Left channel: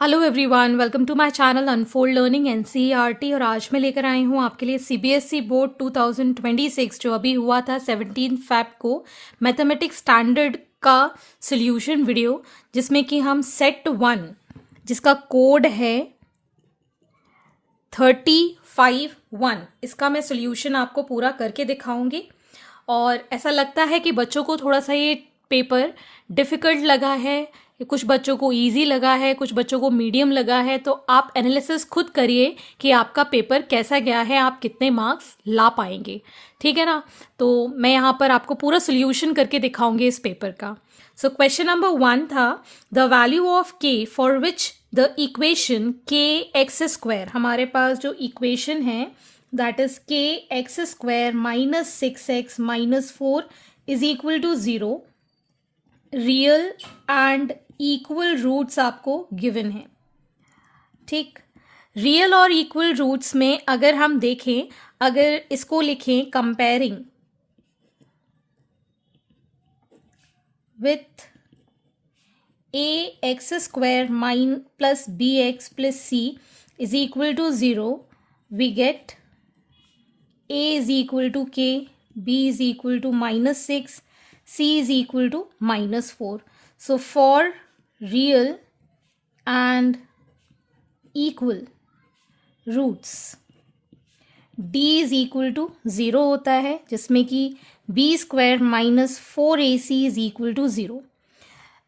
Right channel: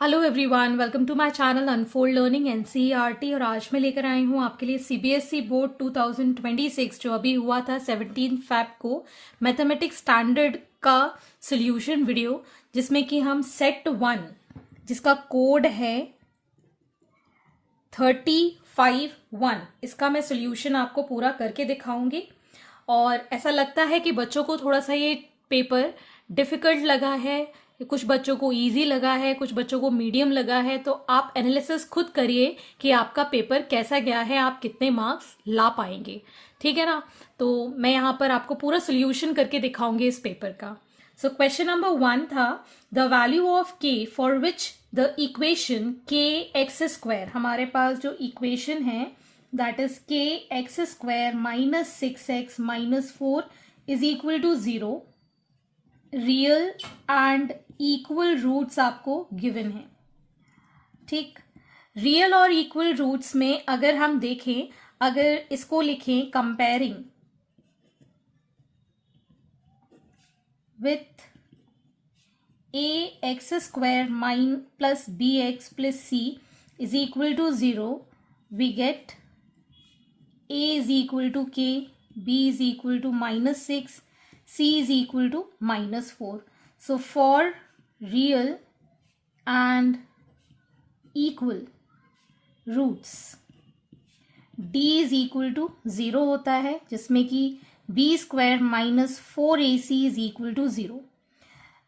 Hello everyone, welcome to my channel Unfold Learning NCERT. और आज मैं लेकर आई हूँ आपके लिए सीबीएसई बोर्ड 2026 जो अभी हुआ था 17 फेब को, मैथमेटिक्स स्टैंडर्ड का सॉल्यूशन वीडियो, जिसमें कि हम सेट 1 जिसका कोड है 351, इसका मैं सॉल्यूशन आपको पूरा करके दिखाऊंगी। और ऐसा लगता है कि बच्चों को थोड़ा सा ये पेपर डिफ़िकल्ट लगा है, कुछ बच्चों को इजी लगा है, कुछ बच्चों को मीडियम लगा है। तो आप एनालिसिस खुद करिए कि आपका पेपर कैसा गया है, आप कितने मार्क्स ला पाएंगे। ठीक है ना। तो मैं यहाँ पर आपको पूरा सोल्यूशन करके दिखाऊंगी इस पेपर का। सो क्वेश्चन नंबर 1 था, the value of k for which the equation k x square, हमारे पास जो इक्वेशन है that is k x square minus 6x minus 4 is equal to 0, real and equal roots आपको गिवन है। ठीक, रियल और इक्वल रूट्स में अगर हम देखें, अगर इसको लिखें comparing with a x square minus plus b x plus c is equal to 0, we get a is equal to k, b is equal to minus 6, c is equal to minus 4. So for real and equal roots d is equal to 0 होता है, जिसमें कि b square minus 4ac is equal to 0.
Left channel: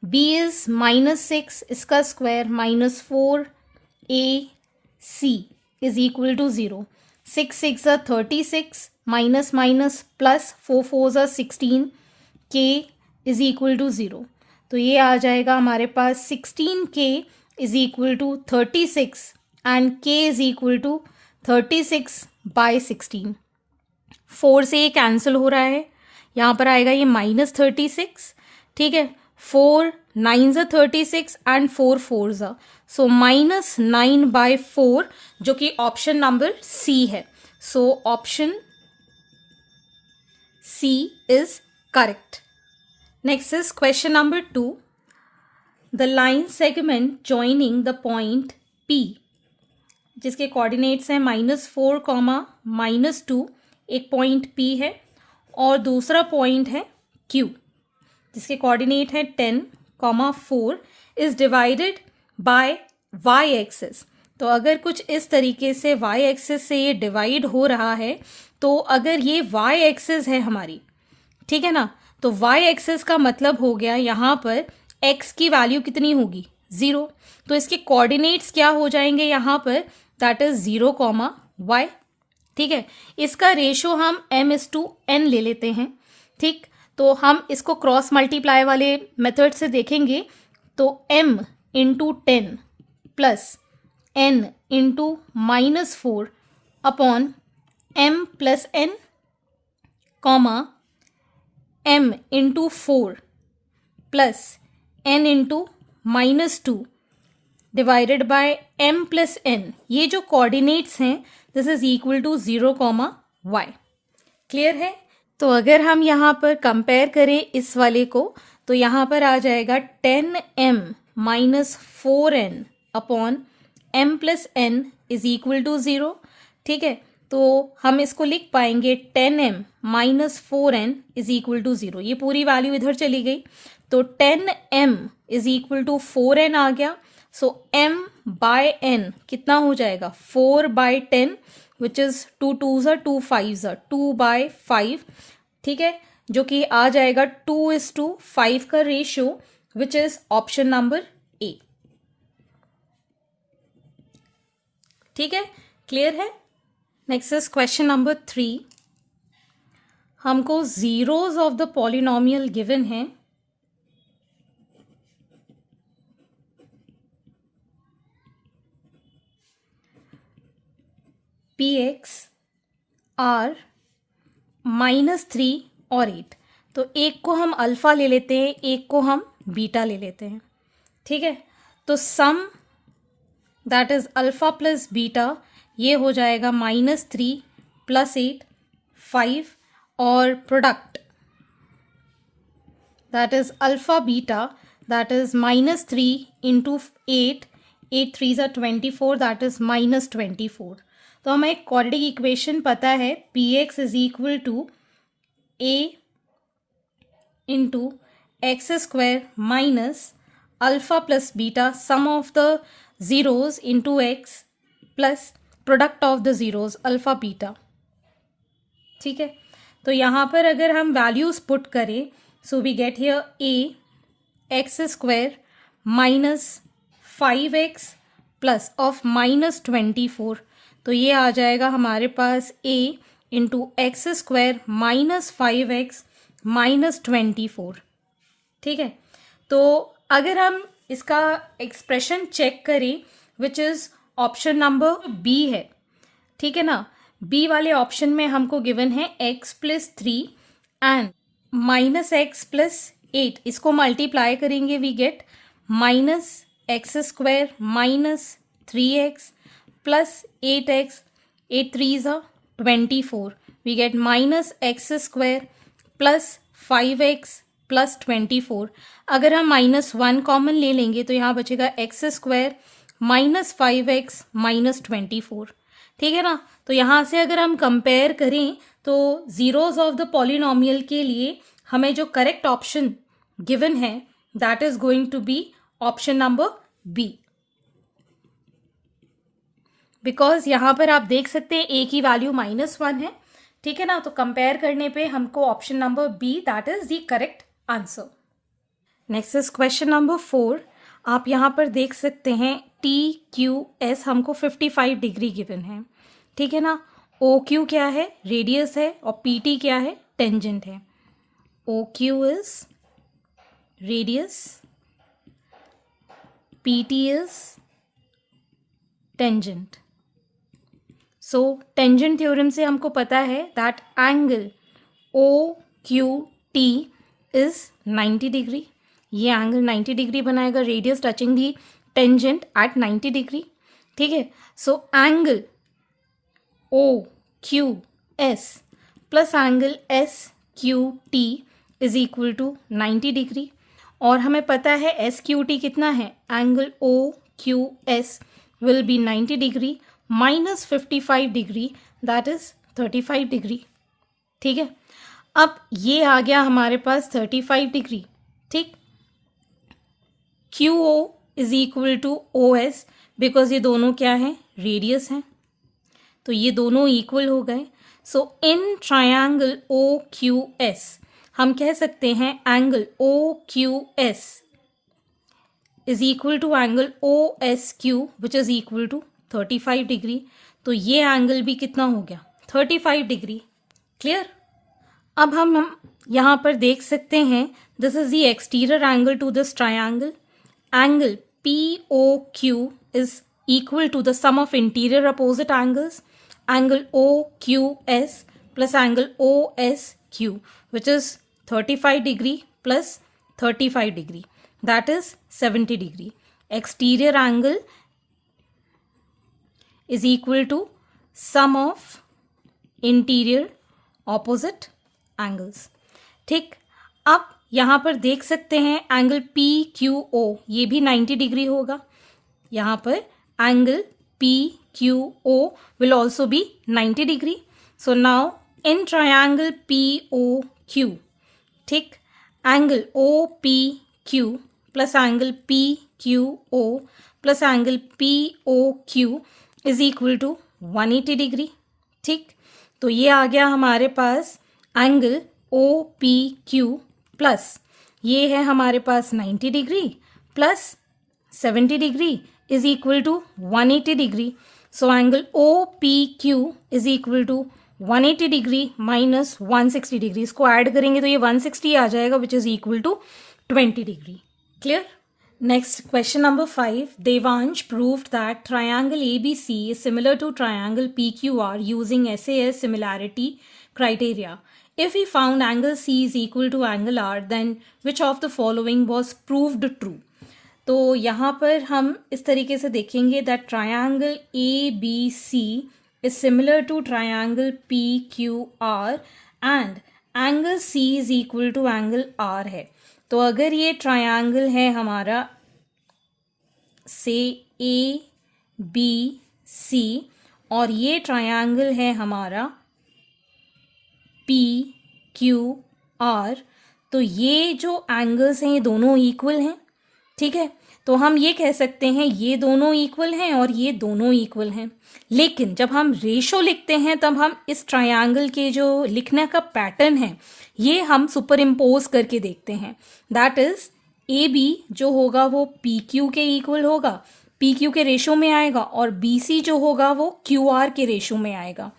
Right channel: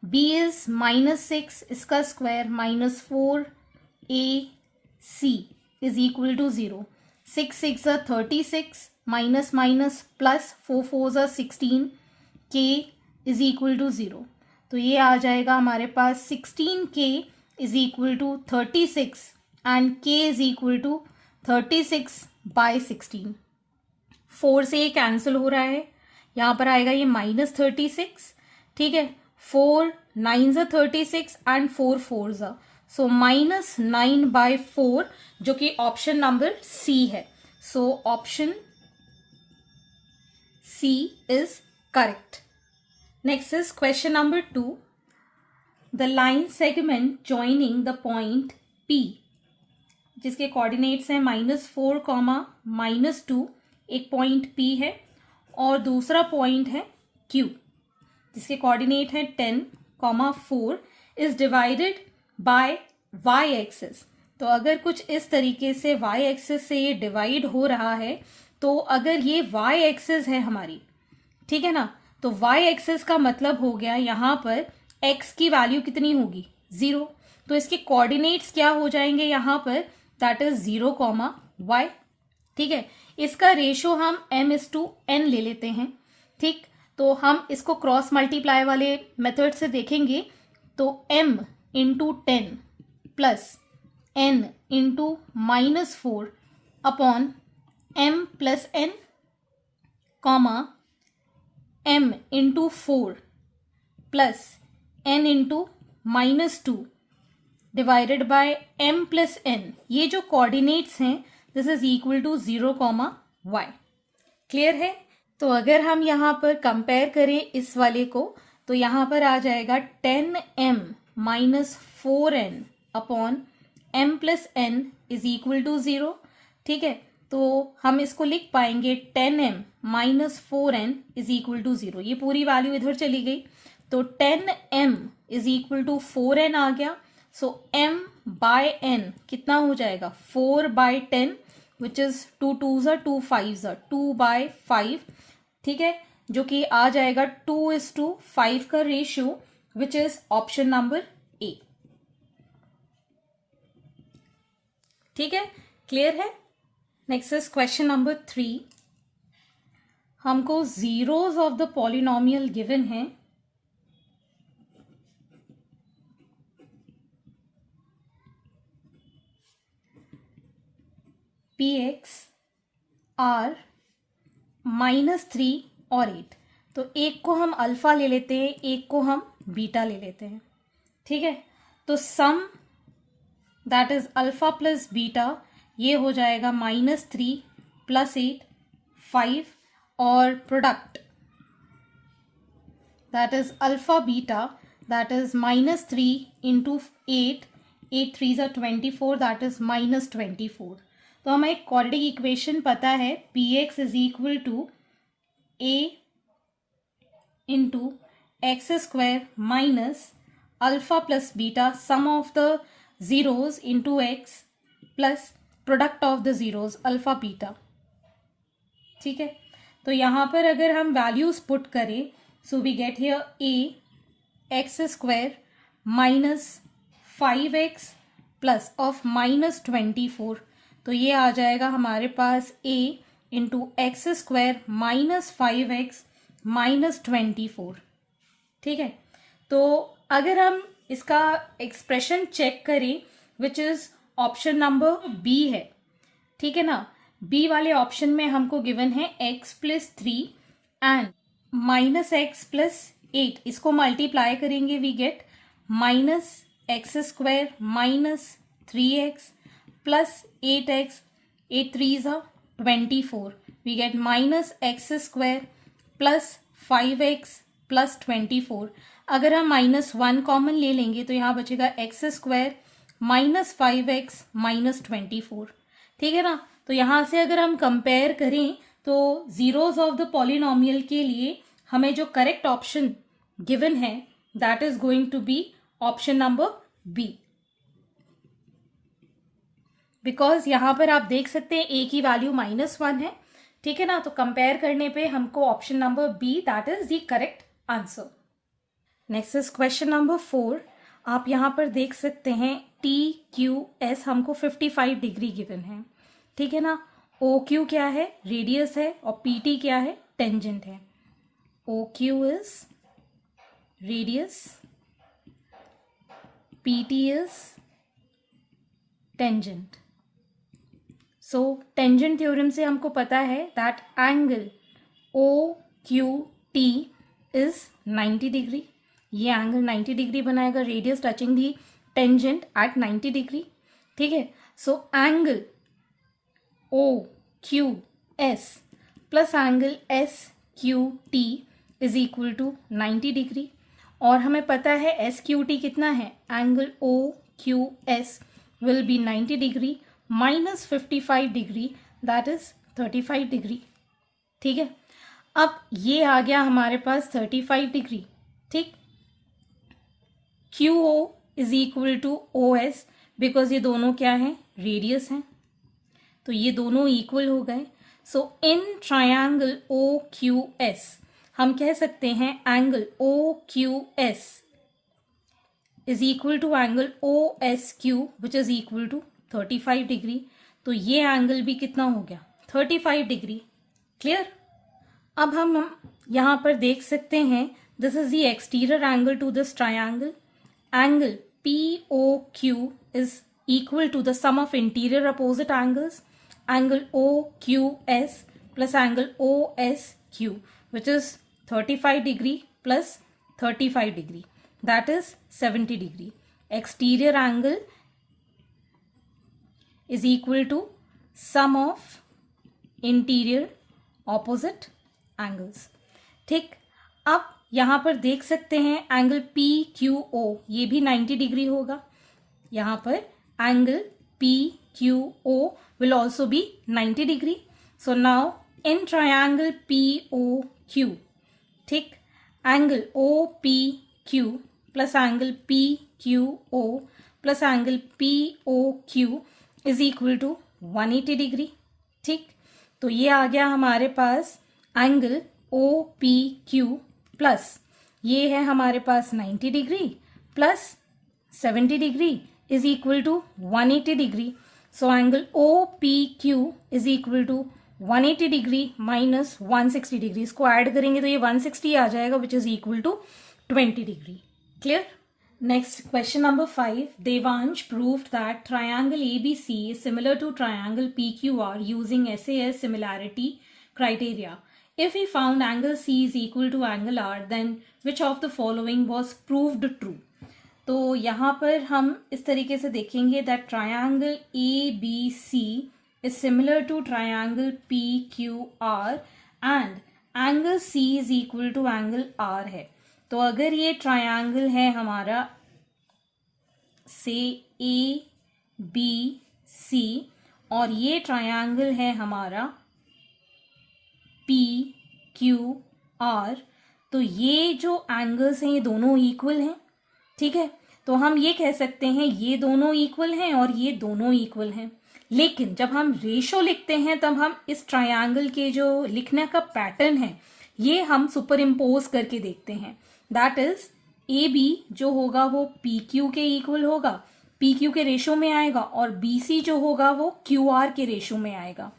b is minus 6, इसका square minus 4ac is equal to 0. 6 6 are 36, minus minus plus 4 4s are 16, k is equal to 0. तो ये आ जाएगा हमारे पास 16k is equal to 36 and k is equal to 36 by 16. 4 से ये cancel हो रहा है, यहाँ पर आएगा ये माइनस 36। ठीक है, 4 9s are 36 and 4 4s are, so minus 9 by 4, जो कि ऑप्शन नंबर सी है। So option C is correct. Next is question number 2, the line segment joining the point p, जिसके कोऑर्डिनेट्स हैं -4, -2, एक पॉइंट पी है और दूसरा पॉइंट है क्यू, जिसके कोऑर्डिनेट है 10, 4, is divided by y axis. तो अगर कुछ इस तरीके से वाई एक्सिस से ये डिवाइड हो रहा है, तो अगर ये वाई एक्सिस है हमारी, ठीक है ना, तो वाई एक्सिस का मतलब हो गया यहाँ पर एक्स की वैल्यू कितनी होगी, 0। तो इसके कोऑर्डिनेट्स क्या हो जाएंगे यहाँ पर, दैट इज 0, y। ठीक है, इसका रेशो हम m/n ले लेते हैं। ठीक, तो हम इसको क्रॉस मल्टीप्लाई वाले मेथड से देखेंगे, तो m into 10 plus n into -4 upon m plus n, m into 4 plus n into -2 divided by m plus n। ये जो कोऑर्डिनेट्स हैं this is equal to 0, y। Clear है। तो अगर हम यहाँ पर कंपेयर करें इस वाले को, तो यहाँ पर आ जाएगा 10m minus 4n upon m plus n is equal to 0। ठीक है, तो हम इसको लिख पाएंगे 10m minus 4n is equal to 0। ये पूरी वैल्यू इधर चली गई, तो 10m is equal to 4n आ गया। सो m बाय n कितना हो जाएगा, 4 by 10, which is 2 2s are 2 5s are 2 by 5। ठीक है, जो कि आ जाएगा 2:5 का ratio, which is option number a. ठीक है, क्लियर है। नेक्स्ट इज क्वेश्चन नंबर 3, हमको zeros of the polynomial given है। पी एक्स आर -3 और 8। तो एक को हम अल्फा ले लेते हैं, एक को हम बीटा ले लेते हैं। ठीक है, तो sum that is alpha plus beta, ये हो जाएगा -3 प्लस 8 5, और product that is alpha beta, that is -3 into 8 8 3s are 24, that is -24. तो हमें एक क्वाड्रेटिक इक्वेशन पता है, P X is equal to A into x square minus alpha plus beta sum of the zeros into X plus product of the zeros alpha beta. ठीक है, तो यहाँ पर अगर हम वैल्यूज पुट करें, so we get here a x square minus 5x plus of -24. तो ये आ जाएगा हमारे पास a into x square minus 5x minus 24. ठीक है, तो अगर हम इसका एक्सप्रेशन चेक करें which is option number B है. ठीक है ना, बी वाले ऑप्शन में हमको गिवन है x plus 3 and minus x plus 8. इसको मल्टीप्लाई करेंगे we get minus x square minus 3x plus 8x, 8 3s are 24. We get minus x square plus 5x plus 24. अगर हम -1 कॉमन ले लेंगे तो यहाँ बचेगा x square minus 5x minus 24. ठीक है ना, तो यहाँ से अगर हम कंपेयर करें तो जीरोज ऑफ द पॉलिनोमियल के लिए हमें जो करेक्ट ऑप्शन गिवन है that is going to be option number B. Because यहां पर आप देख सकते हैं ए की वैल्यू -1 है. ठीक है ना, तो कंपेयर करने पे हमको option number B that is the correct answer. Next is question number 4. आप यहां पर देख सकते हैं टी क्यू एस हमको 55 डिग्री गिवन है. ठीक है ना, ओ क्यू क्या है, रेडियस है, और पी टी क्या है, टेंजेंट है. O Q is radius, P T is tangent. So tangent theorem से हमको पता है that angle O Q T is 90 degree. ये एंगल 90 डिग्री बनाएगा, radius touching the tangent at 90 degree. ठीक है, so angle O Q S plus angle S Q T is equal to 90 degree. और हमें पता है एस क्यू टी कितना है, angle O Q S will be 90 degree minus 55 degree that is 35 degree. ठीक है, अब ये आ गया हमारे पास 35 डिग्री. ठीक, Q O is equal to O S, because ये दोनों क्या हैं, रेडियस हैं, तो ये दोनों इक्वल हो गए. So in triangle O Q S हम कह सकते हैं angle O Q S is equal to angle O S Q which is equal to 35 degree. तो ये एंगल भी कितना हो गया, 35 डिग्री. क्लियर. अब हम यहाँ पर देख सकते हैं this is the exterior angle to this triangle. Angle P O Q is equal to the sum of interior opposite angles, angle OQS plus angle OSQ, which is 35 degree plus 35 degree, that is 70 degree. Exterior angle is equal to sum of interior opposite angles. ठीक, अब यहाँ पर देख सकते हैं angle PQO ये भी 90 degree होगा. यहाँ पर angle PQO will also be 90 degree. So now in triangle POQ, ठीक, angle OPQ plus angle PQO plus angle POQ is equal to 180 degree. ठीक, तो ये आ गया हमारे पास एंगल OPQ प्लस ये है हमारे पास 90 degree plus 70 degree is equal to 180 degree. So angle OPQ is equal to 180 degree minus 160 degree. इसको ऐड करेंगे तो ये 160 आ जाएगा which is equal to 20 degree. Clear? Next, question number 5. Devansh proved that triangle ABC is similar to triangle PQR using SAS similarity criteria. If he found angle C is equal to angle R, then which of the following was proved true? तो यहाँ पर हम इस तरीके से देखेंगे that triangle A B C is similar to triangle P Q R and angle C is equal to angle R है. तो अगर ये ट्रायंगल है हमारा से ए बी सी और ये ट्रायंगल है हमारा पी क्यू आर। तो ये जो एंगल्स हैं ये दोनों इक्वल हैं, ठीक है। तो हम ये कह सकते हैं ये दोनों इक्वल हैं और ये दोनों इक्वल हैं। लेकिन जब हम रेशो लिखते हैं तब हम इस ट्रायंगल के जो लिखने का पैटर्न है ये हम सुपर इम्पोज करके देखते हैं। दैट इज ए बी जो होगा वो पी क्यू के इक्वल होगा, पी क्यू के रेशो में आएगा, और बी सी जो होगा वो क्यू आर के रेशो में आएगा,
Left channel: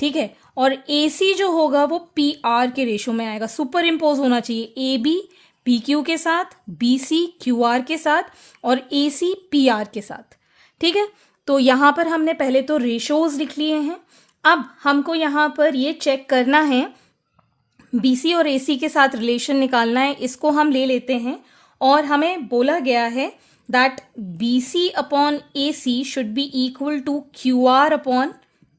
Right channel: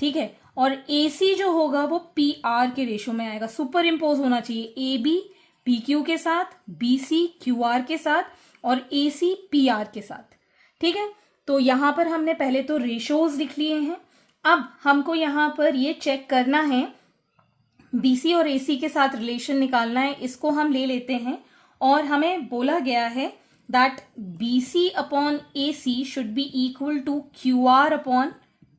ठीक है। और ए सी जो होगा वो पी आर के रेशो में आएगा। सुपर इम्पोज होना चाहिए ए बी पी क्यू के साथ, बी सी क्यू आर के साथ और ए सी पी आर के साथ, ठीक है। तो यहाँ पर हमने पहले तो रेशोज लिख लिए हैं। अब हमको यहाँ पर ये चेक करना है, बीसी और एसी के साथ रिलेशन निकालना है। इसको हम ले लेते हैं और हमें बोला गया है that BC upon AC should be equal to Q R upon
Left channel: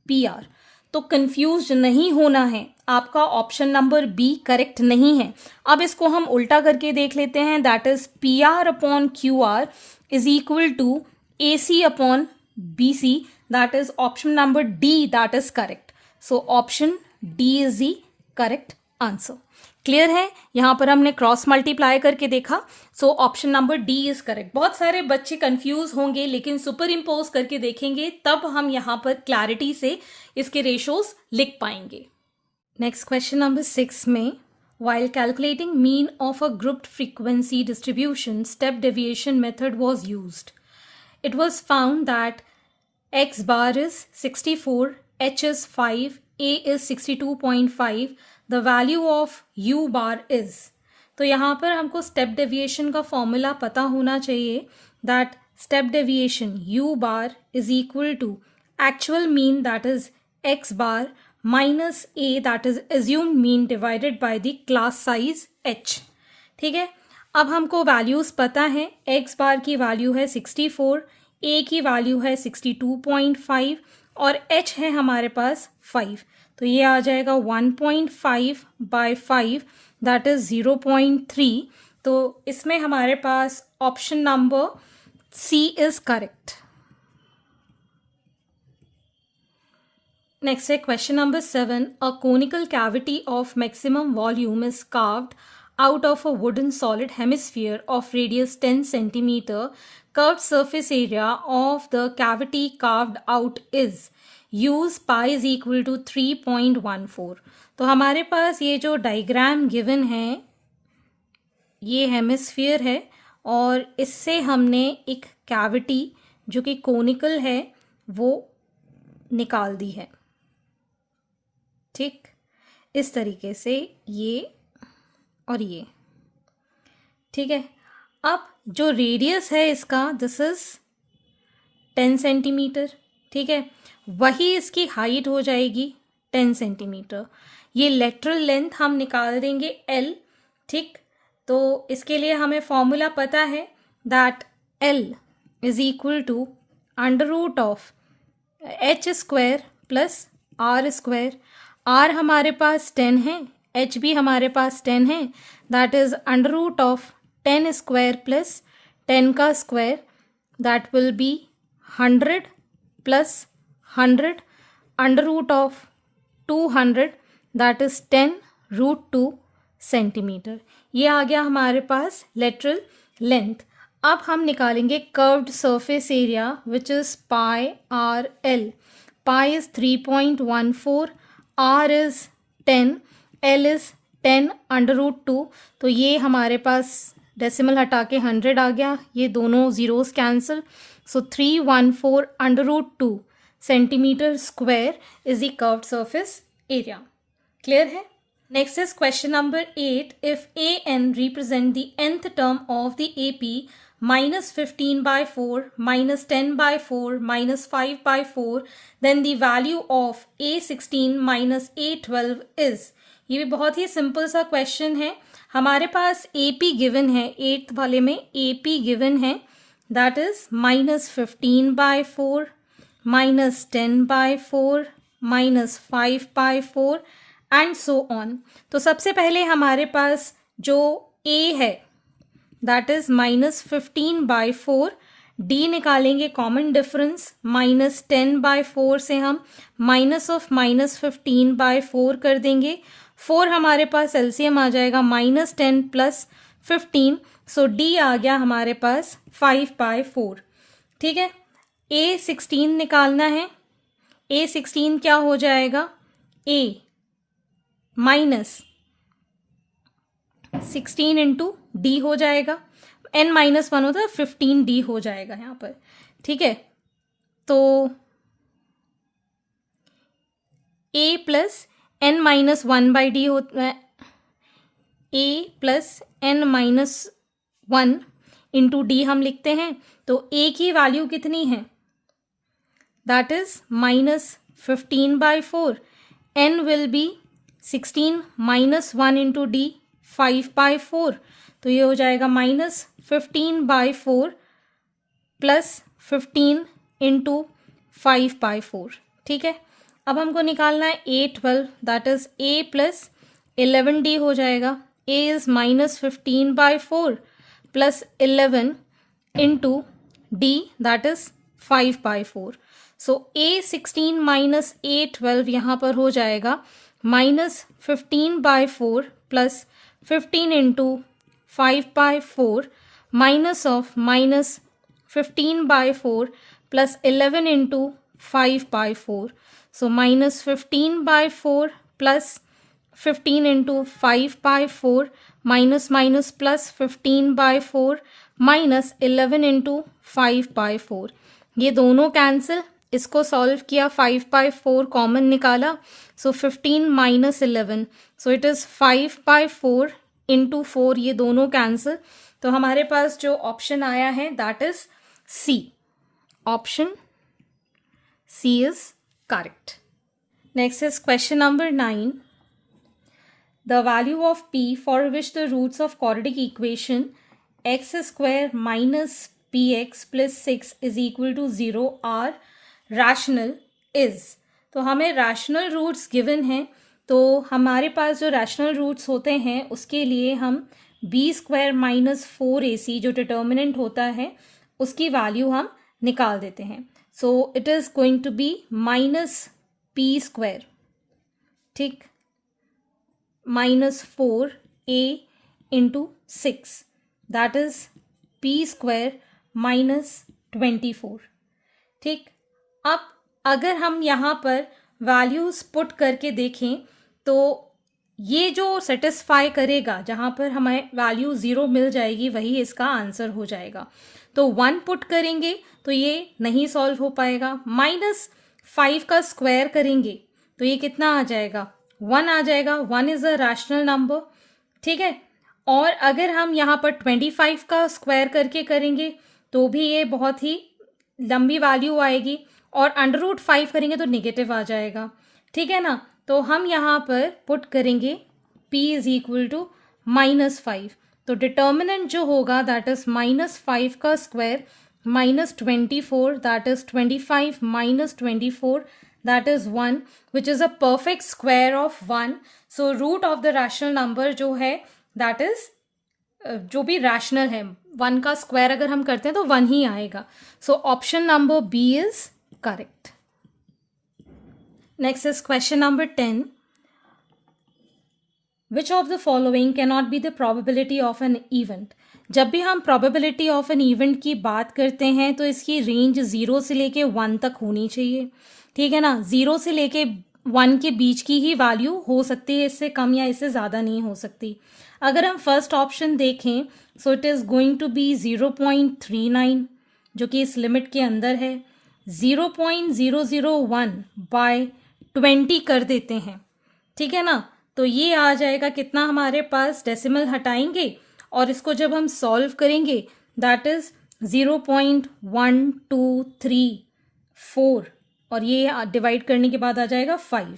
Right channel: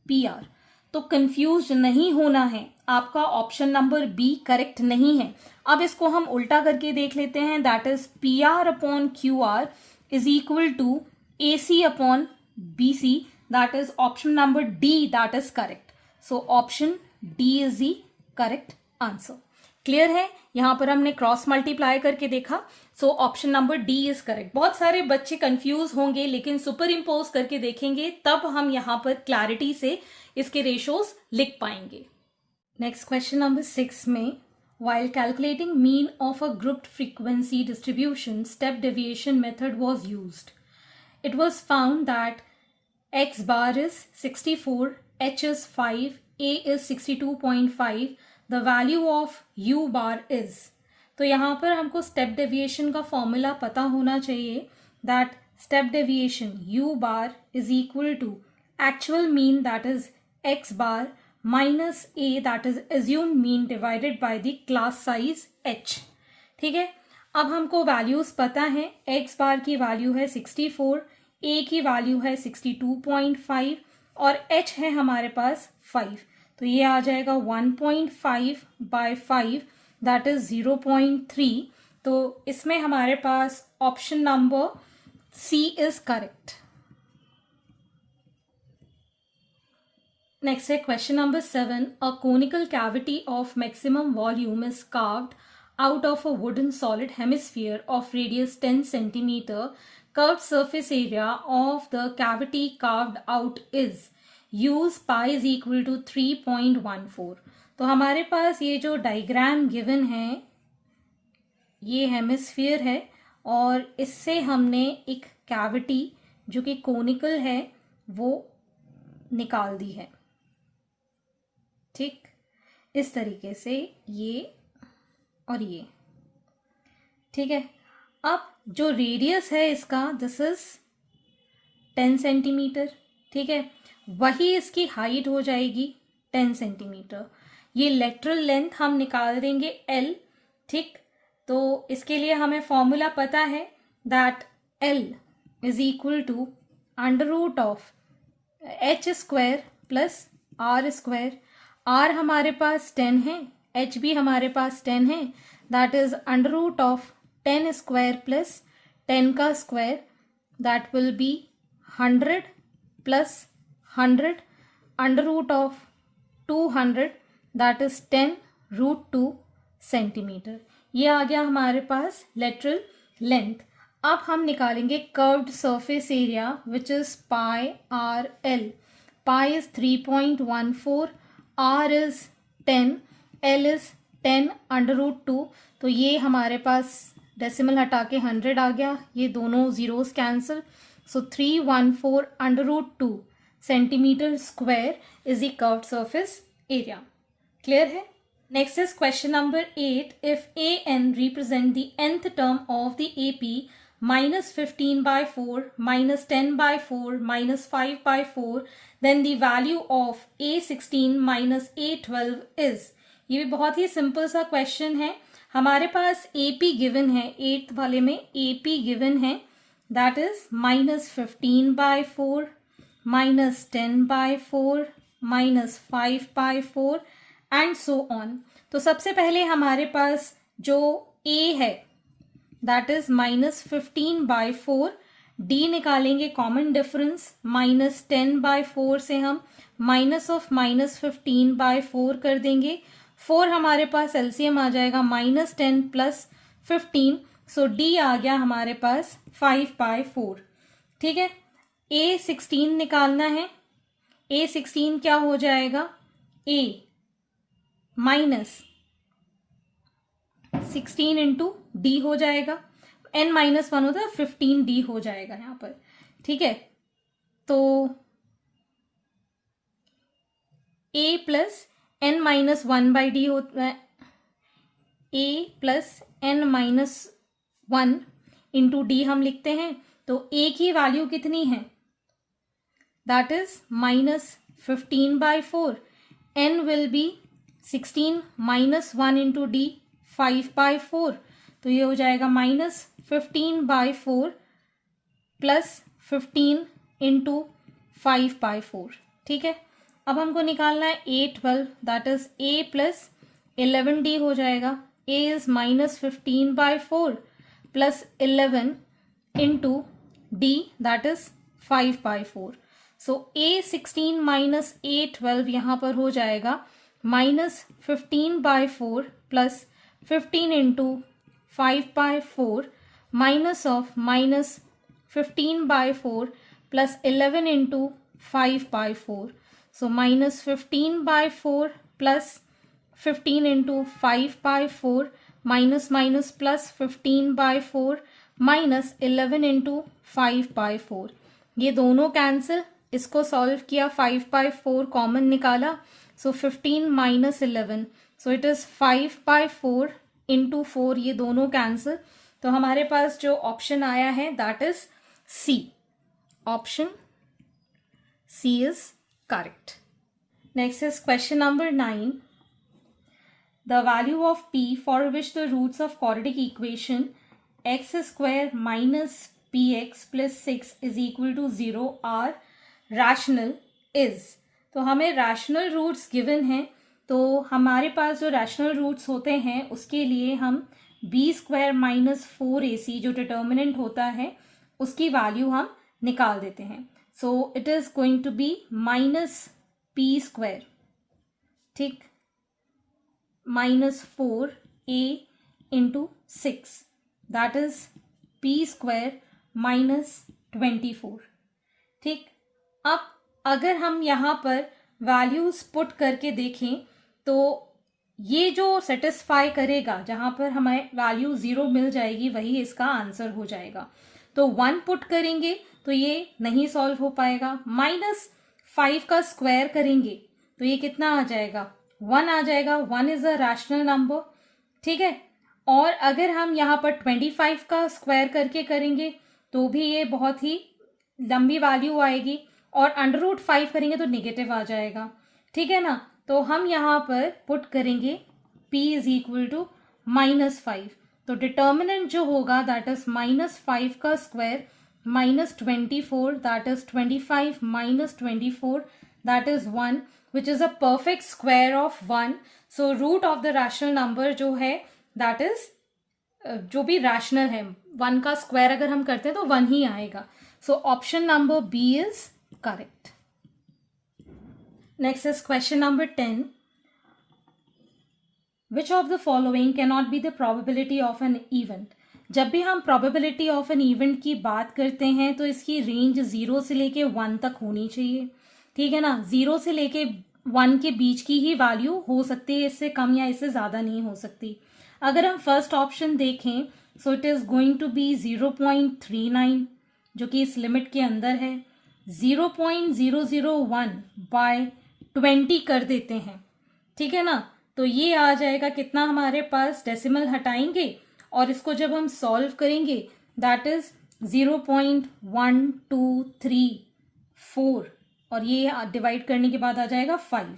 P R. तो कंफ्यूज नहीं होना है, आपका ऑप्शन नंबर बी करेक्ट नहीं है। अब इसको हम उल्टा करके देख लेते हैं, that is P R upon Q R is equal to A C upon B C, that is option number D, that is correct. So option D is the correct answer. Clear है? यहां पर हमने cross multiply करके देखा, so option number D is correct. बहुत सारे बच्चे confuse होंगे, लेकिन सुपर इम्पोज करके देखेंगे तब हम यहां पर क्लैरिटी से इसके रेशोज लिख पाएंगे। नेक्स्ट क्वेश्चन नंबर 6 में, while calculating mean of a grouped frequency distribution, step deviation method was used. It was found that x bar is 64, h is 5, a is 62.5, the value of u bar is। तो यहाँ पर हमको step deviation का formula पता होना चाहिए, that step deviation u bar is equal to actual mean, that is x bar minus a, that is assumed mean, divided by the class size h। ठीक है, अब हमको वैल्यूज पता है, x बार की वैल्यू है 64, a की वैल्यू है 62.5 और h है हमारे पास 5। तो ये आ जाएगा 1.5 by 5, दैट इज 0.3। तो इसमें हमारे पास option number C is correct. Next है question number 7। A conical cavity of maximum volume is carved out of a wooden solid hemisphere of radius 10 centimeter. Curved surface area of the cavity carved out is, use pi is equal to 3.14। तो हमारे पास ये जो diagram given है ये hemisphere है और इससे हमने एक कैविटी जो कि कोनिकल है वो निकाल दी है, ठीक। इस तरीके से ये और ये, ठीक है। अब जो रेडियस है इसका, दिस इज 10 सेंटीमीटर, ठीक है। वही इसकी हाइट हो जाएगी 10 सेंटीमीटर। ये लेटरल लेंथ हम निकाल देंगे L, ठीक। तो इसके लिए हमें फॉर्मूला पता है that L is equal to under root of h square plus r square. r हमारे पास 10 है, h भी हमारे पास 10 है, that is under root of 10 square plus 10 का square, that will be 100 plus 100 under root of 200, that is 10 root 2 centimetre. ये आ गया हमारे पास लेटरल लेंथ। अब हम निकालेंगे curved surface area which is pi R L. Pi is 3.14, r is 10, L is 10 under root 2। तो ये हमारे पास डेसिमल हटा के 100 आ गया, ये दोनों zeros cancel, so 314 under root 2 centimetre square is the curved surface area. Clear है? Next is question number 8। If A N represent the nth term of the A P -15/4, -10/4, -5/4, then the value of A16 minus A12 is। ये भी बहुत ही simple सा question है। हमारे पास AP given है, 8th वाले में AP गिवन है, that is -15/4, -10/4, -5/4 and so on. तो सबसे पहले हमारे पास जो A है दैट इज -15/4 डी निकालेंगे कॉमन डिफरेंस, -10/4 से हम -15/4 कर देंगे। 4 हमारे पास एलसीएम आ जाएगा, -10 + 15, सो डी आ गया हमारे पास 5/4। ठीक है, A16 निकालना है। A16 क्या हो जाएगा, A -16 इंटू डी हो जाएगा, n-1 होता है, 15D हो जाएगा यहाँ पर। ठीक है, तो A + n-1/d होता है, A + n-1 इंटू डी हम लिखते हैं। तो A की वैल्यू कितनी है, that is -15/4, n will be 16 -1 into D 5/4, तो ये हो जाएगा -15/4 + 15 इंटू 5/4। ठीक है, अब हमको निकालना है A12, that is A + 11D हो जाएगा। A is -15/4 + 11 into D, that is 5/4। So A16 - A12 यहाँ पर हो जाएगा -15/4 + 15 इंटू 5/4 -15/4 + 11 इंटू 5/4, सो -15/4 + 15 इंटू 5/4 + 15/4 -11 इंटू 5/4, ये दोनों कैंसिल। इसको सॉल्व किया, 5/4 कॉमन निकाला, सो 15 - 11, सो इट इज 5/4 इंटू 4, ये दोनों कैंसिल। तो हमारे पास जो ऑप्शन आया है that is C, option C is correct. Next is question number 9. The value of p for which the roots of quadratic equation x² minus px plus 6 is equal to 0 are rational is. तो हमें rational roots given हैं, तो हमारे पास जो rational roots होते हैं उसके लिए हम b² - 4ac जो डिटर्मिनेंट होता है उसकी वैल्यू हम निकाल देते हैं। So it is going to be -p², ठीक, -4a into 6, that is p² - 24। ठीक, अब अगर हम यहाँ पर वैल्यूज पुट करके देखें तो ये जो सेटिस्फाई करेगा, जहाँ पर हमें वैल्यू 0 मिल जाएगी, वही इसका आंसर हो जाएगा। तो 1 पुट करेंगे तो ये नहीं सॉल्व हो पाएगा। -5 का स्क्वायर करेंगे तो ये कितना आ जाएगा, 1 आ जाएगा। 1 इज अ रैशनल नंबर, ठीक है। और अगर हम यहाँ पर 25 का स्क्वायर करके करेंगे तो भी ये बहुत ही लंबी वैल्यू आएगी, और √5 करेंगे तो नेगेटिव आ जाएगा, ठीक है ना। तो हम यहाँ पर पुट करेंगे p इज इक्वल टू -5, तो डिटर्मिनेंट जो होगा दैट इज -5 का square -24, that is 25 - 24, that is 1, which is a perfect square of 1। So root of the rational number जो है दैट इज जो भी रैशनल है, 1 का स्क्वायर अगर हम करते हैं तो 1 ही आएगा। So option number B is correct. Next is question number 10. Which of the following cannot be the probability of an event? जब भी हम probability of an event की बात करते हैं तो इसकी रेंज 0 से लेके 1 तक होनी चाहिए, ठीक है ना। 0 से लेके 1 के बीच की ही वैल्यू हो सकती है, इससे कम या इससे ज़्यादा नहीं हो सकती। अगर हम फर्स्ट ऑप्शन देखें so it is going to be 0.39 जो कि इस लिमिट के अंदर है। 0.001 बाय 20 कर देते हैं, ठीक है ना। तो ये आ जाएगा कितना, हमारे पास डेसिमल हटाएंगे और इसको जब हम सॉल्व करेंगे दैट इज 0.1234 और ये डिवाइड करने के बाद आ जाएगा 5।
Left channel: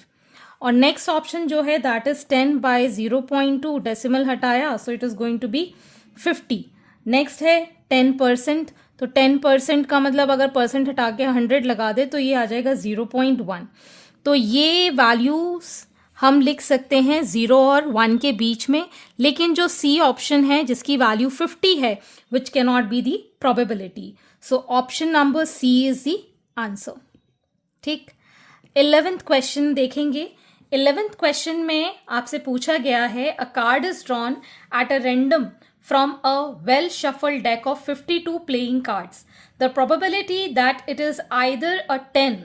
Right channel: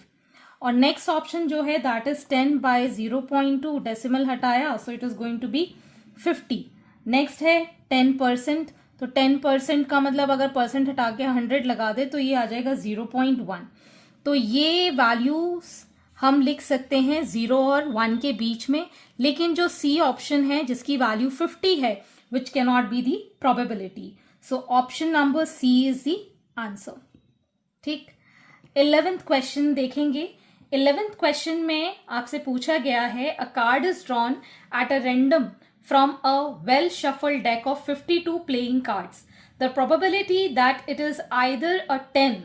और नेक्स्ट ऑप्शन जो है दैट इज 10 बाय 0.2, डेसिमल हटाया so it is going to be 50। Next है 10%, तो 10% का मतलब अगर परसेंट हटा के 100 लगा दे तो ये आ जाएगा 0.1। तो ये वैल्यूज हम लिख सकते हैं 0 और 1 के बीच में, लेकिन जो सी ऑप्शन है जिसकी वैल्यू 50 है which can not be the probability. So option number C is the answer. ठीक. 11th क्वेश्चन देखेंगे. 11th क्वेश्चन में आपसे पूछा गया है, a card is drawn at a random from a well shuffled deck of 52 playing cards. The probability that it is either a 10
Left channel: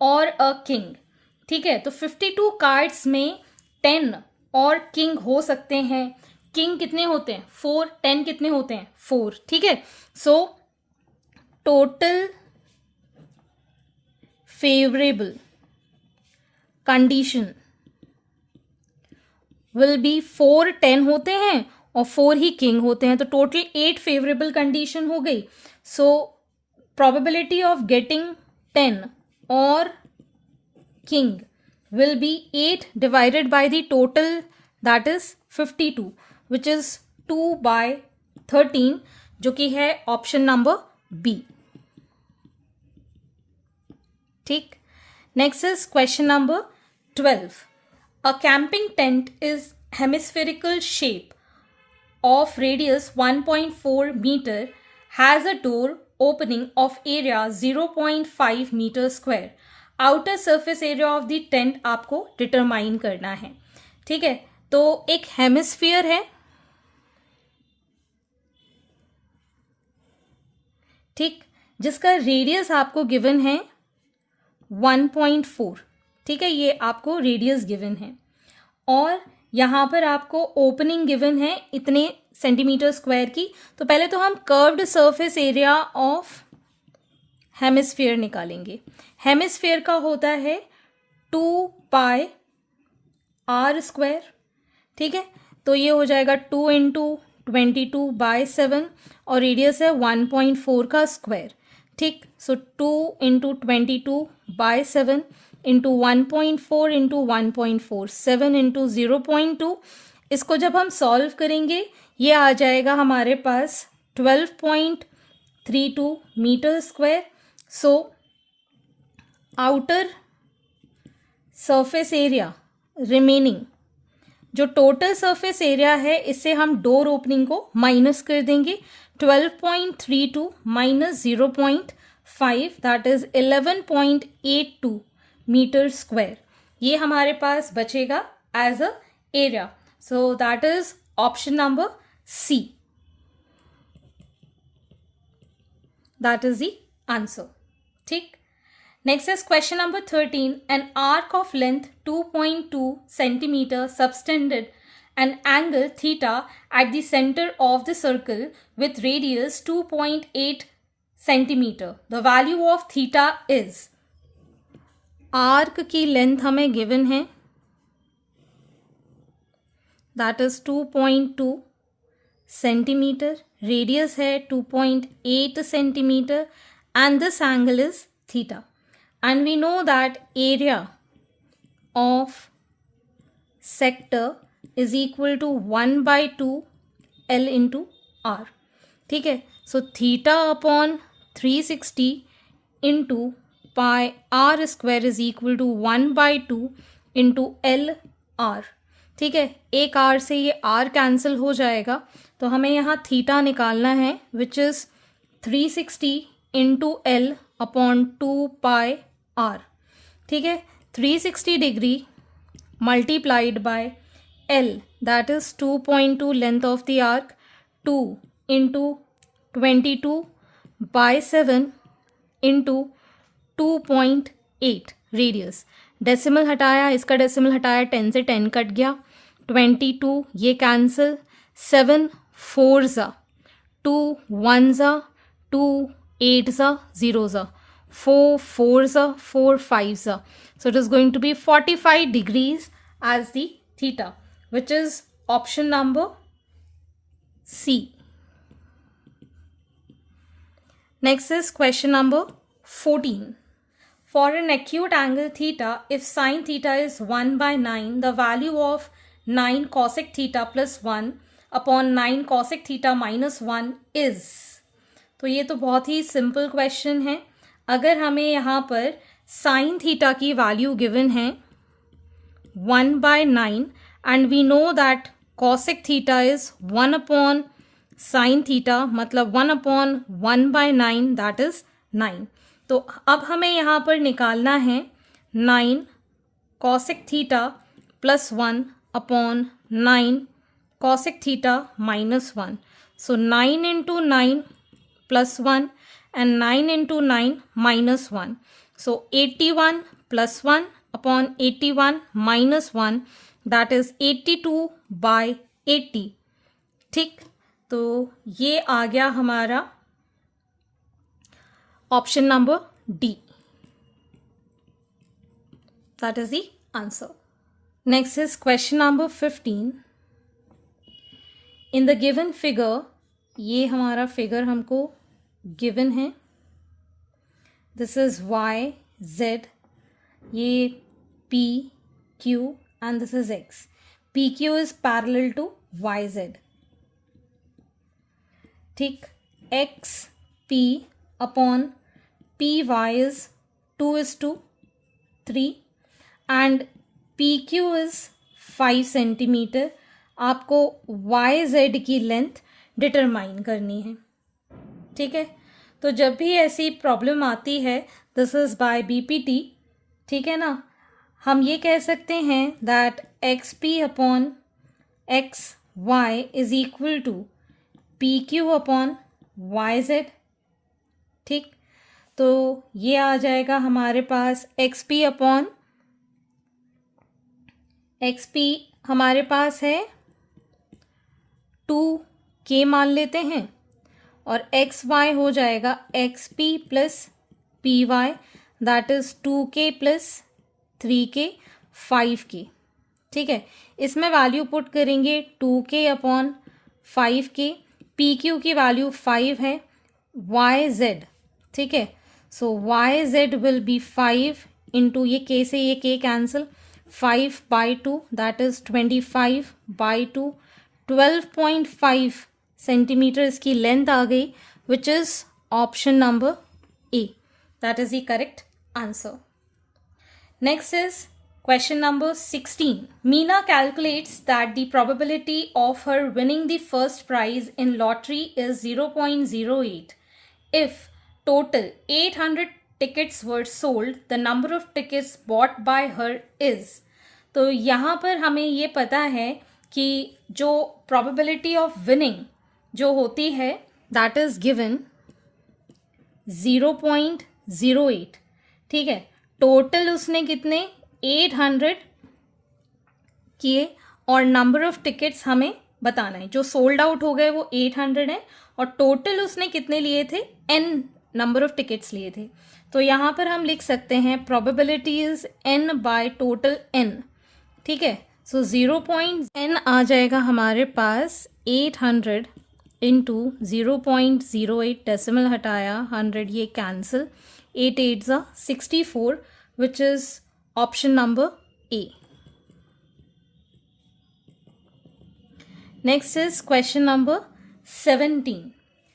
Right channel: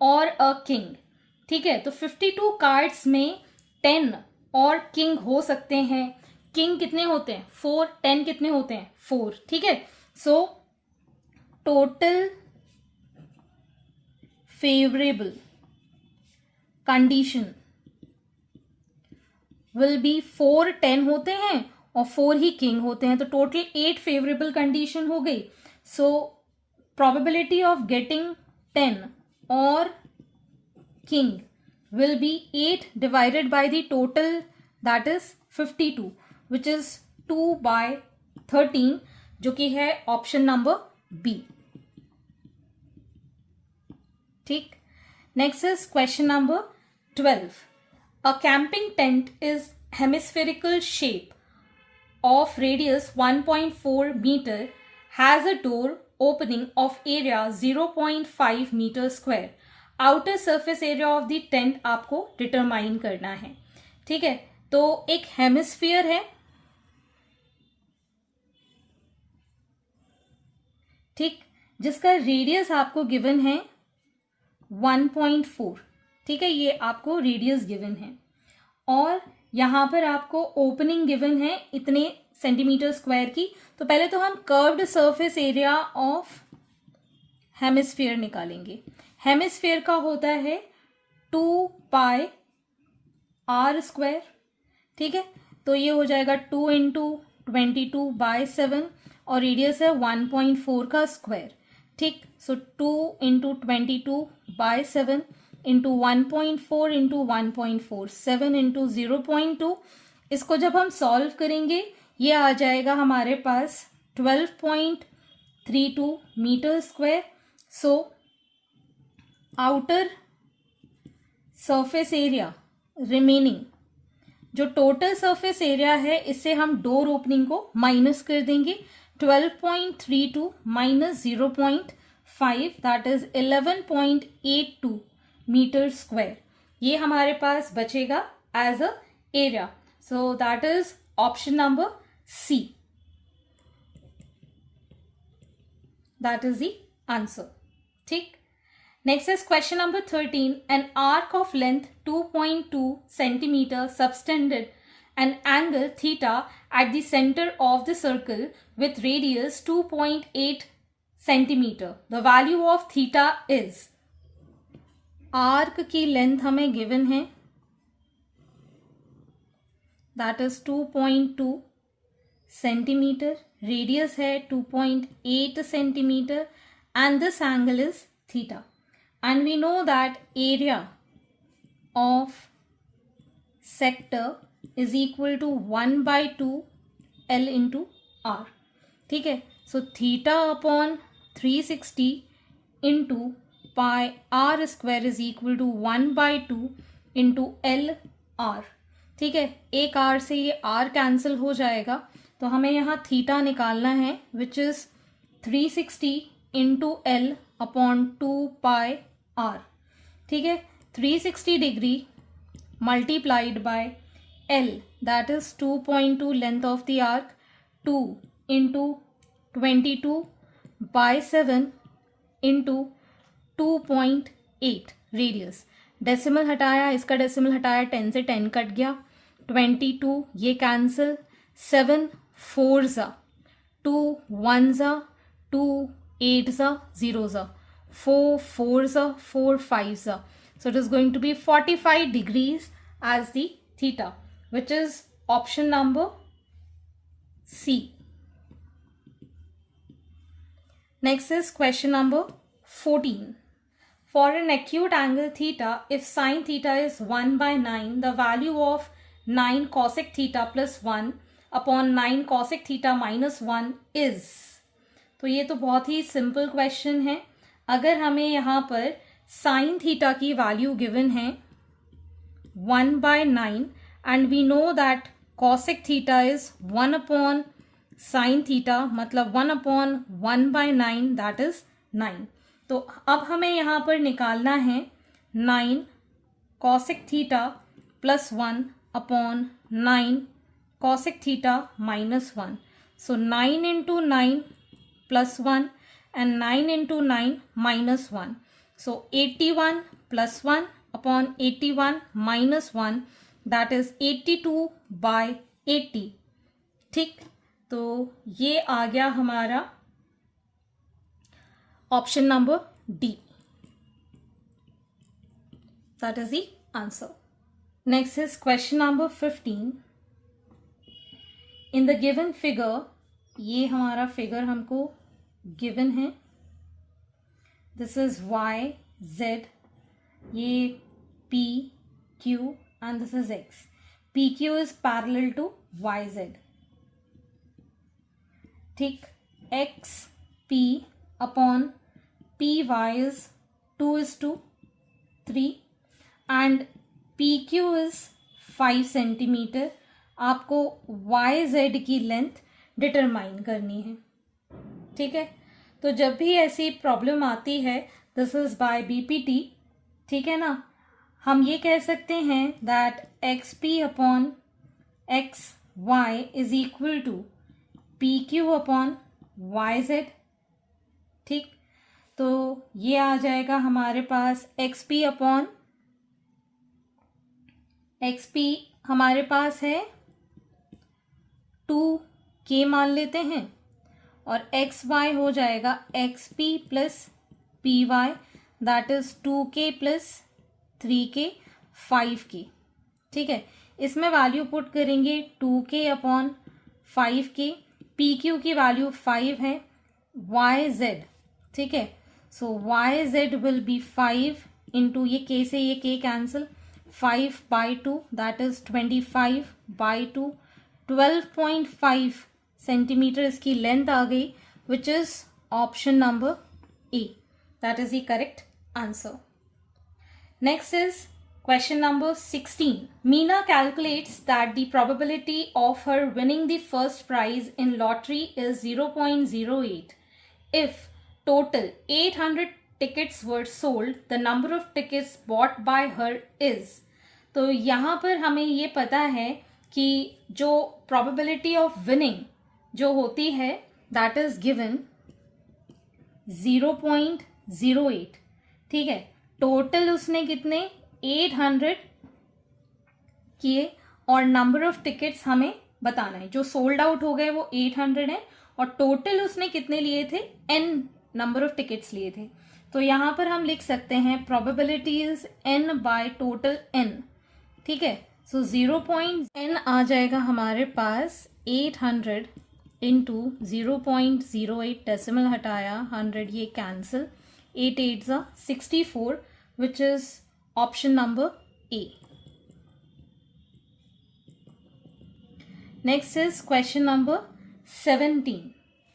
or a king. ठीक है, तो 52 कार्ड्स में 10 और किंग हो सकते हैं. किंग कितने होते हैं? 4. 10 कितने होते हैं? 4. ठीक है, so total favourable condition will be 4 10 होते हैं और 4 ही किंग होते हैं, तो टोटल 8 फेवरेबल कंडीशन हो गई. सो प्रोबेबिलिटी ऑफ गेटिंग 10 और king will be 8 divided by the total, that is 52, which is 2 by 13, जो कि है ऑप्शन नंबर बी. ठीक. Next is question number 12. A camping tent is hemispherical shape of radius 1.4 meter, has a door opening of area 0.5 meter square. Outer surface area of the tent आपको determine करना है. ठीक है, तो एक hemisphere है. ठीक, जिसका रेडियस आपको गिवन है 1.4. ठीक है, ये आपको रेडियस गिवन है और यहां पर आपको ओपनिंग गिवन है इतने सेंटीमीटर स्क्वायर की. तो पहले तो हम curved surface area of hemisphere निकालेंगे. हेमिस्फीयर का होता है 2 पाई आर स्क्वायर. ठीक है, तो ये हो जाएगा 2 इंटू 22/7 और रेडियस है 1.4 का स्क्वायर. ठीक, सो 2 इंटू 22/7 इंटू 1.4 इंटू 1.4 7 इंटू 0.2. इसको जब हम सॉल्व करेंगे ये आ जाएगा हमारे पास 12.32 metre square. So outer surface area remaining, जो टोटल सरफेस एरिया है इससे हम डोर ओपनिंग को माइनस कर देंगे. 12.32 minus 0.5 that is 11.82 metre square. ये हमारे पास बचेगा as a area. So that is option number C. That is the answer. ठीक. Next is question number 13. An arc of length 2.2 centimeter subtended an angle theta at the center of the circle with radius 2.8 centimeter. The value of theta is. Arc की length हमें given है, that is 2.2 centimeter. Radius है 2.8 centimeter and this angle is theta. And we know that area of sector is equal to 1/2 L into R. ठीक है, so theta upon 360 into pi R square is equal to 1/2 into L R. ठीक है, एक R से ये R cancel हो जाएगा तो हमें यहाँ थीटा निकालना है which is 360 into L upon 2 pi R. ठीक है, 360 degree multiplied by L, that is 2.2 length of the arc, 2 into 22/7 into 2.8 radius. Decimal हटाया, इसका डेसिमल हटाया, 10 से 10 कट गया, 22 ये cancel, 7 4 2 1 2 8 0 4 4 4 5. So it is going to be 45 degrees as the theta, which is option number C. Next is question number 14. For an acute angle theta, if sin theta is 1/9, the value of 9 cosec theta plus 1 upon 9 cosec theta minus 1 is. तो ये तो बहुत ही simple question है. अगर हमें यहाँ पर sine theta की वैल्यू गिवन है 1/9 and we know that cosec theta is 1/sin sine theta मतलब 1/1/9 दैट इज 9। तो अब हमें यहाँ पर निकालना है 9 cosec theta +1/9 cosec theta -1। So 9 into 9 +1 and 9 into 9 -1. So 81 + 1/81 -1 that is 82/80। ठीक, तो ये आ गया हमारा option number D, that is the answer. Next is question number 15. In the given figure, ये हमारा फिगर हमको गिवन है, दिस इज y z, ये p q and this is x. pq is parallel to yz. ठीक, x p upon py is 2:3 and pq is 5 centimetre. आपको yz की length determine करनी है। ठीक है, तो जब भी ऐसी प्रॉब्लम आती है, दिस इज बाय बीपीटी, ठीक है ना, हम ये कह सकते हैं that X P upon X Y is equal to P Q upon Y Z. ठीक, तो ये आ जाएगा हमारे पास X P upon X P हमारे पास है 2k मान लेते हैं, और एक्स वाई हो जाएगा X P plus P Y that is 2k plus 3k 5k। ठीक है, इसमें वैल्यू पुट करेंगे 2k upon 5k, P Q की वैल्यू 5 है, वाई जेड, ठीक है, so Y Z will be 5 into ये k से ये k cancel, 5/2 that is 25/2, 12.5 centimetre इसकी लेंथ आ गई, which is option number A, that is the correct answer. Next is question number 16. Meena calculates that the probability of her winning the first prize in lottery is 0.08. If total 800 tickets were sold, the number of tickets bought by her is. तो यहाँ पर हमें ये पता है कि जो probability of winning जो होती है दैट इज गिवन 0.08। ठीक है, टोटल उसने कितने 800 किए, और नंबर ऑफ टिकट्स हमें बताना है। जो सोल्ड आउट हो गए वो 800 है, और टोटल उसने कितने लिए थे, n नंबर ऑफ टिकट्स लिए थे। तो यहाँ पर हम लिख सकते हैं probability is n by total n। ठीक है, सो 0.n आ जाएगा हमारे पास 800 इंटू 0.08, डेसिमल हटाया, 100 ये cancel, 8 8 64 which is option number A. Next is question number 17.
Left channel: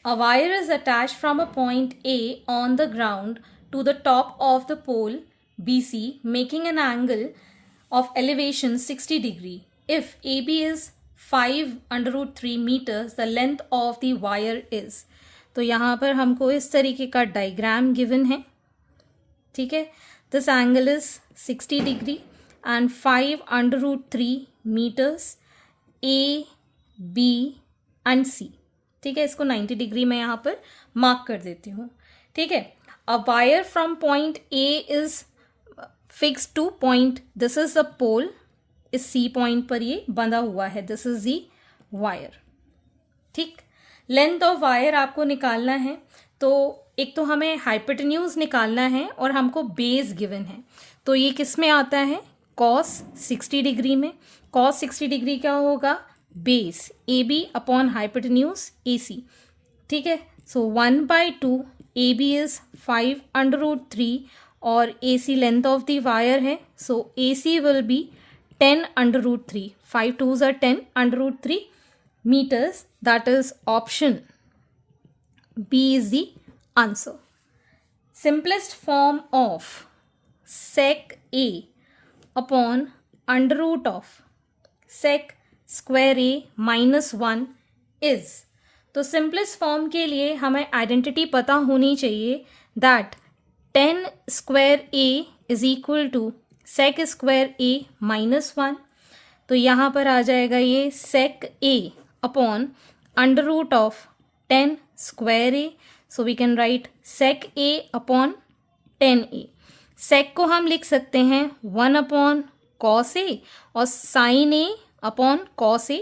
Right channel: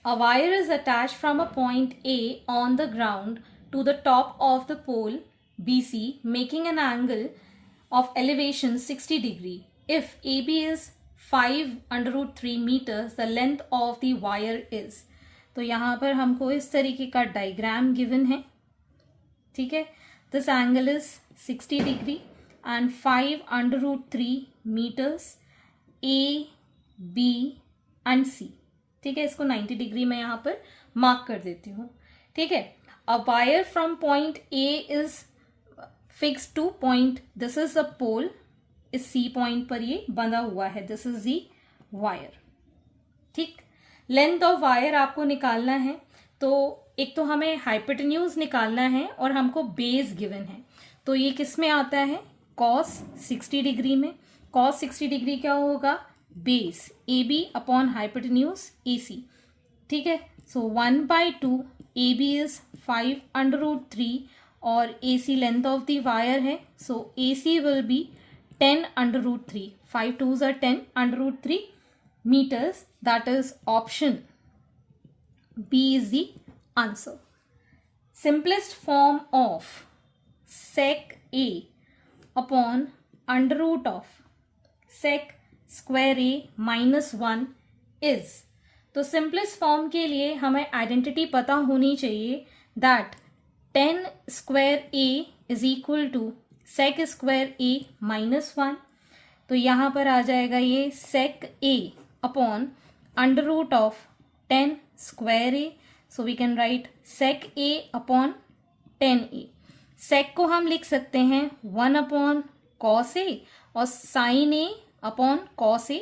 A wire is attached from a point A on the ground to the top of the pole BC, making an angle of elevation 60 degree. If AB is 5√3 meters, the length of the wire is. तो यहाँ पर हमको इस तरीके का diagram given है। ठीक है, this angle is 60 degree and 5√3 meters A, B and C। ठीक है, इसको 90 डिग्री में यहाँ पर मार्क कर देती हूँ। ठीक है, a wire from point A is fix to point, this is the pole, इस सी पॉइंट पर ये बंधा हुआ है, दिस इज दी वायर। ठीक, लेंथ ऑफ वायर आपको निकालना है, तो एक तो हमें हाइपोटेन्यूज निकालना है और हमको बेस गिवन है। तो ये किस में आता है, कॉस 60 डिग्री में। कॉस 60 डिग्री क्या होगा, base A B upon hypotenuse A C. ठीक है, सो 1/2 ए बी इज 5√3 और A C length of the wire है, so A C will be 10√3, 5 2s are 10√3 meters, that is option B is the answer. Simplest form of sec A upon under root of sec square A minus 1 is. तो simplest form के लिए हमें identity पता होनी चाहिए that 10 square A is equal to sec square A -1। तो यहाँ पर आ जाएगा ये sec A upon under root of 10 square A. So we can write sec A upon 10a। Sec को हम लिख सकते हैं 1 अपॉन कॉस ए और sine A upon cos A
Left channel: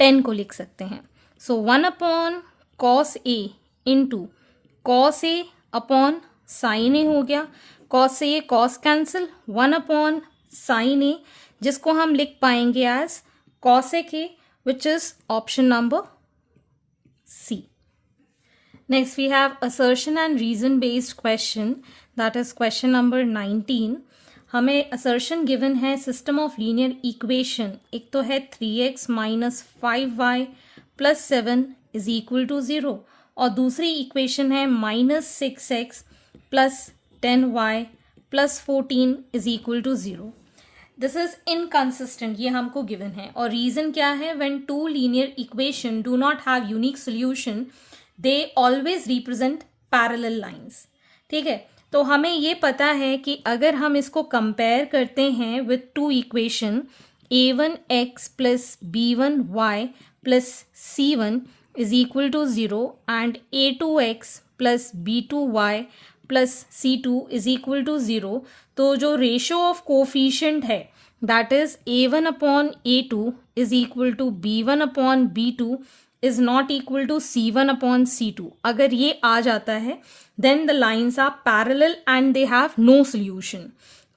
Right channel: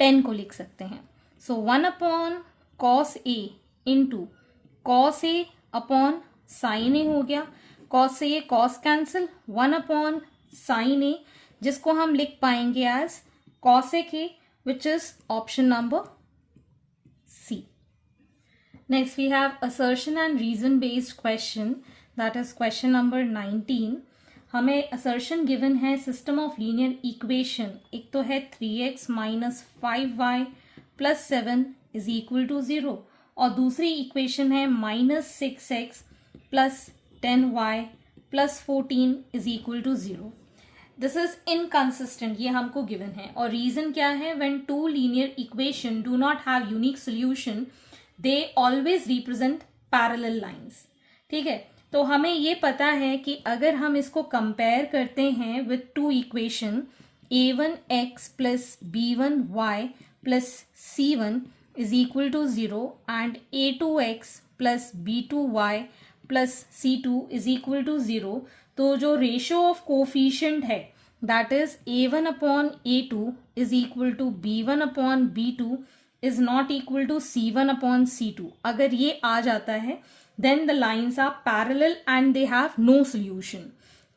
10 को लिख सकते हैं। So 1 upon cos A into cos A upon sine A हो गया। Cos A cos cancel, 1 upon sine A जिसको हम लिख पाएंगे as cosec A which is option number C. Next we have assertion and reason based question, that is question number 19। हमें assertion given है system of linear equation। एक तो है 3x minus 5y plus 7 is equal to 0 और दूसरी equation है minus 6x plus 10y plus 14 is equal to 0। This is inconsistent, ये हमको given है। और reason क्या है? When two linear equation do not have unique solution they always represent parallel lines. ठीक है, तो हमें ये पता है कि अगर हम इसको कंपेयर करते हैं with two equation a1x plus b1y plus c1 is equal to 0 and a2x plus b2y plus c2 is equal to 0, तो जो रेशियो ऑफ कोफिशिएंट है that is a1 upon a2 is equal to b1 upon b2 is not equal to C1 upon C2। अगर ये आ जाता है then the lines are parallel and they have no solution।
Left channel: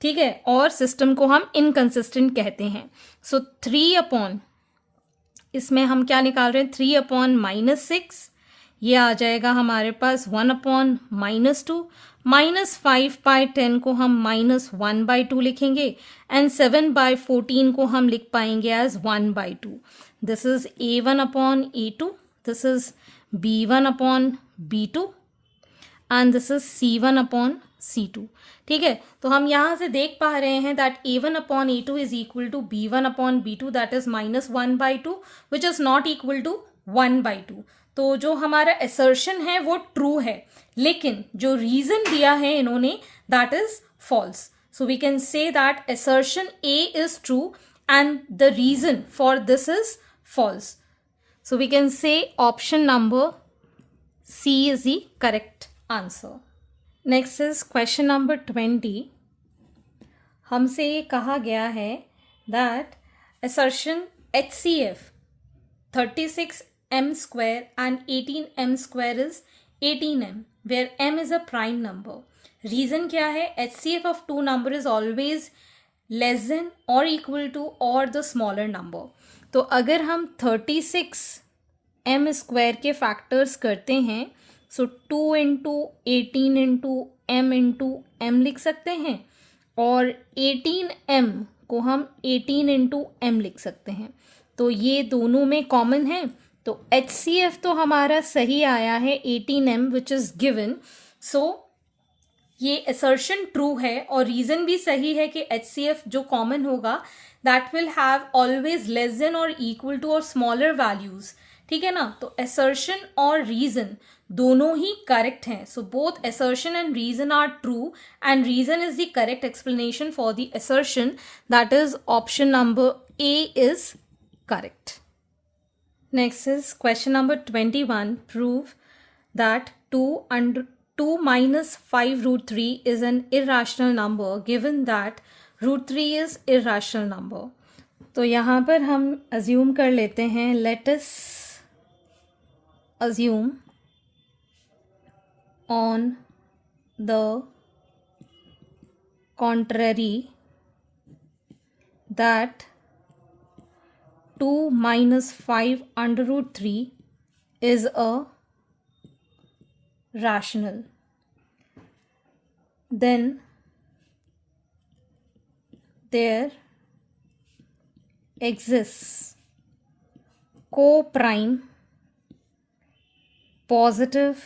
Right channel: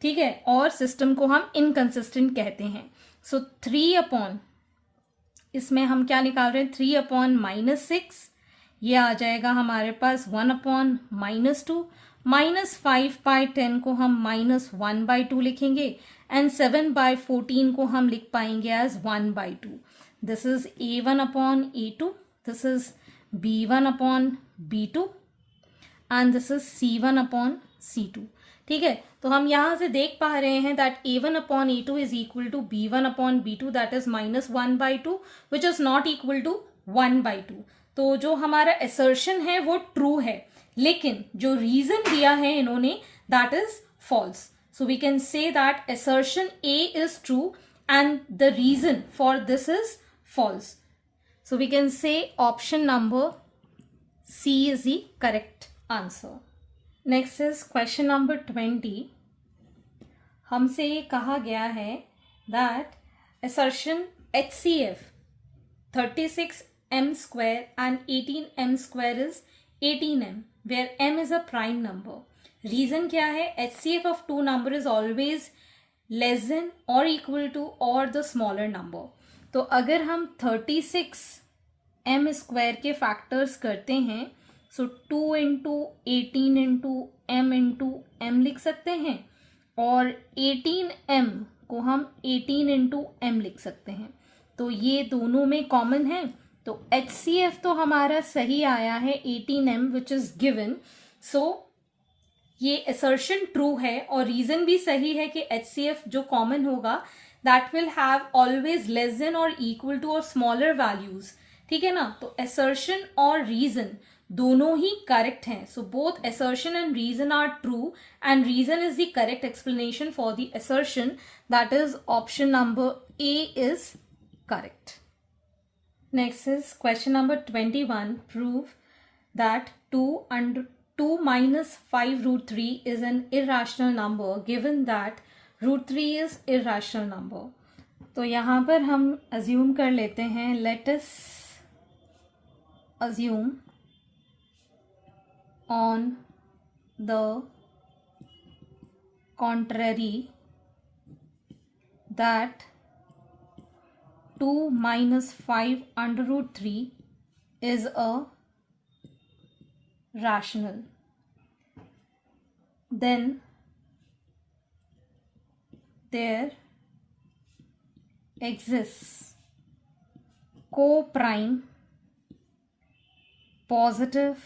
ठीक है, और system को हम inconsistent कहते हैं। सो 3 अपॉन, इसमें हम क्या निकाल रहे हैं, 3 अपॉन -6, ये आ जाएगा हमारे पास 1 अपॉन -2, -5/10 को हम -1/2 लिखेंगे एंड 7/14 को हम लिख पाएंगे as 1/2। This is a1 upon a2, this is b1 upon b2 and this is c1 upon c2। ठीक है, तो हम यहाँ से देख पा रहे हैं that a1 upon a2 is equal to b1 upon b2, that is -1/2 which is not equal to 1/2। तो जो हमारा assertion है वो true है, लेकिन जो reason दिया है इन्होंने that is false। So we can say that assertion A is true and the reason for this is false। So we can say option number C is the correct answer। Next is question number 20। हमसे ये कहा गया है that assertion HCF 36m square and 18m square is 18m where m is a prime number। Reason क्या है? HCF of two number is always less than or equal to or the smaller number। तो अगर हम 36m square के factors करते हैं सो 2 into 18 into m लिख सकते हैं और 18m को हम 18 इंटू m लिख सकते हैं। तो ये दोनों में कॉमन है, तो HCF तो हमारा सही आया है 18m विच इज गिवन। सो ये असर्शन ट्रू है और रीजन भी सही है कि HCF जो कॉमन होगा that will have always less than or equal to or smaller values। ठीक है ना, तो assertion और reason दोनों ही correct हैं। So both assertion and reason are true and reason is the correct explanation for the assertion, that is option number A is correct। Next is question number 21। Prove that 2 minus 5√3 is an irrational number given that √3 is irrational number। तो यहाँ पर हम assume कर लेते हैं, let us assume on the contrary that 2 minus 5√3 is a rational, then there exists co-prime positive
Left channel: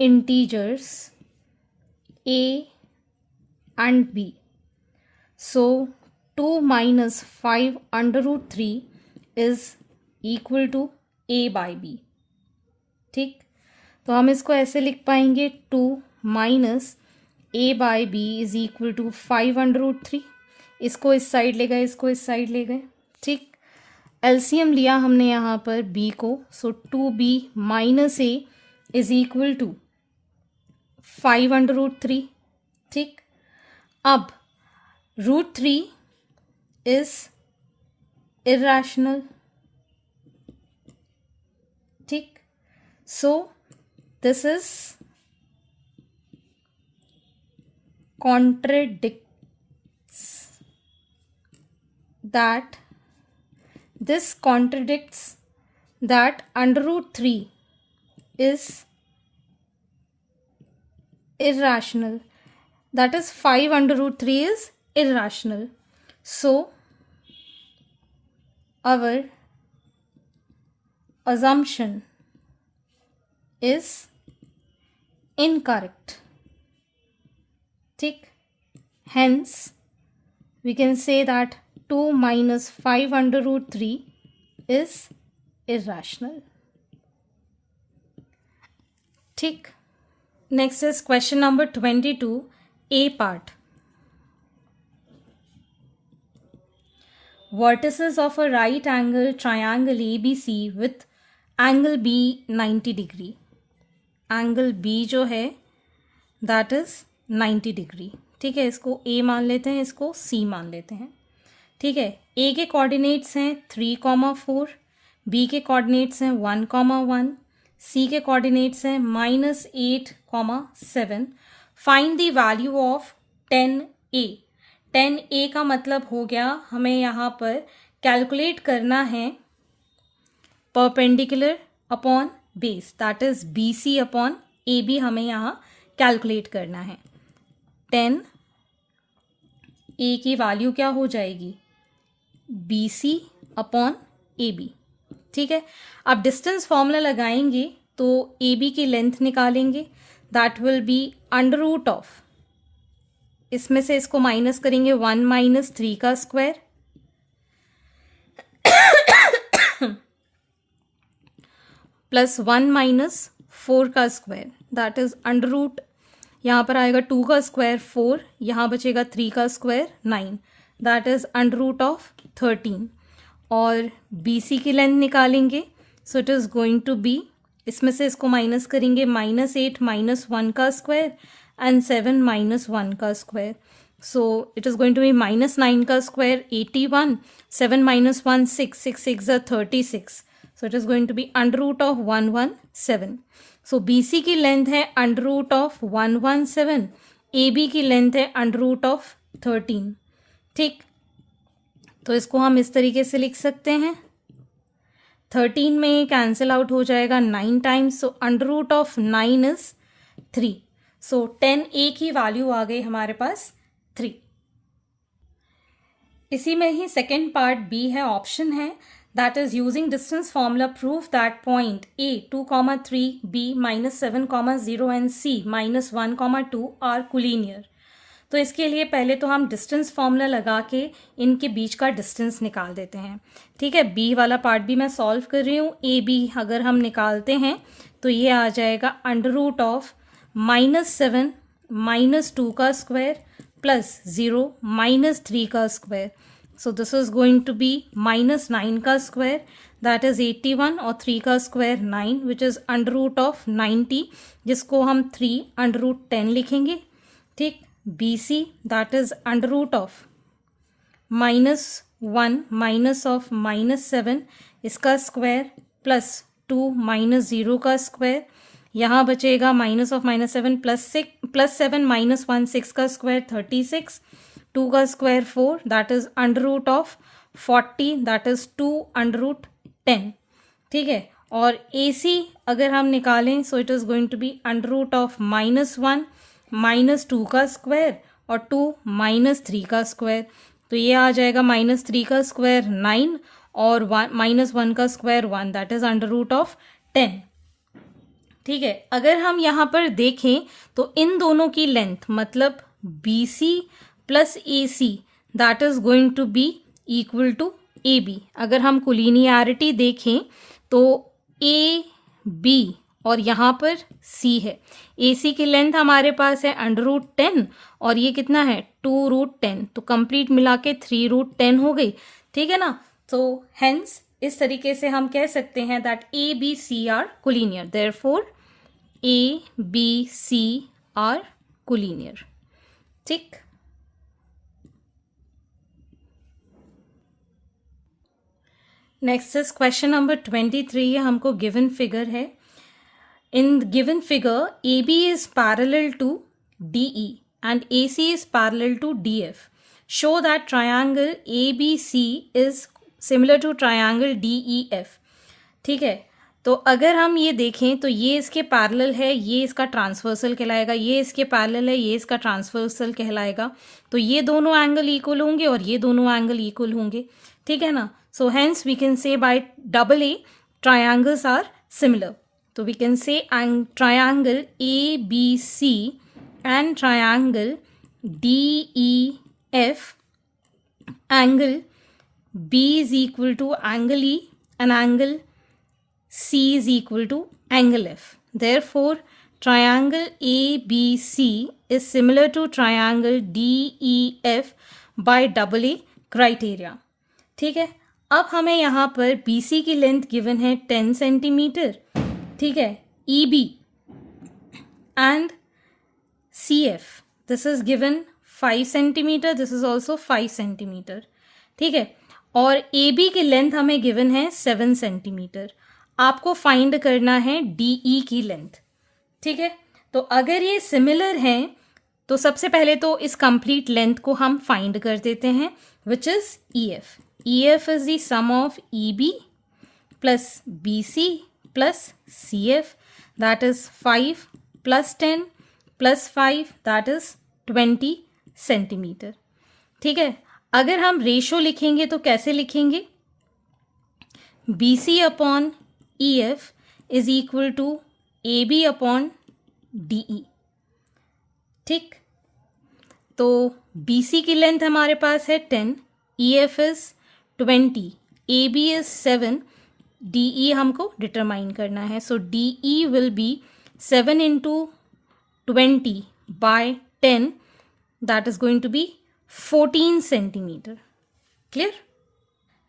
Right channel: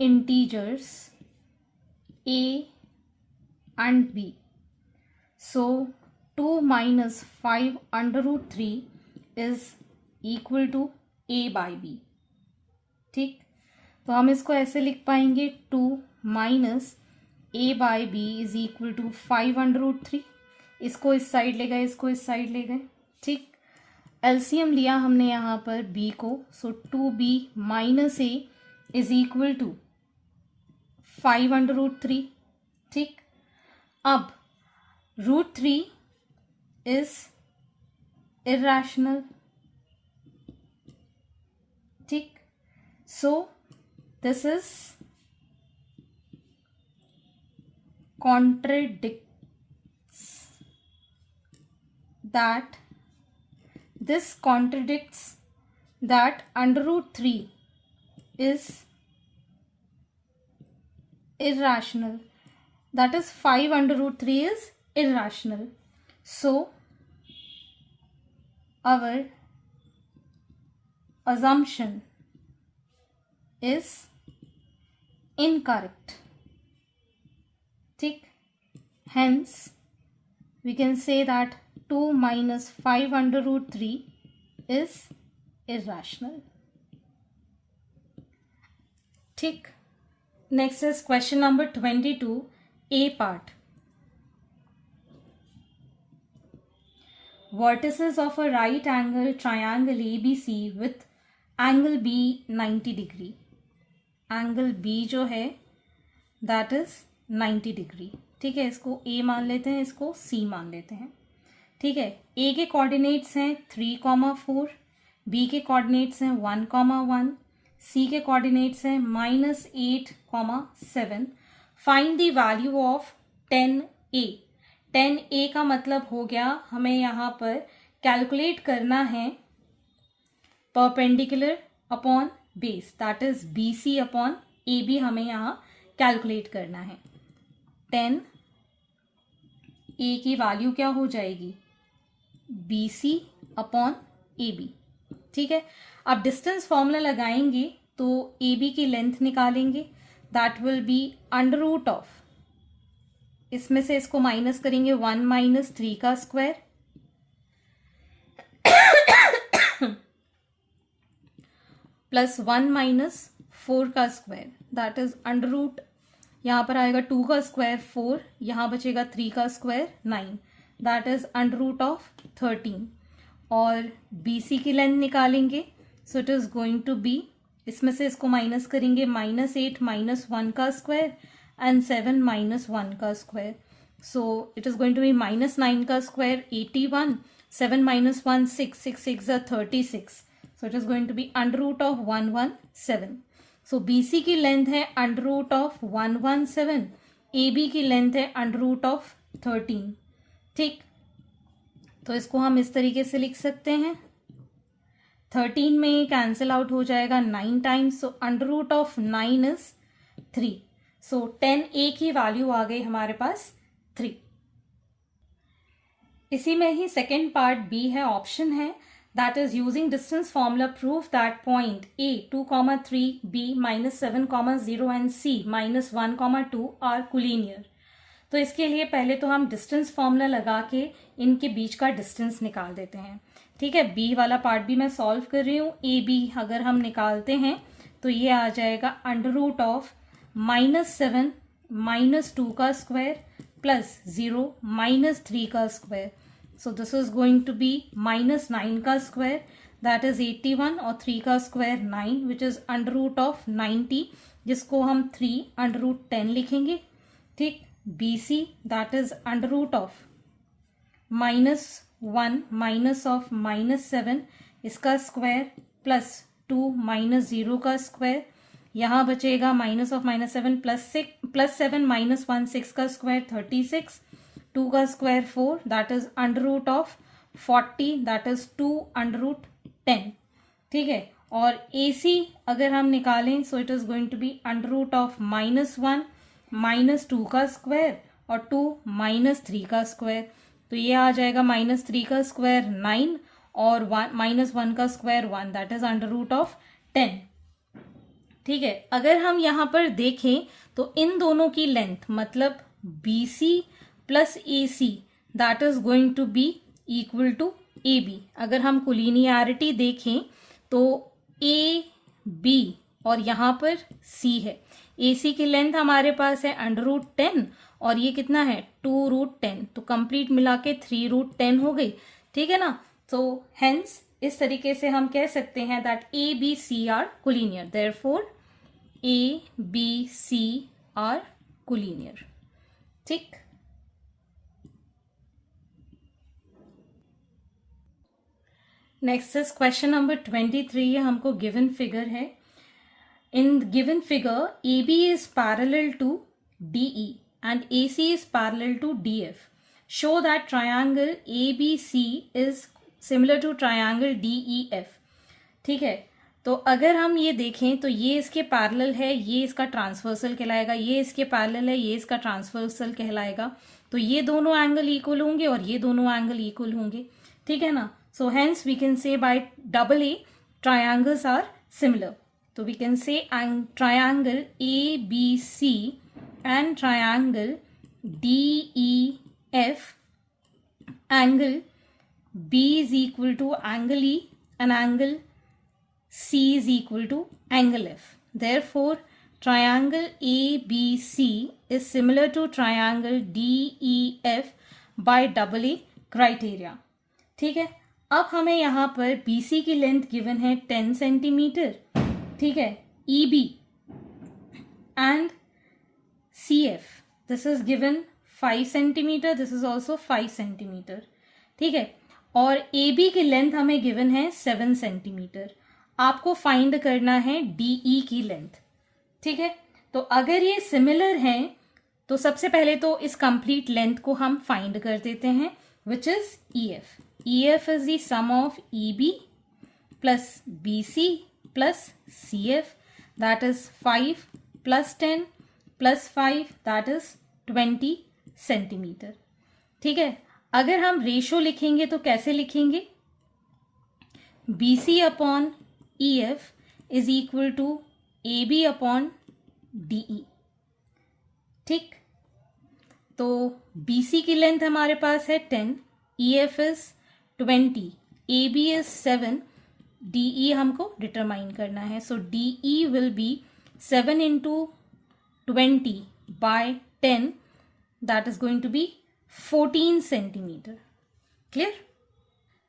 integers a and b। So 2 minus 5√3 is equal to A by B. ठीक, तो हम इसको ऐसे लिख पाएंगे 2 minus A by B is equal to 5√3। इसको इस side ले गए, इसको इस साइड ले गए। ठीक, एलसीएम लिया हमने यहाँ पर b को, so 2b minus A is equal to 5√3। ठीक, अब √3 इज irrational. ठीक, so this is contradicts that under root 3 is irrational. That is 5 under root 3 is irrational. So our assumption is incorrect. ठीक, hence we can say that 2 minus 5 under root 3 is irrational. ठीक, next is question number 22, A part. Vertices of a right angle triangle ABC with angle B 90 degree. Angle B जो है that is 90 degree. ठीक है, इसको A मान लेते हैं, इसको C मान लेते हैं। ठीक है, A के कोऑर्डिनेट्स हैं 3,4, B के कोऑर्डिनेट्स हैं 1,1, C के कोऑर्डिनेट्स हैं -8,7। Find the value of 10A। 10A का मतलब हो गया हमें यहाँ पर कैलकुलेट करना है perpendicular upon base, that is BC upon AB हमें यहाँ कैलकुलेट करना है। 10A की वैल्यू क्या हो जाएगी, BC अपॉन AB। ठीक है, अब डिस्टेंस फॉर्मूला लगाएंगे तो AB की लेंथ निकालेंगे, that will be under root of, इसमें से इसको माइनस करेंगे 1 माइनस 3 का स्क्वायर प्लस 1 माइनस 4 का square, that is under root, यहाँ पर आएगा 2 का स्क्वायर 4, यहाँ बचेगा 3 का square 9, that is under root of 13। और BC की लेंथ निकालेंगे, so it is going to be, इसमें से इसको माइनस करेंगे -8 माइनस 1 का स्क्वायर and 7 minus 1 का square, so it is going to be -9 का square 81, 7 minus 1 6, 6 6 are 36, so it is going to be under root of 117. so BC की length है under root of 117, AB की length है under root of 13। ठीक, तो इसको हम इस तरीके से लिख सकते हैं, 13 में कैंसिल आउट हो जाएगा 9 times, so under root of 9 is 3। So 10A की वैल्यू आ गई हमारे पास 3। इसी में ही सेकेंड पार्ट B है, ऑप्शन है, that is using distance formula proof that point A 2,3, B -7,0 and C -1,2 are collinear. तो इसके लिए पहले तो हम डिस्टेंस फॉर्मूला लगा के इनके बीच का डिस्टेंस निकाल देते हैं। ठीक है, B वाला पार्ट भी मैं सॉल्व कर रही हूँ। AB अगर हम निकालते हैं तो ये आ जाएगा अंडर रूट ऑफ -7 -2 का स्क्वायर प्लस 0 -3 का square, so this is going to be -9 का स्क्वायर, दैट इज 81, और 3 का square 9, which is under root of 90, जिसको हम 3 अंडर रूट 10 लिखेंगे। ठीक, BC that is under root of -1 minus of -7 इसका स्क्वायर प्लस 2 -0 का स्क्वायर, यहाँ बचेगा माइनस ऑफ -7 प्लस 7 -1 6 का स्क्वायर 36, 2 का square 4, that is under root of 40, that is 2 under root 10। ठीक है, और AC अगर हम निकालें so it is going to be under root of -1 -2 का स्क्वायर और 2 -3 का स्क्वायर, तो ये आ जाएगा -3 का स्क्वायर 9 और -1 का square 1, that is under root of 10। ठीक है, अगर हम यहाँ पर देखें तो इन दोनों की लेंथ मतलब BC प्लस AC that is going to be equal to AB। अगर हम कोलिनियरिटी देखें तो ए बी और यहाँ पर सी है। ए सी की लेंथ हमारे पास है √10 और ये कितना है 2√10, तो कंप्लीट मिला के 3√10 हो गई, ठीक है ना। तो हेंस इस तरीके से हम कह सकते हैं that A B C are collinear, therefore A B C are collinear, ठीक। Next is question number 23। ये हमको गिवन फिगर है। In given figure A B is parallel to D E and A C is parallel to D F. Show that triangle A B C is similar to triangle D E F, ठीक है। तो अगर हम ये देखें तो ये इसके पैरेलल है, ये इसका ट्रांसवर्सल कहलाएगा, ये इसके पैरेलल है, ये इसका ट्रांसवर्सल कहलाएगा। तो ये दोनों एंगल इक्वल होंगे और ये दोनों एंगल इक्वल होंगे, ठीक है ना। So hence we can say by double A triangles are similar. So we can say triangle ABC and triangle DEF, angle B is equal to angle E and angle C is equal to angle F. Therefore triangle ABC is similar to triangle DEF by double A criteria, ठीक है। अब हमें यहाँ पर BC की length given है 10 centimetre, ठीक है। EB and CF this is given 5 centimetre, this is also 5 centimetre, ठीक है। और AB की लेंथ हमें गिवन है 7 सेंटीमीटर। आपको फाइंड करना है DE की लेंथ, ठीक है। तो अगर ये सिमिलर हैं तो सबसे पहले तो इस कंप्लीट लेंथ को हम फाइंड कर देते हैं, which is EF. EF is the sum of EB plus BC plus CF, that is 5 plus 10 plus 5, that is 20 centimetre, ठीक है। अगर हम रेशो लिखेंगे तो कैसे लिखेंगे, BC upon EF is equal to AB upon DE, ठीक। तो BC की लेंथ हमारे पास है 10, EF is 20, AB is 7, DE हमको डिटरमाइन करना है। सो DE will be 7 into 20 by 10, that is going to be 14 centimeter. Clear?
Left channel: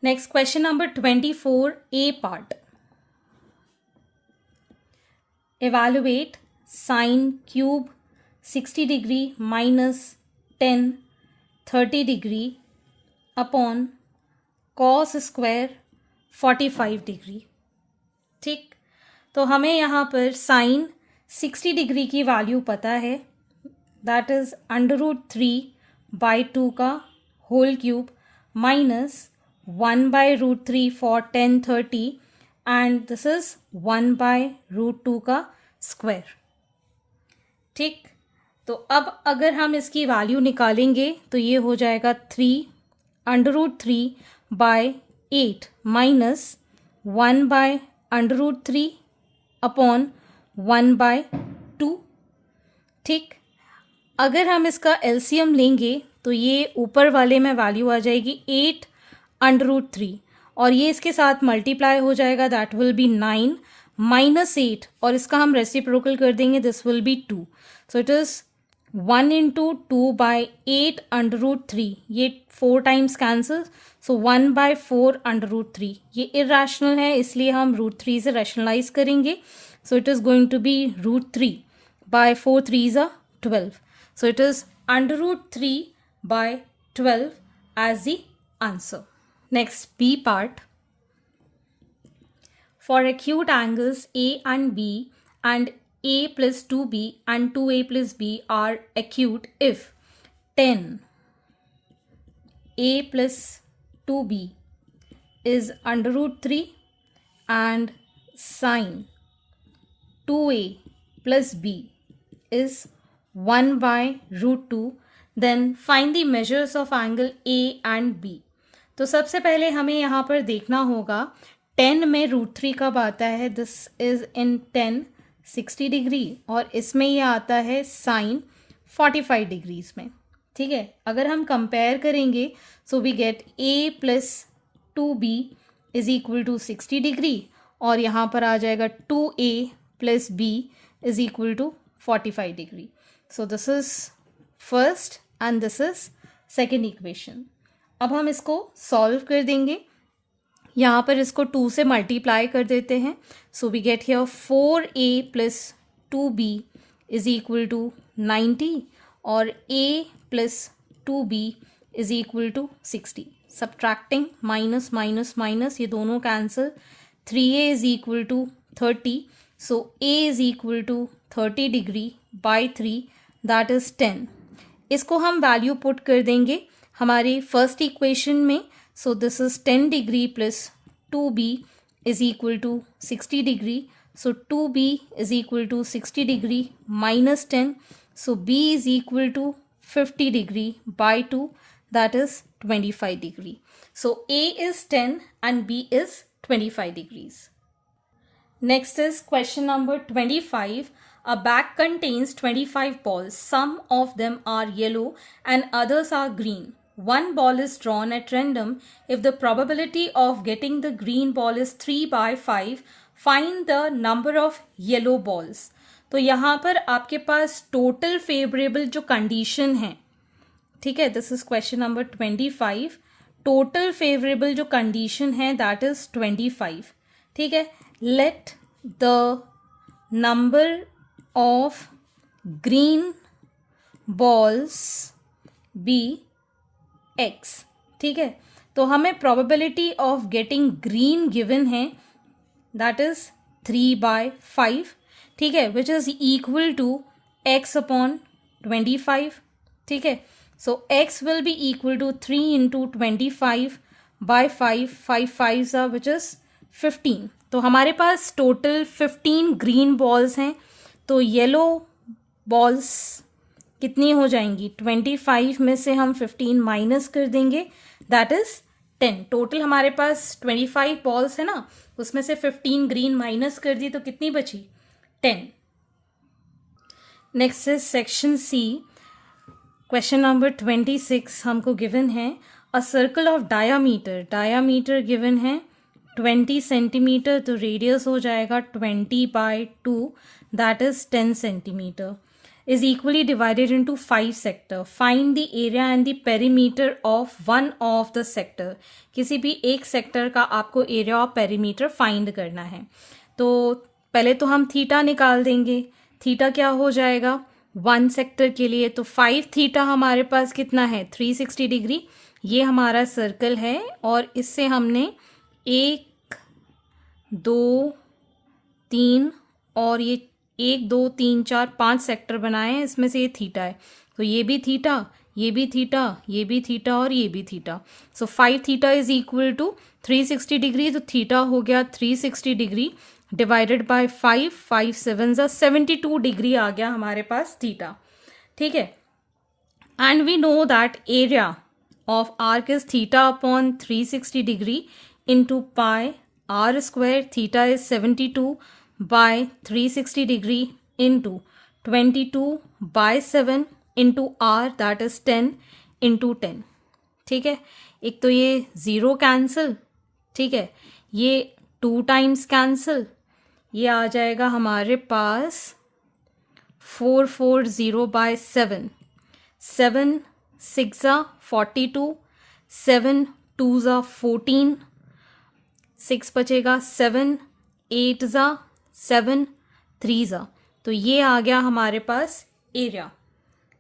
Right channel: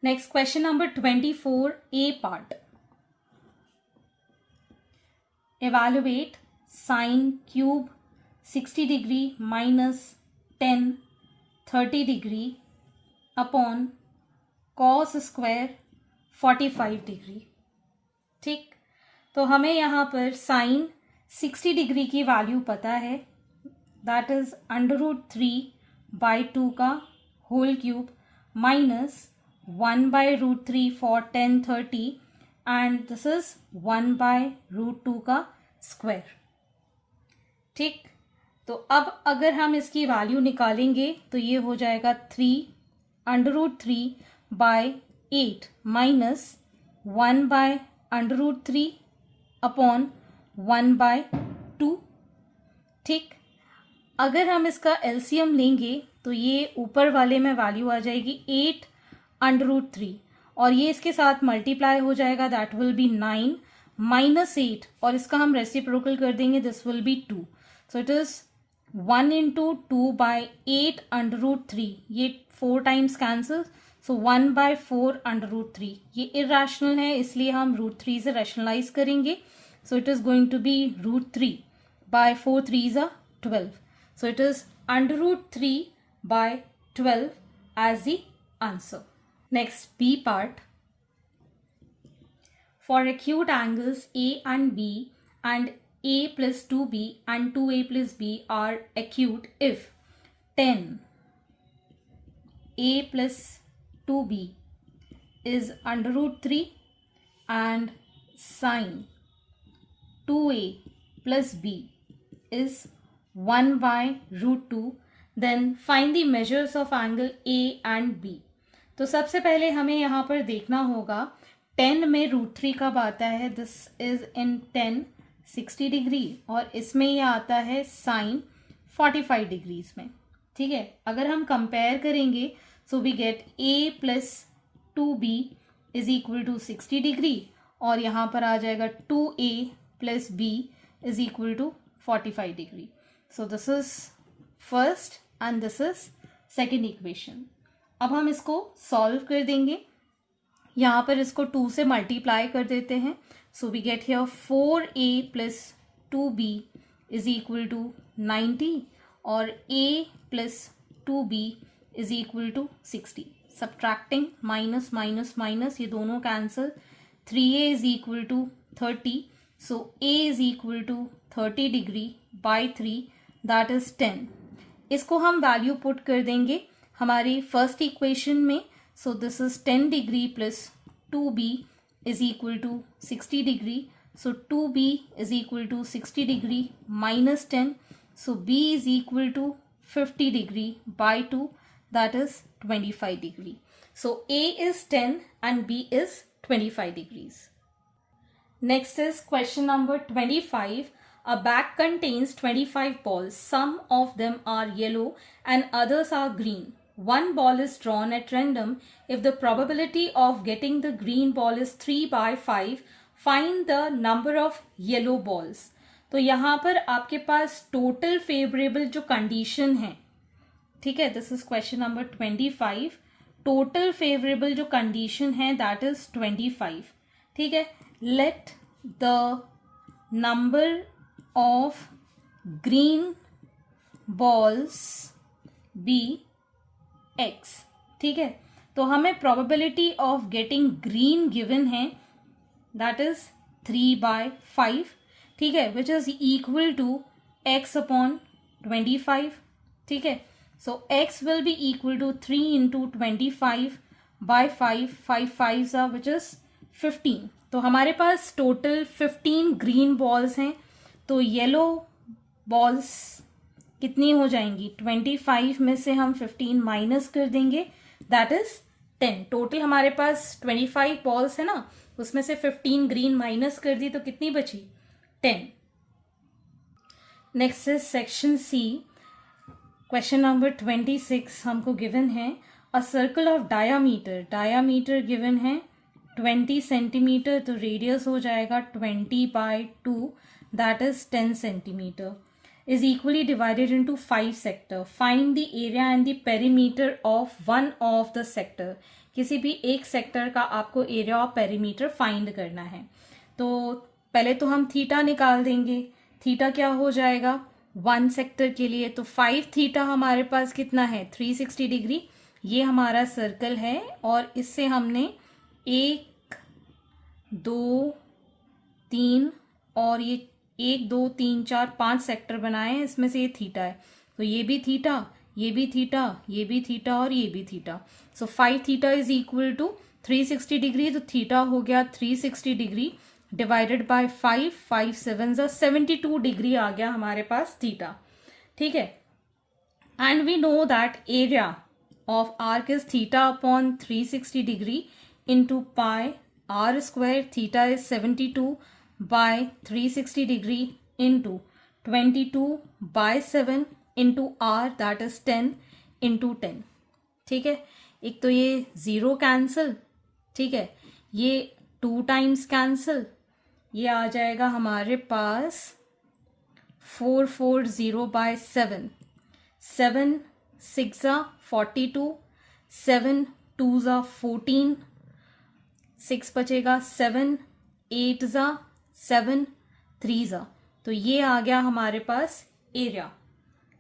Next question number 24, A part. Evaluate sine cube 60 degree minus 10 30 degree upon cos square 45 degree, ठीक। तो हमें यहाँ पर sign 60 degree की value पता है, दैट इज √3/2 का whole cube minus 1/√3 for 10 30 and this is 1/√2 का स्क्वायर, ठीक। तो अब अगर हम इसकी वैल्यू निकालेंगे तो ये हो जाएगा 3/√3/8 माइनस 1/√3 अपॉन 1/2, ठीक। अगर हम इसका एलसीएम लेंगे तो ये ऊपर वाले में वैल्यू आ जाएगी 8/√3 और ये इसके साथ मल्टीप्लाई हो जाएगा, दैट विल बी 9 माइनस 8 और इसका हम रेसिप्रोकल कर देंगे, this will B 2। So it is 1 into 2/8/√3, ये 4 टाइम्स कैंसल, सो 1/4/√3। ये इरेशनल है इसलिए हम √3 से रैशनलाइज करेंगे, so it is going to be √3/4 3s are 12, so it is √3/12 as the answer. Next, B part. For acute angles A and B and A plus 2B and 2A plus B are acute if 10 A plus 2B is √3 and sine 2A plus B is 1/√2, then find the measures of angle A and B. तो सबसे पहले हमें यहाँ पर देखना होगा 10 में √3 कब आता है, दिस इज इन 10 60 डिग्री और इसमें ये आता है साइन 45 डिग्रीज में, ठीक है। अगर हम कंपेयर करेंगे so we get A plus 2B is equal to 60 degree और यहाँ पर आ जाएगा 2a plus b is equal to 45 degree. So this is first and this is second equation. अब हम इसको सॉल्व कर देंगे. यहाँ पर इसको 2 से मल्टीप्लाई कर देते हैं. So we get here 4a plus 2b is equal to 90 और a plus 2b is equal to 60. Subtracting minus minus minus, ये दोनों cancel. 3a is equal to 30. So a is equal to 30 degree by 3 that is 10. इसको हम value put कर देंगे हमारी first equation में. So this is 10 degree plus 2b is equal to 60 degree. So 2b is equal to 60 degree minus 10. So b is equal to 50 degree by 2 that is 25 degree. So A is 10 and B is 25 degrees. Next is question number 25. A bag contains 25 balls. Some of them are yellow and others are green. One ball is drawn at random. If the probability of getting the green ball is 3 by 5, find the number of yellow balls. तो यहाँ पर आपके पास total favourable जो condition है, ठीक है, this is question number 25. Total favourable जो कंडीशन है दैट इज 25. ठीक है, let the number of green balls be x. ठीक है, तो हमें probability of getting green given है दैट इज 3/5. ठीक है, which is equal to x upon 25. ठीक है, so x will be equal to 3 into 25 by 5. 5 5s are which is 15. तो हमारे पास टोटल 15 ग्रीन बॉल्स हैं. तो येलो बॉल्स कितनी हो जाएंगी? 25 में से हम 15 माइनस कर देंगे दैट इज 10. टोटल हमारे पास 25 बॉल्स है ना, उसमें से 15 ग्रीन माइनस कर दी तो कितनी बची? 10. Next is section C. Question number 26 हमको गिवन है a circle of diameter given है 20 सेंटीमीटर. तो रेडियस हो जाएगा 20/2 that is 10 centimetre. Is equally divided into 5 sector. Find the area and the perimeter of one of the sector. किसी भी एक sector का आपको एरिया और पेरीमीटर फाइंड करना है. तो पहले तो हम थीटा निकाल देंगे. थीटा क्या हो जाएगा 1 सेक्टर के लिए? तो 5 थीटा हमारे पास कितना है? 360 डिग्री. ये हमारा सर्कल है और इससे हमने 1 2 3 और ये 1 2 3 4 5 सेक्टर बनाए हैं. इसमें से ये थीटा है, तो ये भी थीटा, ये भी थीटा, ये भी थीटा और ये भी theta. So 5 theta is equal to 360 degree. तो थीटा हो गया 360 डिग्री डिवाइडेड बाय 5. 5 7 72 डिग्री आ गया हमारे पास थीटा. ठीक है, and we know that area of arc is theta upon 360 degree into pi r square. Theta is 72 by 360 degree into 22/7 into r that is 10 into 10. ठीक है, एक तो ये 0 कैंसिल. ठीक है, ये 2 टाइम्स कैंसिल. ये आ जाएगा हमारे पास 440/7. 7 6 42, 7 2 14, 6 बचेगा, 7 8 7 3. तो ये आ गया हमारे पास एरिया.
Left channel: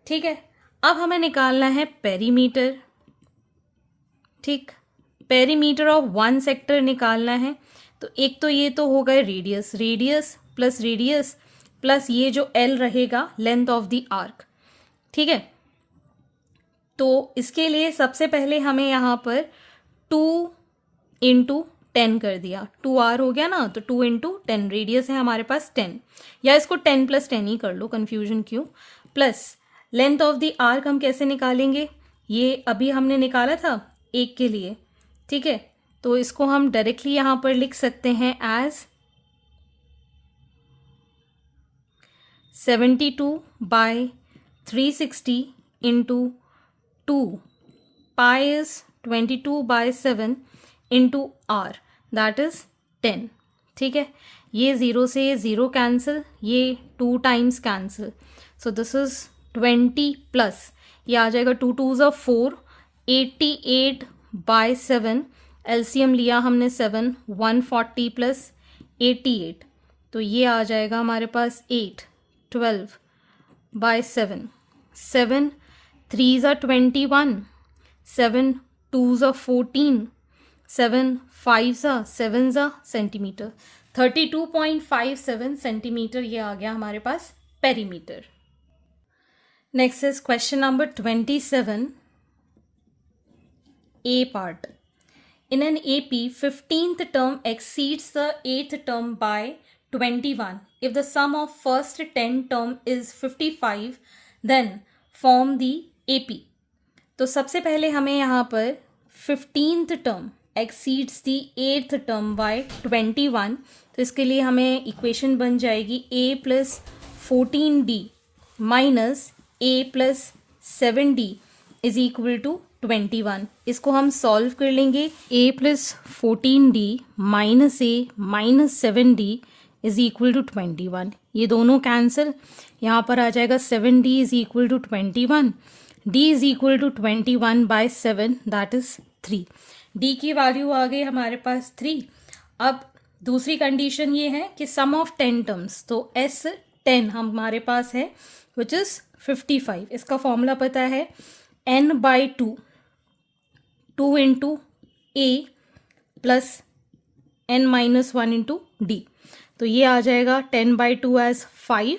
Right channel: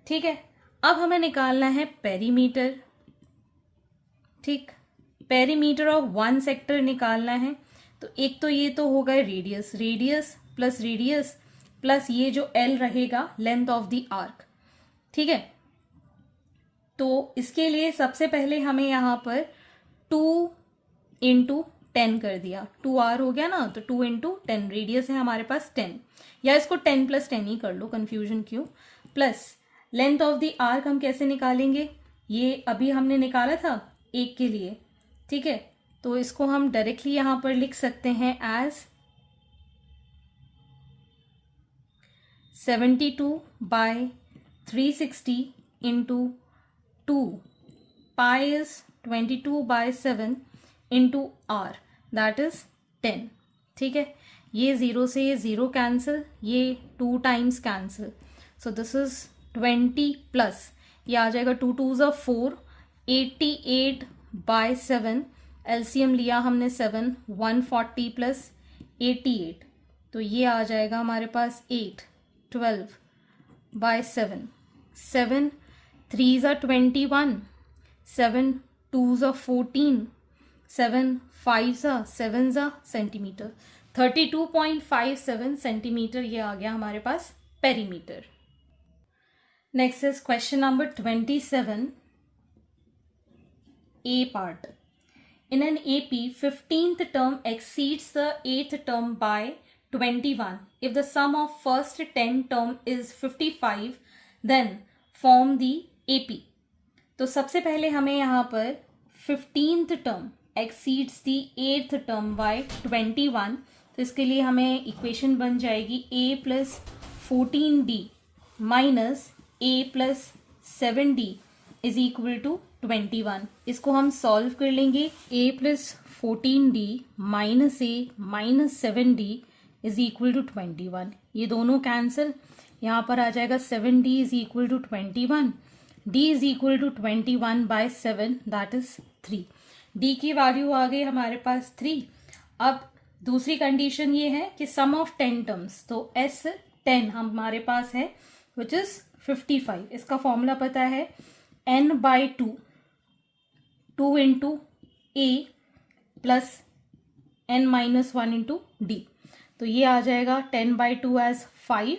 ठीक है, अब हमें निकालना है पेरीमीटर. ठीक, पेरीमीटर ऑफ 1 सेक्टर निकालना है. तो एक तो ये तो हो गए रेडियस प्लस ये जो L रहेगा लेंथ ऑफ द आर्क. ठीक है, तो इसके लिए सबसे पहले हमें यहाँ पर 2 × 10 कर दिया. 2r हो गया ना, तो 2 × 10. रेडियस है हमारे पास 10, या इसको 10 + 10 ही कर लो, कंफ्यूजन क्यों. Plus length of the arc हम कैसे निकालेंगे? ये अभी हमने निकाला था एक के लिए. ठीक है, तो इसको हम डायरेक्टली यहां पर लिख सकते हैं as 72/360 into 2. Pi is 22/7 into r that is 10. ठीक है, ये 0 से ये 0 कैंसिल, ये 2 times cancel, so this is 20 plus ये आ जाएगा 2 2s are 4, 88/7, एलसीएम लिया हमने 7, 140 प्लस 88, तो ये आ जाएगा हमारे पास 8, 12/7, 7 3s are 21, 7 2s are 14, 7 5s are 7s are centimetre, 32.57 centimetre ये आ गया हमारे पास perimeter. Next is question number 27, A part. In an AP, 15th term exceeds the 8th term by 21. If the sum of first 10 term is 55, then form the AP. तो सबसे पहले हमें यहाँ पर 15th term exceeds the 8th term by 21. तो इसके लिए हमें इक्वेशन बन जाएगी A plus 14D minus A plus 7D is equal to 21. इसको हम सॉल्व कर लेंगे. A plus 14D minus A minus 7D is equal to 21. ये दोनों कैंसिल, यहाँ पर आ जाएगा 7D is equal to 21. D is equal to 21 by 7, that is 3. D की वैल्यू आ गई हमारे पास 3. अब दूसरी कंडीशन ये है कि सम ऑफ 10 टर्म्स, तो S10 हमारे पास है which is 55. इसका फॉर्मूला पता है n/2, 2 into A plus n-1 into D. तो ये आ जाएगा 10/2 as 5,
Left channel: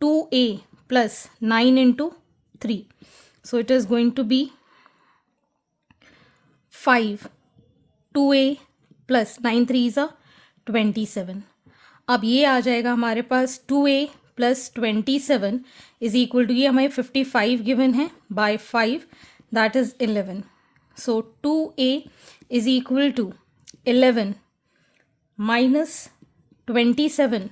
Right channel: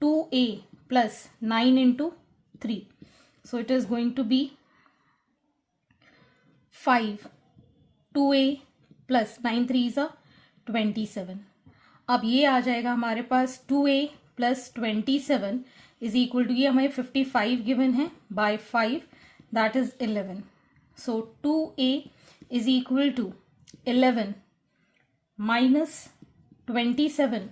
2A plus 9 into 3. So it is going to be 5, 2A plus 9 3s are 27. अब ये आ जाएगा हमारे पास 2A plus 27 is equal to, ये हमें 55 गिवन है by 5, that is 11. So 2A is equal to 11 minus 27.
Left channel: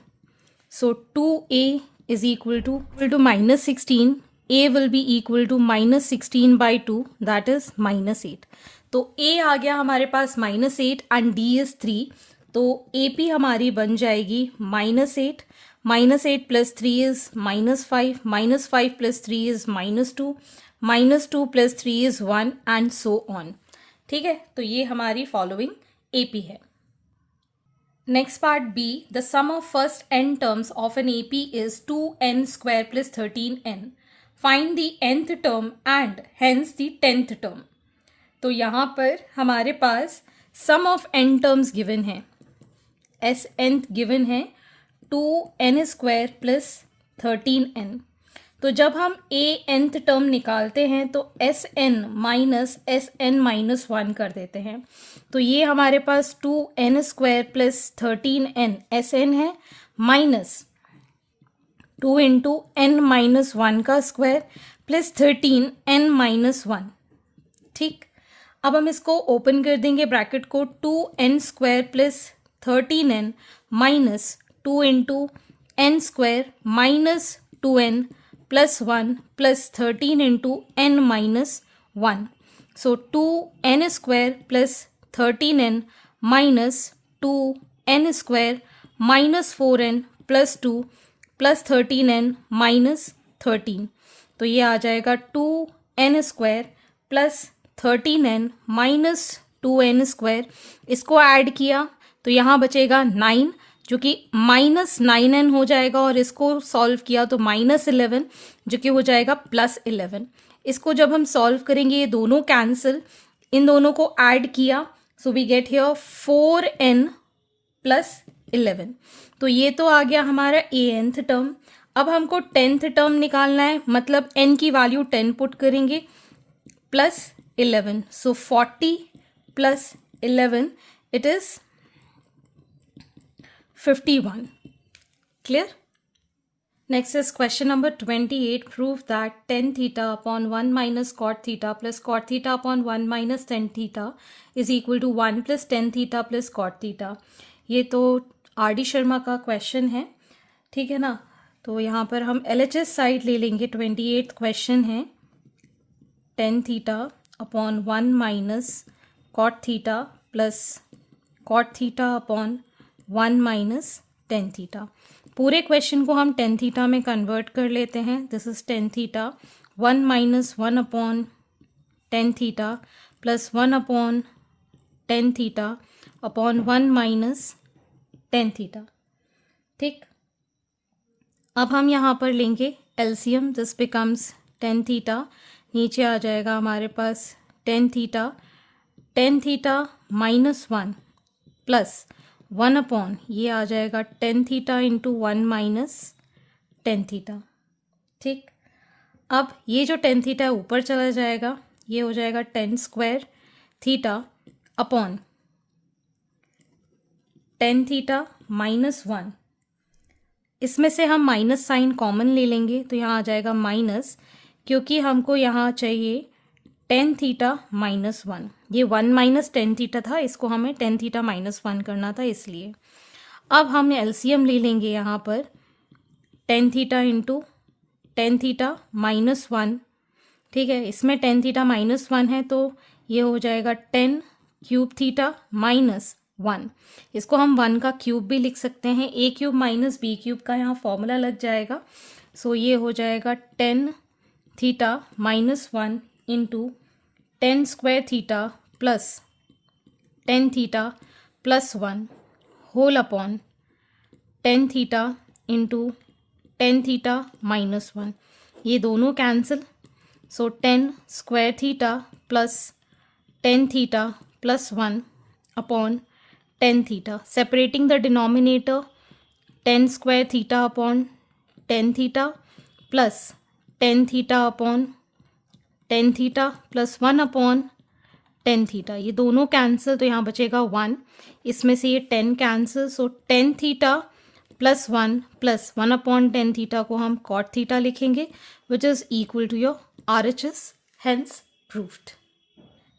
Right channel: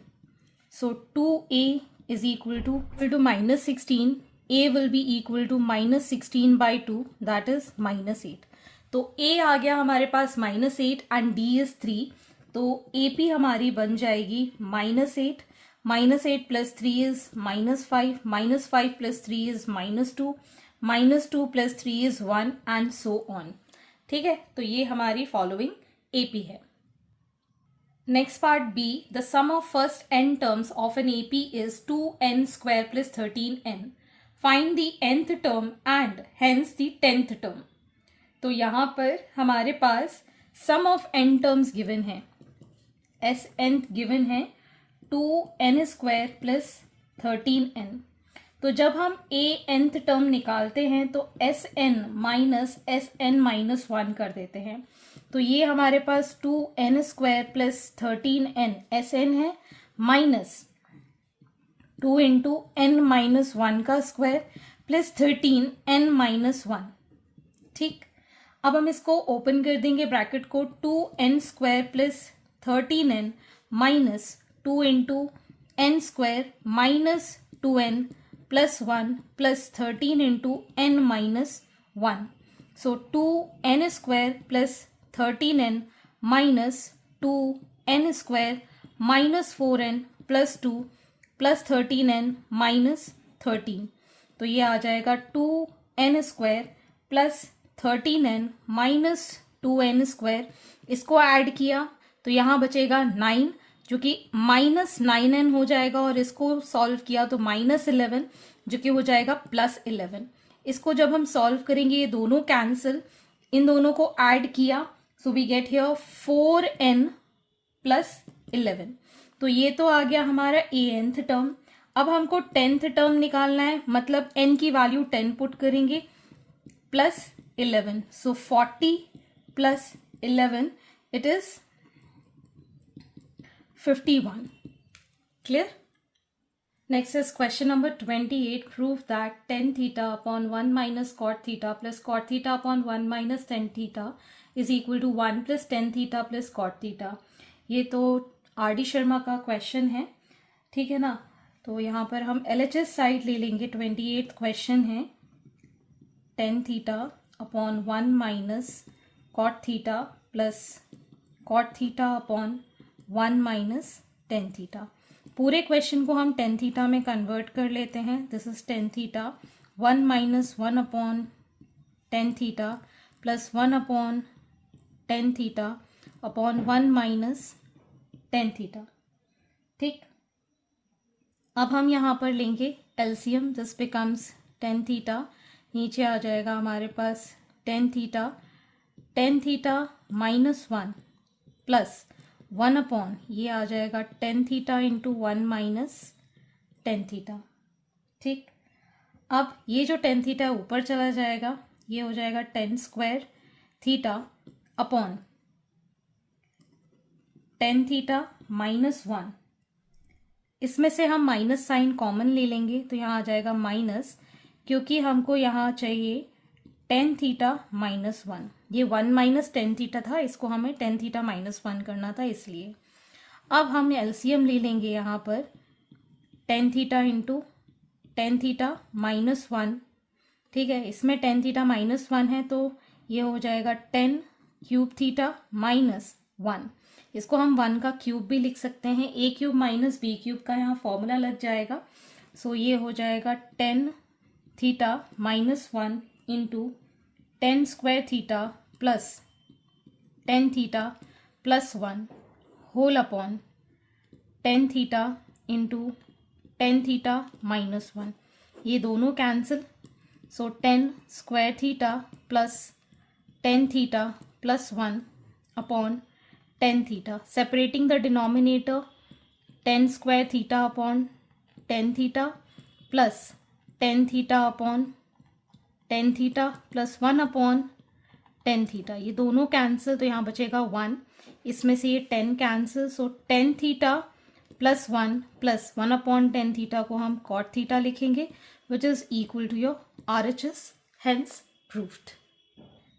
So 2A is equal to minus 16. A will be equal to minus 16/2, that is -8. तो A आ गया हमारे पास -8 एंड D is 3. तो AP हमारी बन जाएगी -8, -8 plus 3 is -5, -5 plus 3 is -2, -2 plus 3 is 1 and so on. ठीक है, तो ये हमारी फॉलोइंग AP है. Next part B, the sum of first n terms of an AP is 2n² plus 13n. Find the nth term and hence the 10th term. तो यहाँ पर हमारे पास sum of n terms given है, Sn given है 2n² plus 13n. तो जब हम nth टर्म निकालते हैं तो Sn माइनस Sn-1 कर देते हैं. तो ये हमारे पास 2n² प्लस 13n Sn है माइनस 2 इंटू n-1 का स्क्वायर प्लस 13n-1. ठीक, अब हम इसको ओपन कर देंगे ब्रैकेट को, 2n² plus 13n minus 2 into n² minus 2n plus 1 plus 13 into n-1. सो 2n² plus 13n minus 2n² minus 4n plus 2 plus 13n minus 13. तो ये आ जाएगा 2n² plus 13n minus 2n². इसको ऐड किया तो यहाँ बचेगा 9 जो कि -9n हो जाएगा, और इसको सॉल्व किया तो -11 जो कि हो जाएगा +11. इसको जब हम सॉल्व करेंगे ये दोनों कैंसिल, इन दोनों को ऐड किया, so we get here 4n plus 11. तो ये तो आ गया हमारा nth टर्म. अब हमको 10th टर्म निकालना है, मतलब n की वैल्यू 10 पुट करेंगे plus 11. So 40 plus 11 it is 51. Clear? Next is question number 28. Prove that tan theta upon 1 minus cot theta plus cot theta upon 1 minus tan theta is equal to 1 plus tan theta plus cot theta. ये तो RD Sharma का question है, ठीक है ना. तो यहाँ पर हम LHS साइड ले लेंगे. 28th क्वेश्चन है, tan theta upon 1 minus cot theta plus cot theta upon 1 minus tan theta. पूरे क्वेश्चन को हम टेन थीटा में कन्वर्ट कर लेते हैं। This is tan theta, 1 minus 1 upon tan theta plus 1 upon tan theta upon 1 minus tan theta. ठीक, अब हम यहाँ पर लेंगे LCM. This becomes tan theta, नीचे आ जाएगा हमारे पास tan theta minus 1 plus 1 upon ये आ जाएगा tan theta into 1 minus tan theta. ठीक, अब ये जो टेन थीटा ऊपर चला जाएगा, ये हो जाएगा ten square theta upon tan theta minus 1। इसमें से हम माइनस साइन कॉमन ले लेंगे तो यहाँ आ जाएगा माइनस, क्योंकि हमको यहाँ चाहिए टेन थीटा माइनस 1। ये 1 माइनस टेन थीटा था, इसको हमें टेन थीटा माइनस 1 करना था, इसलिए अब हम एलसीएम ले लेंगे यहाँ पर ten theta into tan theta minus 1। ठीक है, इसमें टेन थीटा माइनस 1 है तो ये हो जाएगा टेन क्यूब थीटा माइनस 1। इसको हम 1 का क्यूब भी लिख सकते हैं, a cube minus b cube का यहाँ फॉर्मूला लग जाएगा। सो ये हो जाएगा tan theta minus 1 into tan square theta plus tan theta plus 1 whole upon tan theta into tan theta minus 1। ये दोनों cancel, so tan square theta plus tan theta plus 1 upon tan theta. Separating the denominator, tan square theta upon tan theta plus tan theta upon tan theta plus 1 upon tan theta. ये दोनों cancel तो यहाँ बचेगा 1, इसमें से ये 10 cancel, so tan theta plus 1 upon tan theta को हम कॉट थीटा लिखेंगे, which is equal to your RHS, hence proved.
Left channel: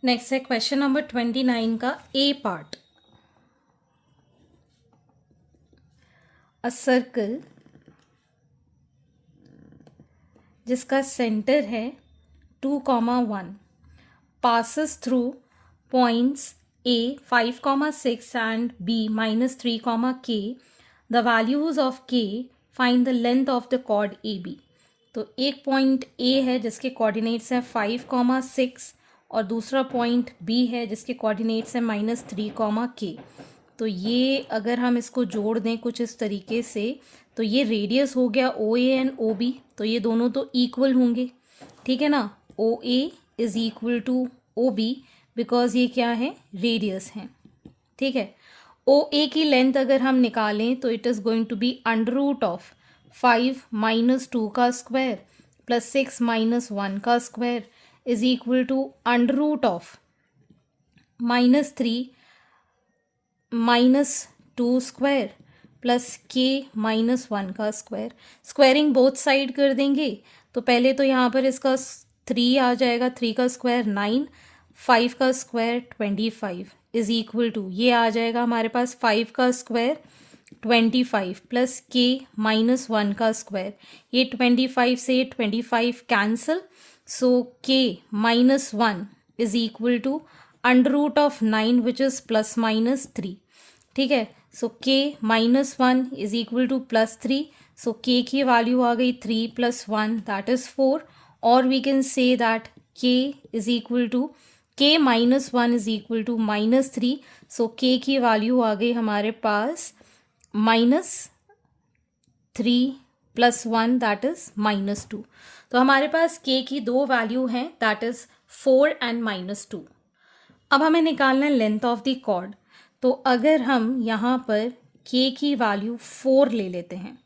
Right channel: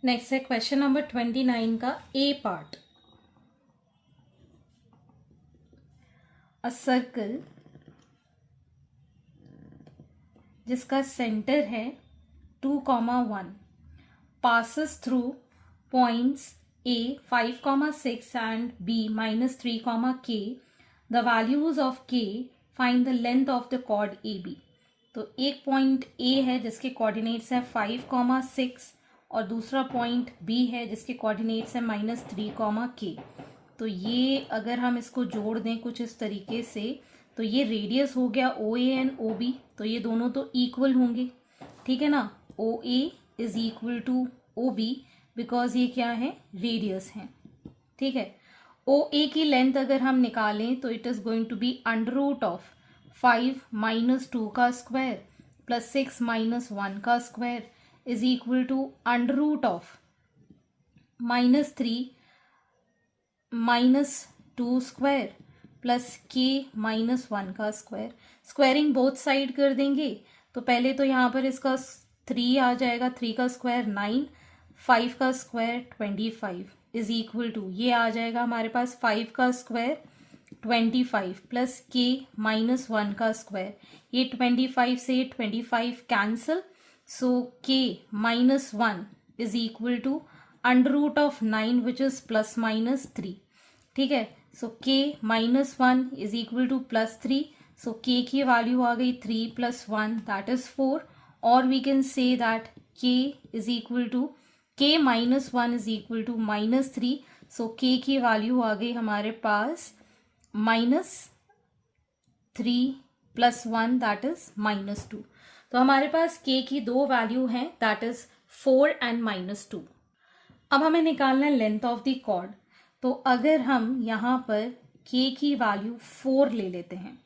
Next है क्वेश्चन नंबर 29 का ए पार्ट। अ सर्कल जिसका सेंटर है 2,1 passes through points A 5,6 and B -3, K. The values of K, find the length of the chord AB. तो एक point A है जिसके coordinates है 5,6 और दूसरा पॉइंट B है जिसके कोऑर्डिनेट्स है -3, K। तो ये अगर हम इसको जोड़ दें कुछ इस तरीके से, तो ये रेडियस हो गया OA एंड OB, तो ये दोनों तो इक्वल होंगे। ठीक है ना, OA is equal to OB because ये क्या है, रेडियस है। ठीक है, OA की लेंथ अगर हम निकालें तो it is going to be under root of 5 minus 2 का स्क्वायर प्लस 6 माइनस 1 का square is equal to under root of -3 minus 2 square plus K minus 1 का स्क्वायर। स्क्वायरिंग बोथ साइड कर देंगे तो पहले तो यहाँ पर इसका 3 आ जाएगा, 3 का स्क्वायर 9, 5 का स्क्वायर 25 इज इक्वल टू ये आ जाएगा हमारे पास 5 का स्क्वायर 25 प्लस K माइनस 1 का स्क्वायर। ये 25 से 25 cancel, so K minus 1 is equal to under root of 9 which is plus minus 3। ठीक है, so K minus 1 is equal to plus 3, so K की वैल्यू आ गई 3 प्लस 1 दैट इज 4, और we can say that K is equal to K minus 1 is equal to -3, so K की value आ गई हमारे पास -3 प्लस 1 दैट इज -2। तो हमारे पास K की दो वैल्यू हैं दैट इज 4 एंड -2। अब हमें निकालना है लेंथ ऑफ द कॉर्ड। तो अगर हम यहाँ पर K की वैल्यू 4 ले लेते हैं,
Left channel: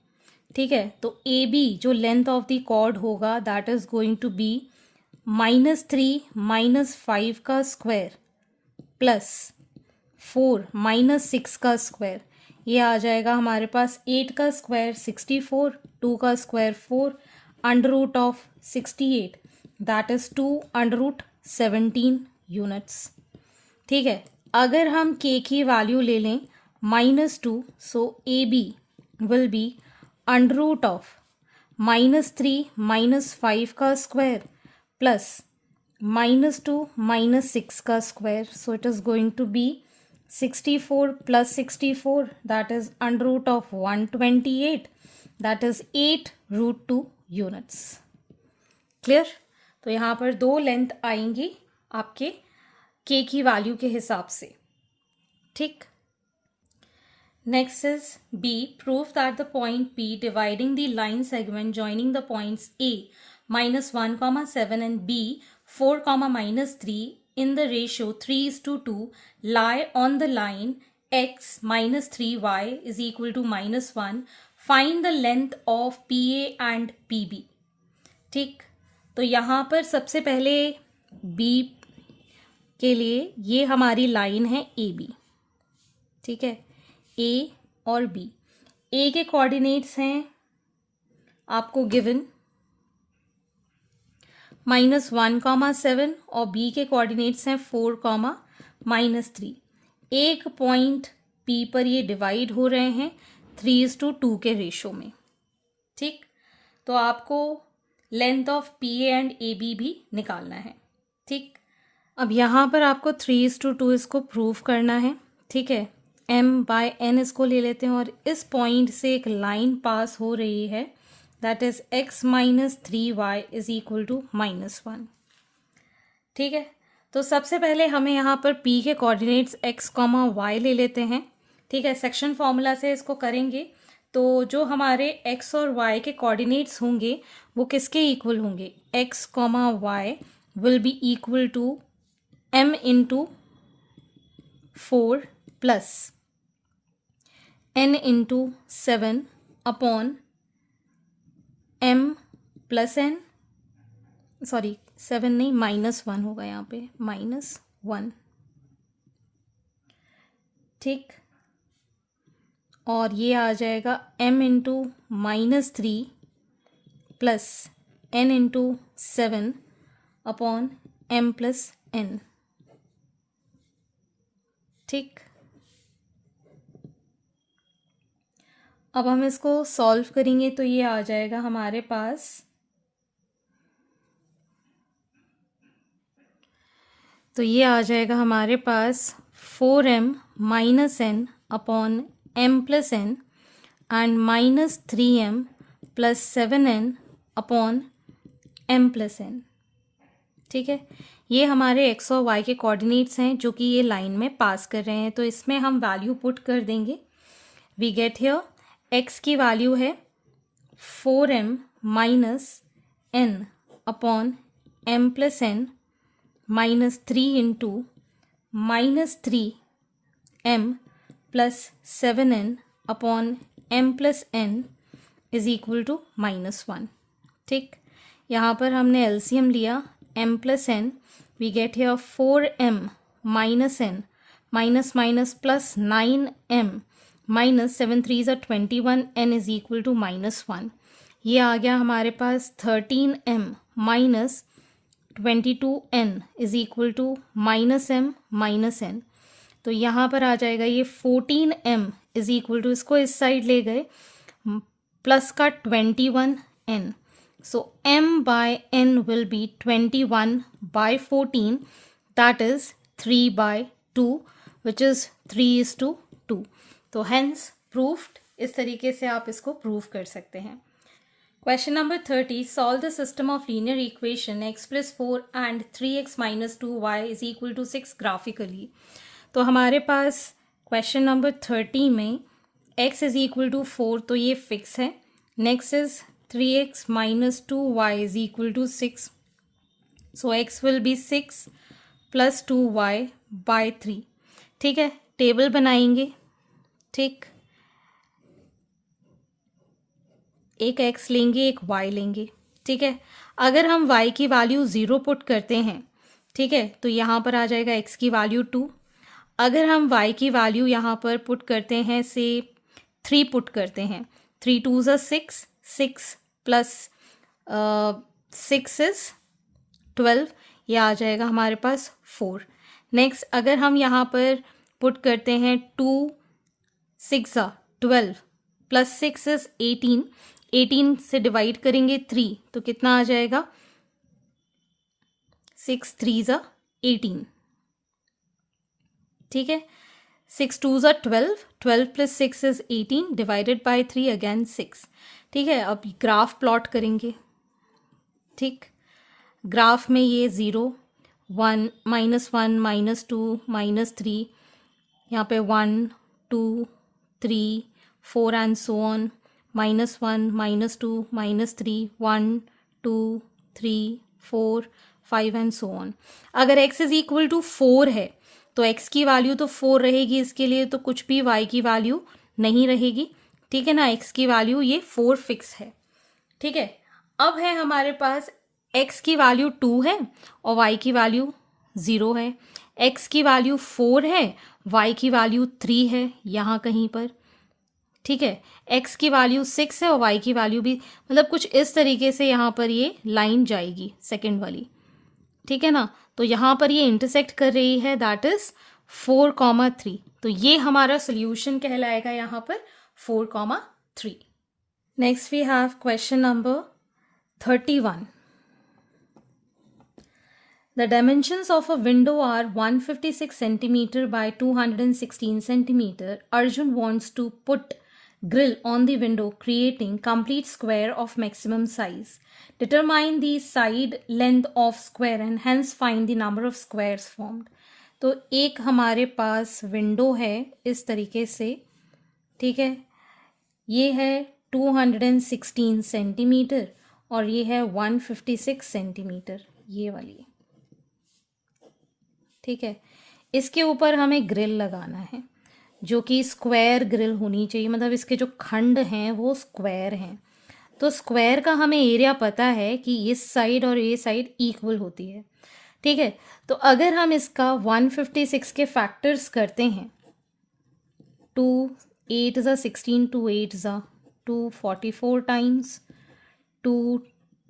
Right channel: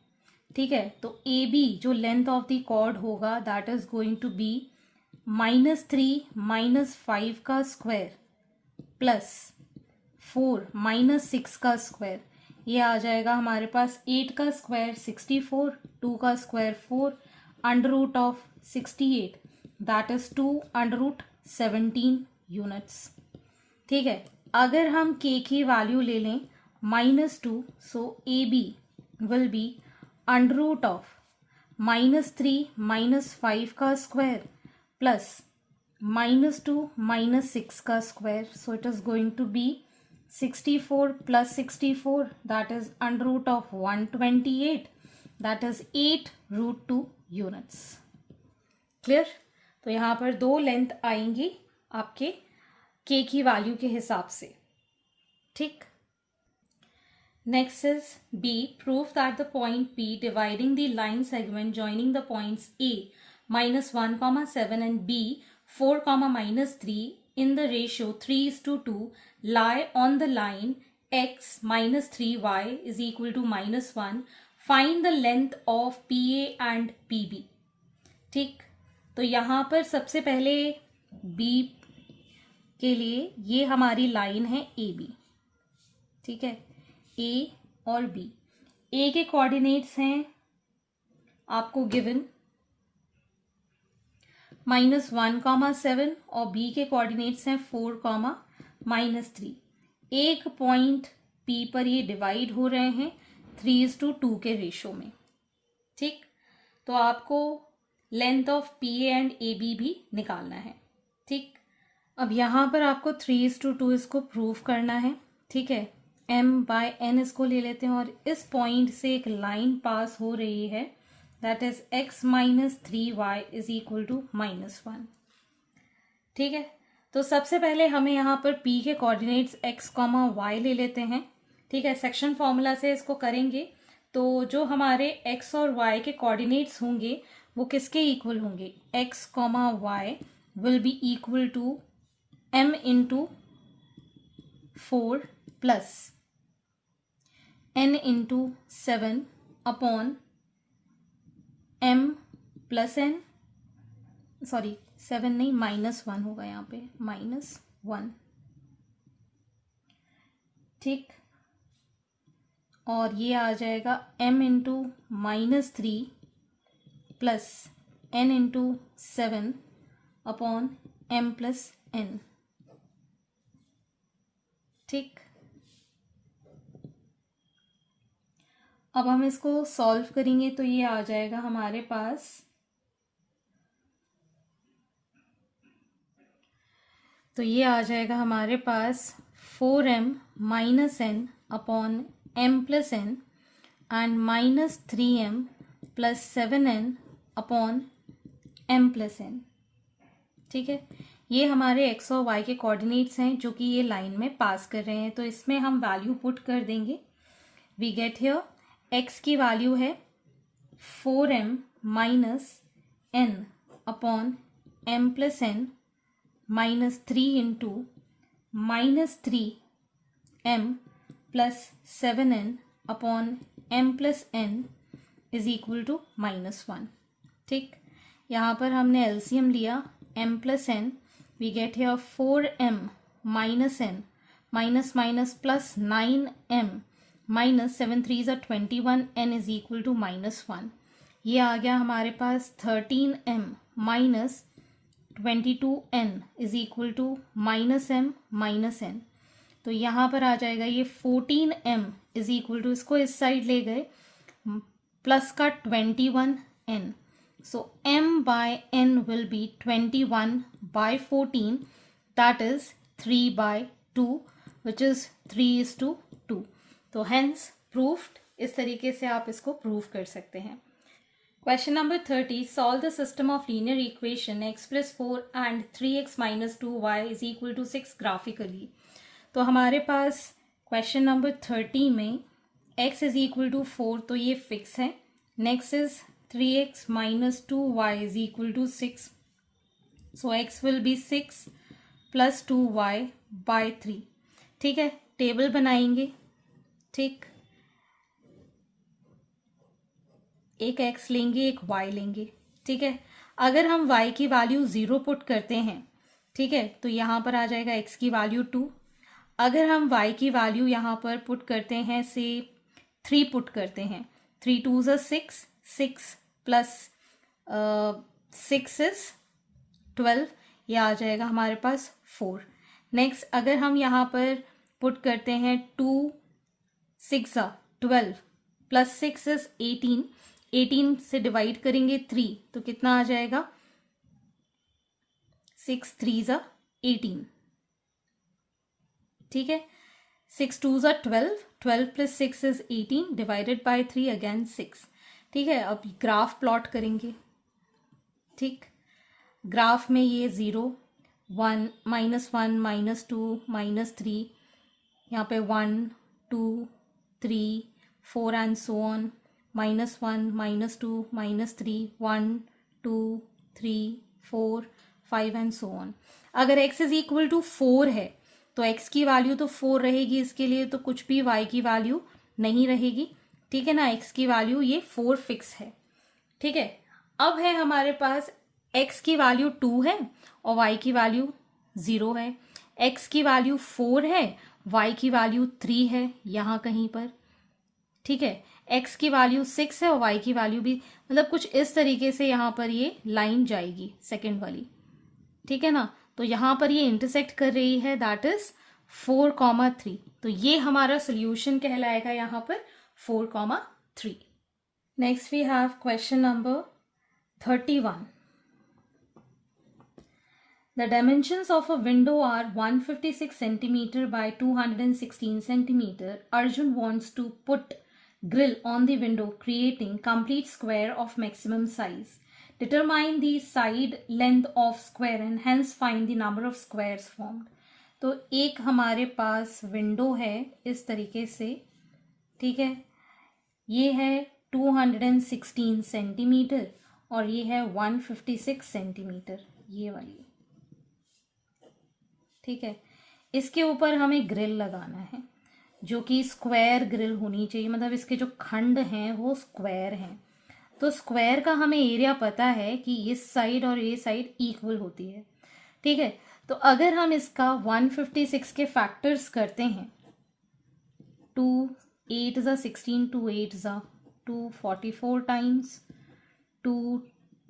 ठीक है, तो AB जो लेंथ ऑफ द कॉर्ड होगा that is going to be -3 minus 5 का स्क्वायर प्लस 4 माइनस 6 का स्क्वायर। ये आ जाएगा हमारे पास 8 का स्क्वायर 64, 2 का square 4, under root of 68 that is 2 under root 17 units. ठीक है, अगर हम K की वैल्यू ले लें -2, so AB will be under root of -3 minus 5 का स्क्वायर प्लस -2 माइनस 6 का square, so it is going to be 64 plus 64, that is under root of 128, that is 8 root 2 units. Clear? तो यहाँ पर दो length आएंगी आपके k की value के हिसाब से. ठीक. Next is B. Prove that the point P dividing the line segment joining the points A -1, 7 and B 4, -3 in the ratio 3:2 lie on the line x -3y is equal to -1. Find the length of PA and PB. ठीक. तो यहाँ पर सबसे पहले B के लिए ये हमारी लाइन है AB. ठीक है. A और B. A के कोऑर्डिनेट्स हैं आपको गिवन -1, 7 और B के कोऑर्डिनेट्स हैं 4, -3. एक पॉइंट P पर ये डिवाइड हो रहे हैं 3:2 के रेशो में. ठीक. तो आपको length of PA and AB भी निकालना है. ठीक. अब यहाँ पर आपको 3:2 इसको प्रूव करना है. ठीक है. m/n इसको ले लेते हैं और इस पॉइंट से एक लाइन पास हो रही है, that is x -3y is equal to -1. ठीक है. तो सबसे पहले हमें यहाँ पर P के कोऑर्डिनेट्स x, y ले लेते हैं. ठीक है. सेक्शन फॉर्मूला से इसको करेंगे तो जो हमारे x और y के कोऑर्डिनेट्स होंगे वो किसके इक्वल होंगे? x, y will be equal to m into 4 plus n into 7 upon m plus n, sorry 7 नहीं, -1 होगा यहाँ पे, -1. ठीक. और ये आ जाएगा m into -3 plus n into 7 upon m plus n. ठीक. अब हम इसको सॉल्व करेंगे तो ये आ जाएगा हमारे पास, तो ये आ जाएगा हमारे पास 4m -n upon m plus n and -3m plus 7n upon m plus n. ठीक है. ये हमारे x और y के कोऑर्डिनेट्स हैं जो कि ये लाइन में पास कर रहे हैं. तो इसमें हम वैल्यू पुट कर देंगे. वी गेट हियर x की वैल्यू है 4m -n upon m plus n -3 into -3m plus 7n upon m plus n is equal to -1. ठीक. यहाँ पर हमने एलसीएम लिया m plus n. We get here 4m -n minus plus 9m minus 7 3 21 n is equal to -1. ये आ गया हमारे पास 13m minus 22n is equal to -m minus n. तो यहाँ पर आ जाएगा ये 14m इज इक्वल टू, इसको इस साइड ले गए, प्लस का 21n. So m/n will be 21/14, that is 3/2, which is 3:2. तो hence proved. इस तरीके से आप इसको प्रूव कर सकते हैं. Question number 30. Solve the system of linear equation x plus 4 and 3x minus 2y is equal to 6 graphically. तो हमारे पास क्वेश्चन नंबर 30 में x is equal to 4 तो ये फिक्स है. Next is 3x minus 2y is equal to 6. So x will be 6 plus 2y by 3. ठीक है. Table बनाएंगे. ठीक. एक x लेंगे, एक y लेंगे. ठीक है. अगर हम y की वैल्यू 0 पुट करते हैं, ठीक है, तो यहाँ पर आ जाएगा x की वैल्यू 2. अगर हम y की वैल्यू यहाँ पर पुट करते हैं, से 3 पुट करते हैं, 3 2s are 6, 6 प्लस 6 इज 12, ये आ जाएगा हमारे पास 4. नेक्स्ट अगर हम यहाँ पर पुट करते हैं 2 6 12 प्लस 6 इज 18, 18 से डिवाइड करेंगे 3 तो कितना आ जाएगा, 6 3 18. ठीक है. 6 2 ज़ा 12, 12 + 6 इज़ 18, डिवाइडेड बाय 3 अगेन 6। ठीक है, अब ग्राफ प्लॉट करेंगे। ठीक, ग्राफ में ये 0 1 -1 -2 -3, यहाँ पे 1 2 3 4 and so on, -1 -2 -3 1 2 3 4 5 and so on. अगर x इज इक्वल टू 4 है तो x की वैल्यू तो 4 रहेगी, इसके लिए तो कुछ भी y की वैल्यू नहीं रहेगी। ठीक है ना, x की वैल्यू ये 4 फिक्स है। ठीक है, अब है हमारे पास x की वैल्यू 2 है और y की वैल्यू 0 है। x की वैल्यू 4 है, y की वैल्यू 3 है यहाँ कहीं पर। ठीक है, x की वैल्यू 6 है और y की वैल्यू भी, मतलब कुछ इस तरीके से यहाँ पर ये लाइन जाएगी सेकंड वाली। ठीक है ना, तो यहाँ पर ये इंटरसेक्ट कर रही है, दैट इज 4,3। तो ये हमारा सोल्यूशन कहलाएगा यहाँ पर 4,3। Next we have question number 31. The dimensions of a window are 156 centimeter by 216 centimeter. Arjun wants to put grill on the window, creating complete square of maximum size. Determine the side length of square and hence find the number of squares formed. तो एक हमारे पास window है इस तरीके से। ठीक है, ये है 216 सेंटीमीटर और ये है 156 सेंटीमीटर, ये वाली। ठीक है, इसके ऊपर हमें ग्रिल लगाना है जो कि स्क्वायर ग्रिल होनी चाहिए, मतलब इसके जो खंड हैं वो स्क्वायर हैं। तो स्क्वायर का हमें एरिया पता है कि इस साइड और ये साइड इक्वल होती है। ठीक है, तो अगर हम इसका 156 के फैक्टर्स करते हैं, 2 8 ज़ा 16, 2 8 ज़ा 2 44 टाइम्स, 2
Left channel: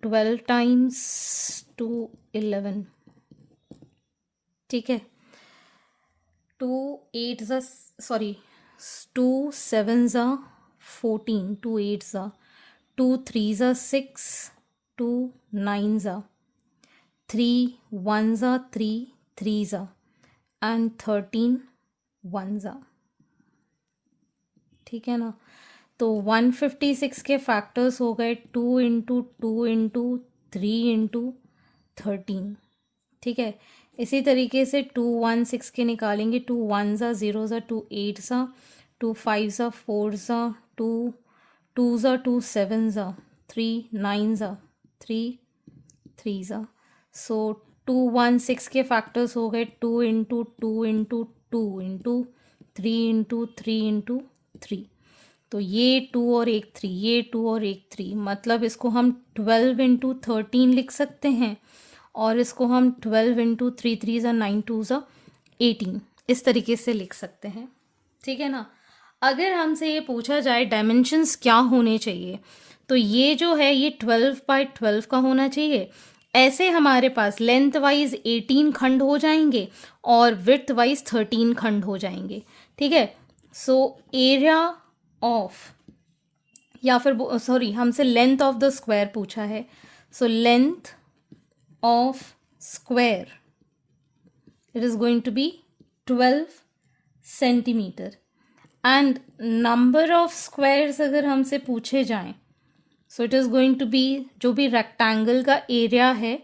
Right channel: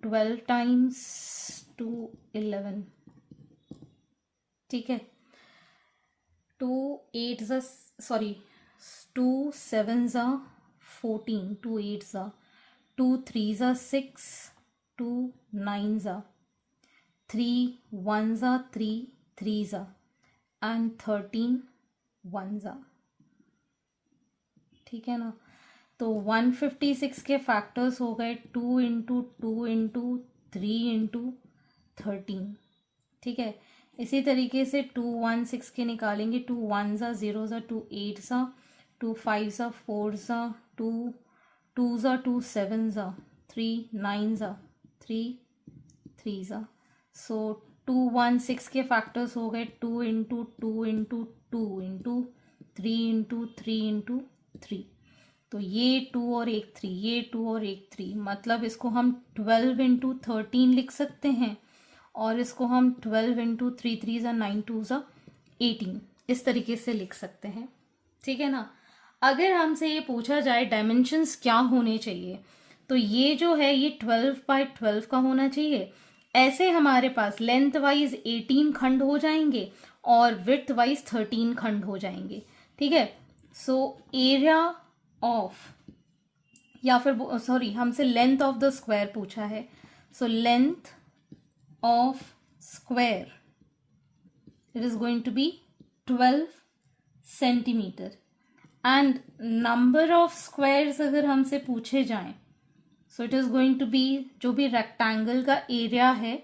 12 टाइम्स, 2 11। ठीक है, 2 8 ज़ा 2 7 ज़ा 14, 2 8 ज़ा 2 3 ज़ा 6, 2 9 ज़ा 3 1 ज़ा 3 3 ज़ा एंड 13 1 ज़ा। ठीक है ना, तो 156 के फैक्टर्स हो गए 2 इंटू 2 इंटू 3 इंटू 13। ठीक है, इसी तरीके से 2 1 6 के निकालेंगे, 2 1 ज़ा 0 ज़ा 2 8 ज़ा 2 5 ज़ा 4 ज़ा 2 2 ज़ा 2 7 ज़ा 3 9 ज़ा 3 3 ज़ा। सो 2 1 6 के फैक्टर्स हो गए 2 into 2 into 2 into 3 into 3 into 3। तो ये 2 और एक 3, ये 2 और एक 3, मतलब इसको हम 12 इंटू 13 लिख सकते हैं और इसको हम 12 इंटू 3 3 ज़ा 9 2 ज़ा 18 इस तरीके से लिख सकते हैं। ठीक है ना, अगर हमसे ये पूछा जाए डायमेंशंस क्या होने चाहिए, तो ये जो है ये 12 बाय 12 का होना चाहिए। ऐसे हमारे पास लेंथ वाइज 18 खंड हो जाएंगे और विड्थ वाइज 13 खंड हो जाएंगे। ठीक है, सो एरिया ऑफ, या फिर सॉरी हमसे लेंथ ऑफ द स्क्वायर पूछा है, so length of square, it is going to be 12 centimeter and number of squares अगर हमसे पूछे जाएं, so it is going to be जो भी rectangle का area है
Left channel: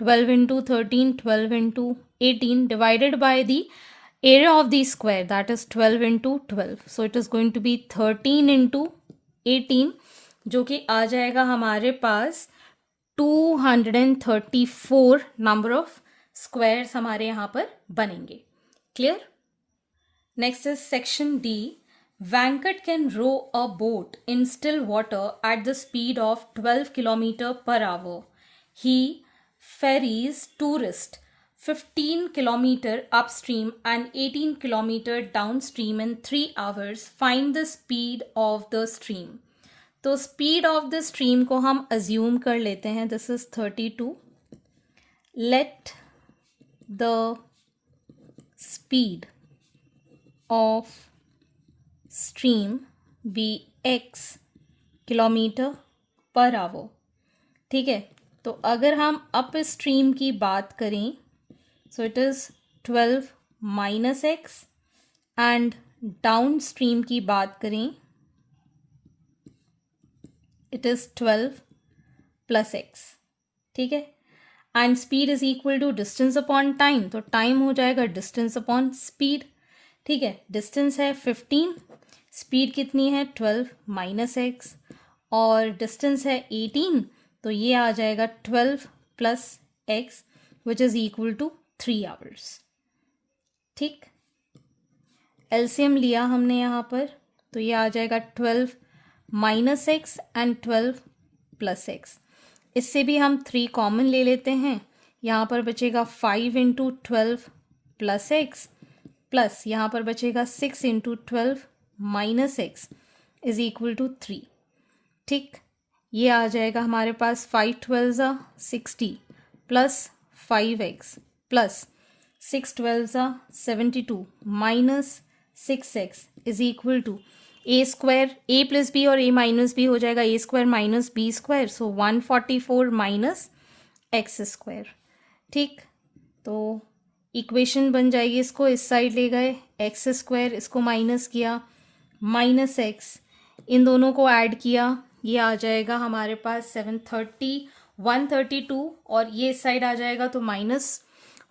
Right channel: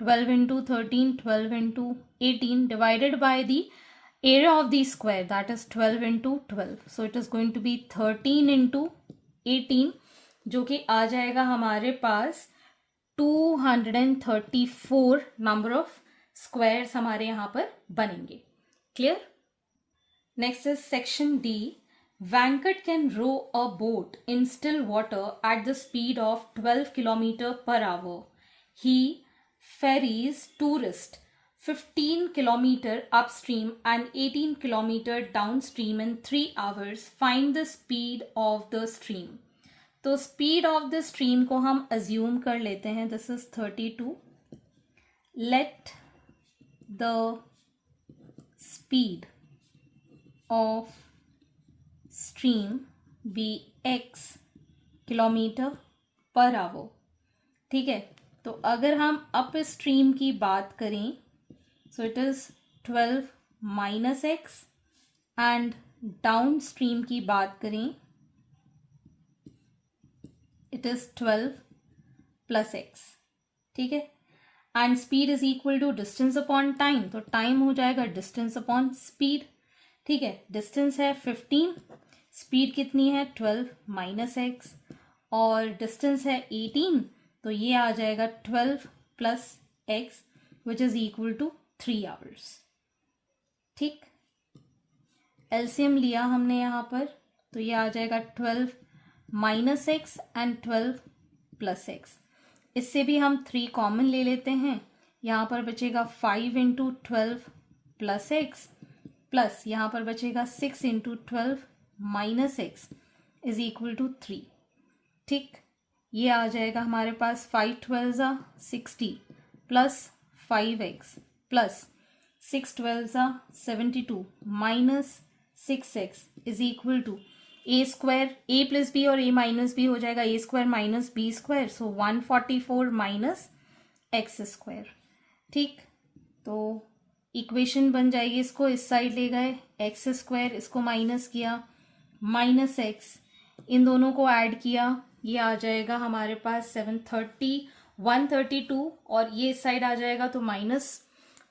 12 into 13 12 into 18 divided by the area of the square, that is 12 into 12, so it is going to be 13 into 18 जो कि आ जाएगा हमारे पास 234 नंबर ऑफ स्क्वायर्स हमारे यहाँ पर बनेंगे। Clear? Next is section D. Venkat can row a boat in still water at the speed of 12 km per hour. He ferries tourists 15 km upstream and 18 km downstream in 3 hours. Find the speed of the stream. तो speed of the stream को हम assume कर लेते हैं, this is 32। Let the speed of stream be x kilometre per hour. ठीक है, तो अगर हम अप स्ट्रीम की बात करें, सो it is 12 minus x and down stream की बात करें, इट इज 12 प्लस एक्स, ठीक है। And speed is equal to distance upon time, तो टाइम हो जाएगा डिस्टेंस अपॉन स्पीड, ठीक है। डिस्टेंस है 15, स्पीड कितनी है 12 माइनस एक्स, और डिस्टेंस है 18, तो ये आ जाएगा 12 plus x which is equal to 3 hours, ठीक। एलसीएम लिया हमने यहाँ पर, तो ये आ जाएगा 12 minus x and 12 plus x. इससे भी हम 3 कॉमन ले लेते हैं, यहाँ पर बचेगा 5 इंटू 12 प्लस एक्स, प्लस यहाँ पर बचेगा 6 into 12 minus x is equal to 3, ठीक। ये आ जाएगा हमारे पास 5 12 60 plus 5x plus 6 12 72 minus 6x is equal to a square, a plus b और ए माइनस बी हो जाएगा a square minus b square, so 144 minus x square, ठीक। तो इक्वेशन बन जाएगी, इसको इस साइड ले गए, एक्स स्क्वायर, इसको माइनस किया, माइनस एक्स, इन दोनों को ऐड किया, ये आ जाएगा हमारे पास 730 132, और ये इस साइड आ जाएगा तो minus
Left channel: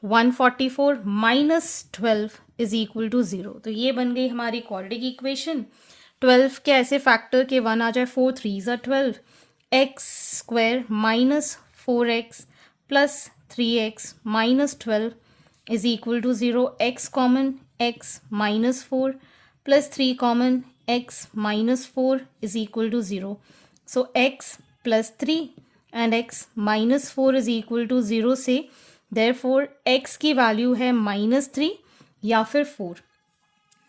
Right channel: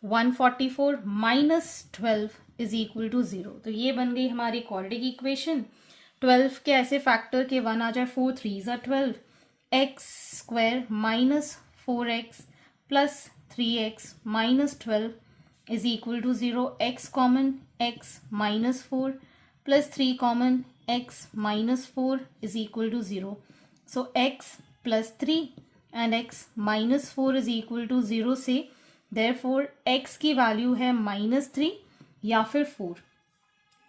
144 minus 12 is equal to 0। तो ये बन गई हमारी क्वाड्रेटिक इक्वेशन। 12 के ऐसे फैक्टर के 1 आ जाए, 4 3 12, x square minus 4x plus 3x minus 12 is equal to 0, x common, x minus 4 plus 3 common, x minus 4 is equal to 0, so x plus 3 and x minus 4 is equal to 0 से therefore x की value है -3 या फिर 4।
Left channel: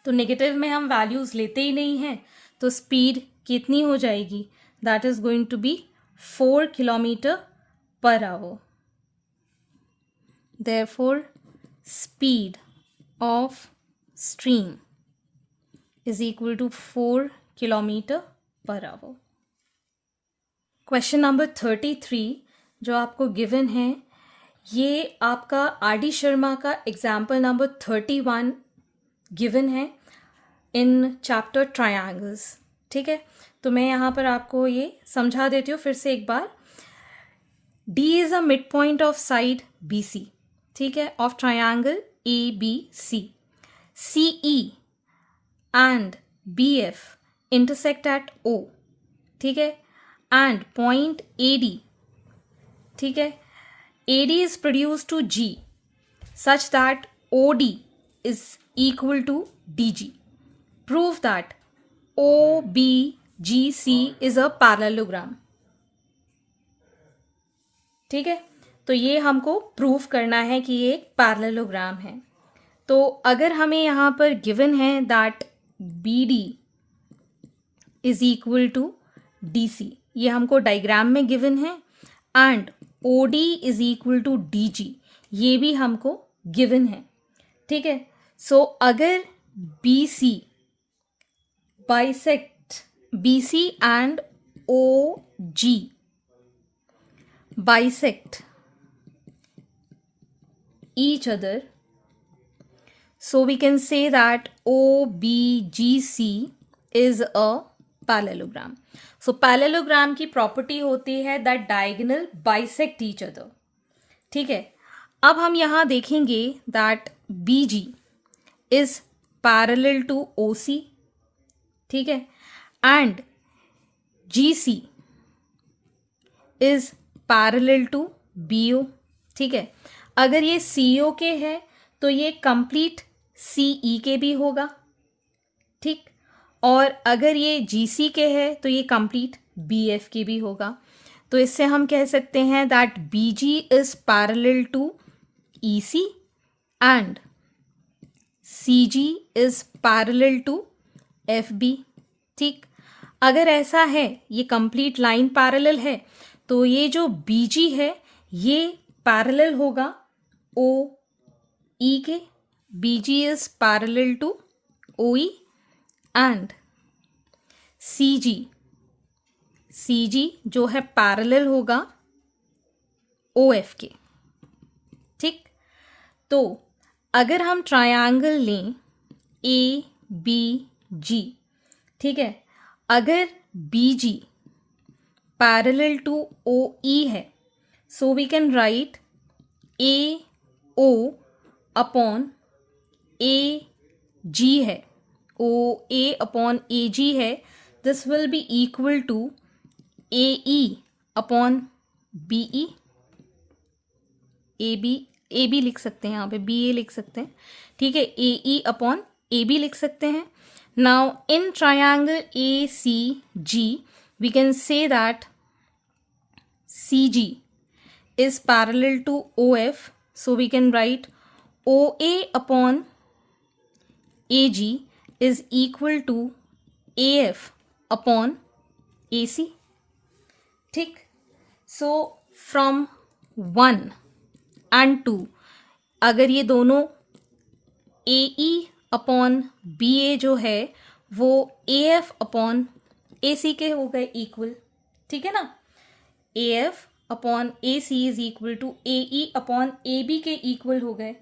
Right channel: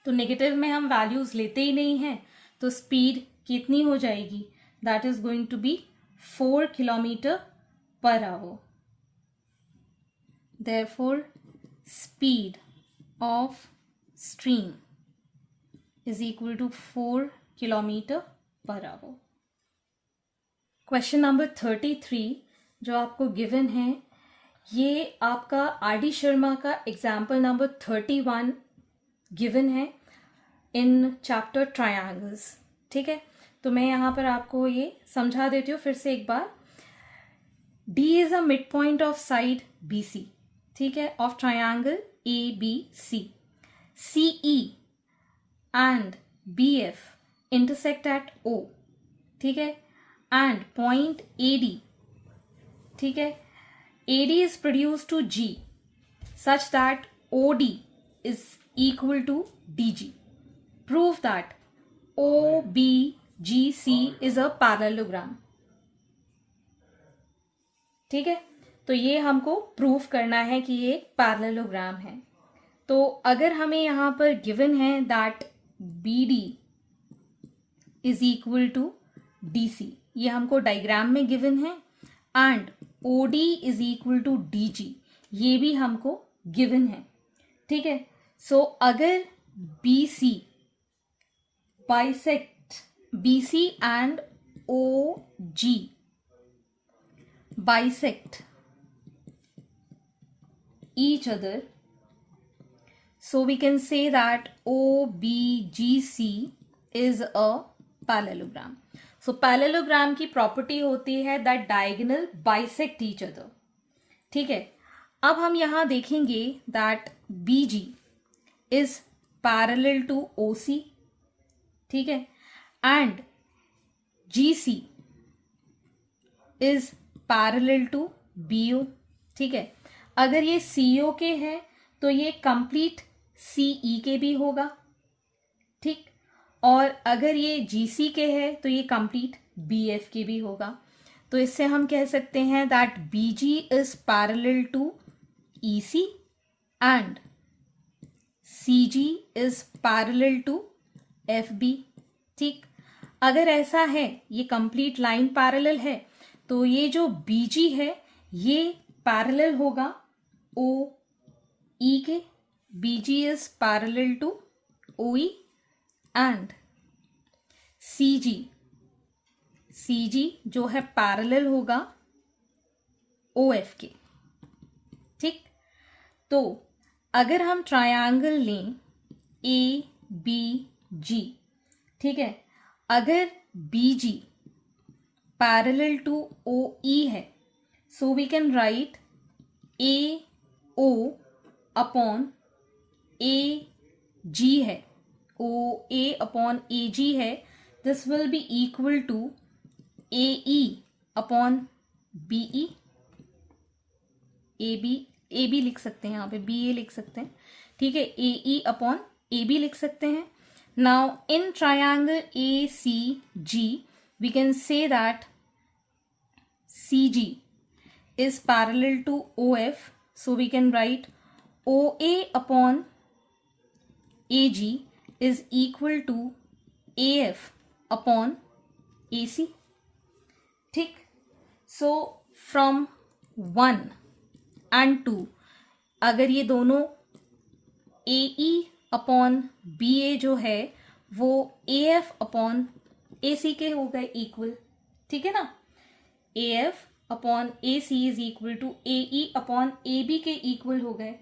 तो negative में हम values लेते ही नहीं हैं, तो स्पीड कितनी हो जाएगी, that is going to be 4 kilometre per hour. Therefore speed of stream is equal to 4 kilometre per hour. Question number 33 जो आपको गिवन है, ये आपका आर डी शर्मा का एग्जाम्पल नंबर 31 गिवन है इन चैप्टर ट्रायंगल्स, ठीक है। तो मैं यहाँ पर आपको ये समझा देती हूँ फिर से एक बार। D is a mid point of side B C, ठीक है, of triangle A B C. C E and B F intersect at O, ठीक है, एंड पॉइंट ए डी, ठीक है, AD is produced to G such that OD is equal to DG. Prove that OBGC is a parallelogram. ठीक है, तो ये हमको prove करना है कि ये एक पैरेललोग्राम है। तो अगर हमें यहाँ पर गिवन है that BD is equal to DC, ये हमको डायग्राम में गिवन है, and OD is equal to DG, ये भी हमको गिवन है, ठीक है। सो अगर BC bisect, BC and OG bisect each other, so we can say that OBGC is a parallelogram. So parallelogram की प्रॉपर्टी होती है that diagonal bisect each other, ठीक है। अब हम यहाँ देखेंगे that BG is parallel to OC, ठीक है, and GC is parallel to BO, ठीक है। अगर ये CO के है तो ये कंप्लीट CE के भी होगा, ठीक, और अगर ये GC के है तो ये कंप्लीट BF के भी होगा। तो इससे हम कह सकते हैं that BG is parallel to EC and CG is parallel to FB, ठीक। अगर ऐसा है, ये कंप्लीट लाइन पैरेलल है, तो ये जो BG है ये पैरेलल होगा OE के, BG is parallel to OE, and CG जो है पैरेलल होगा OF के, ठीक। तो अगर हम ट्रायंगल लें ए बी जी, ठीक है। अगर B G parallel to O E है, so we can write A O upon A G है, O A upon A G है, this will be equal to A E upon B E. A B लिख सकते हैं, यहाँ पे B ए लिख सकते हैं, ठीक है। ए ई अपॉन ए बी लिख सकते हैं। Now in triangle A C G we can say that C G is parallel to OF, so we can write OA upon AG is equal to AF upon AC, ठीक। so from 1 and 2 अगर ये दोनों AE upon BA जो है वो AF upon AC के हो गए इक्वल, ठीक है ना। AF upon A C is equal to A E upon A B के इक्वल हो गए।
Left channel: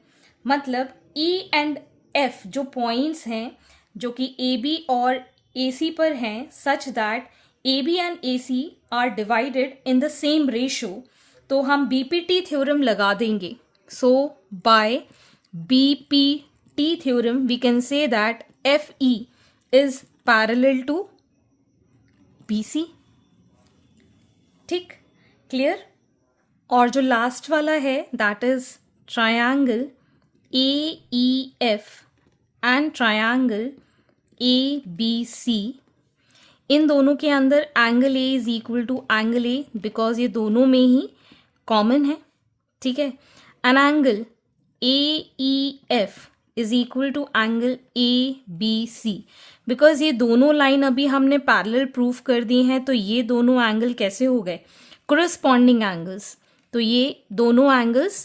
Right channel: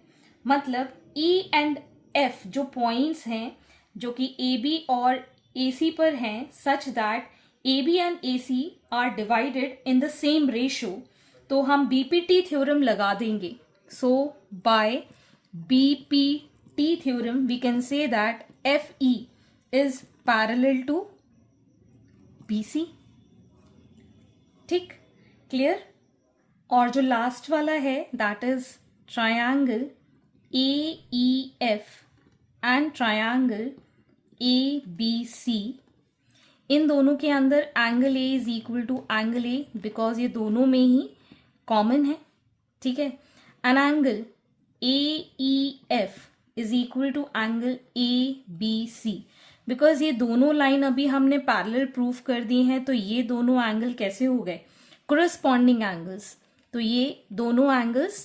मतलब ई एंड एफ जो पॉइंट्स हैं जो कि ए बी और ए सी पर हैं, such that A B and A C are divided in the same ratio, तो हम बीपीटी थ्योरम लगा देंगे। So by BPT theorem we can say that F E is parallel to B C, ठीक, clear. और जो last वाला है that is triangle A E F and triangle A B C, इन दोनों के अंदर angle A is equal to angle A because ये दोनों में ही कॉमन है, ठीक है। And angle A E F is equal to angle A B C, because ये दोनों लाइन अभी हमने पैरेलल प्रूफ कर दी हैं, तो ये दोनों एंगल कैसे हो गए, corresponding angles, तो ये दोनों angles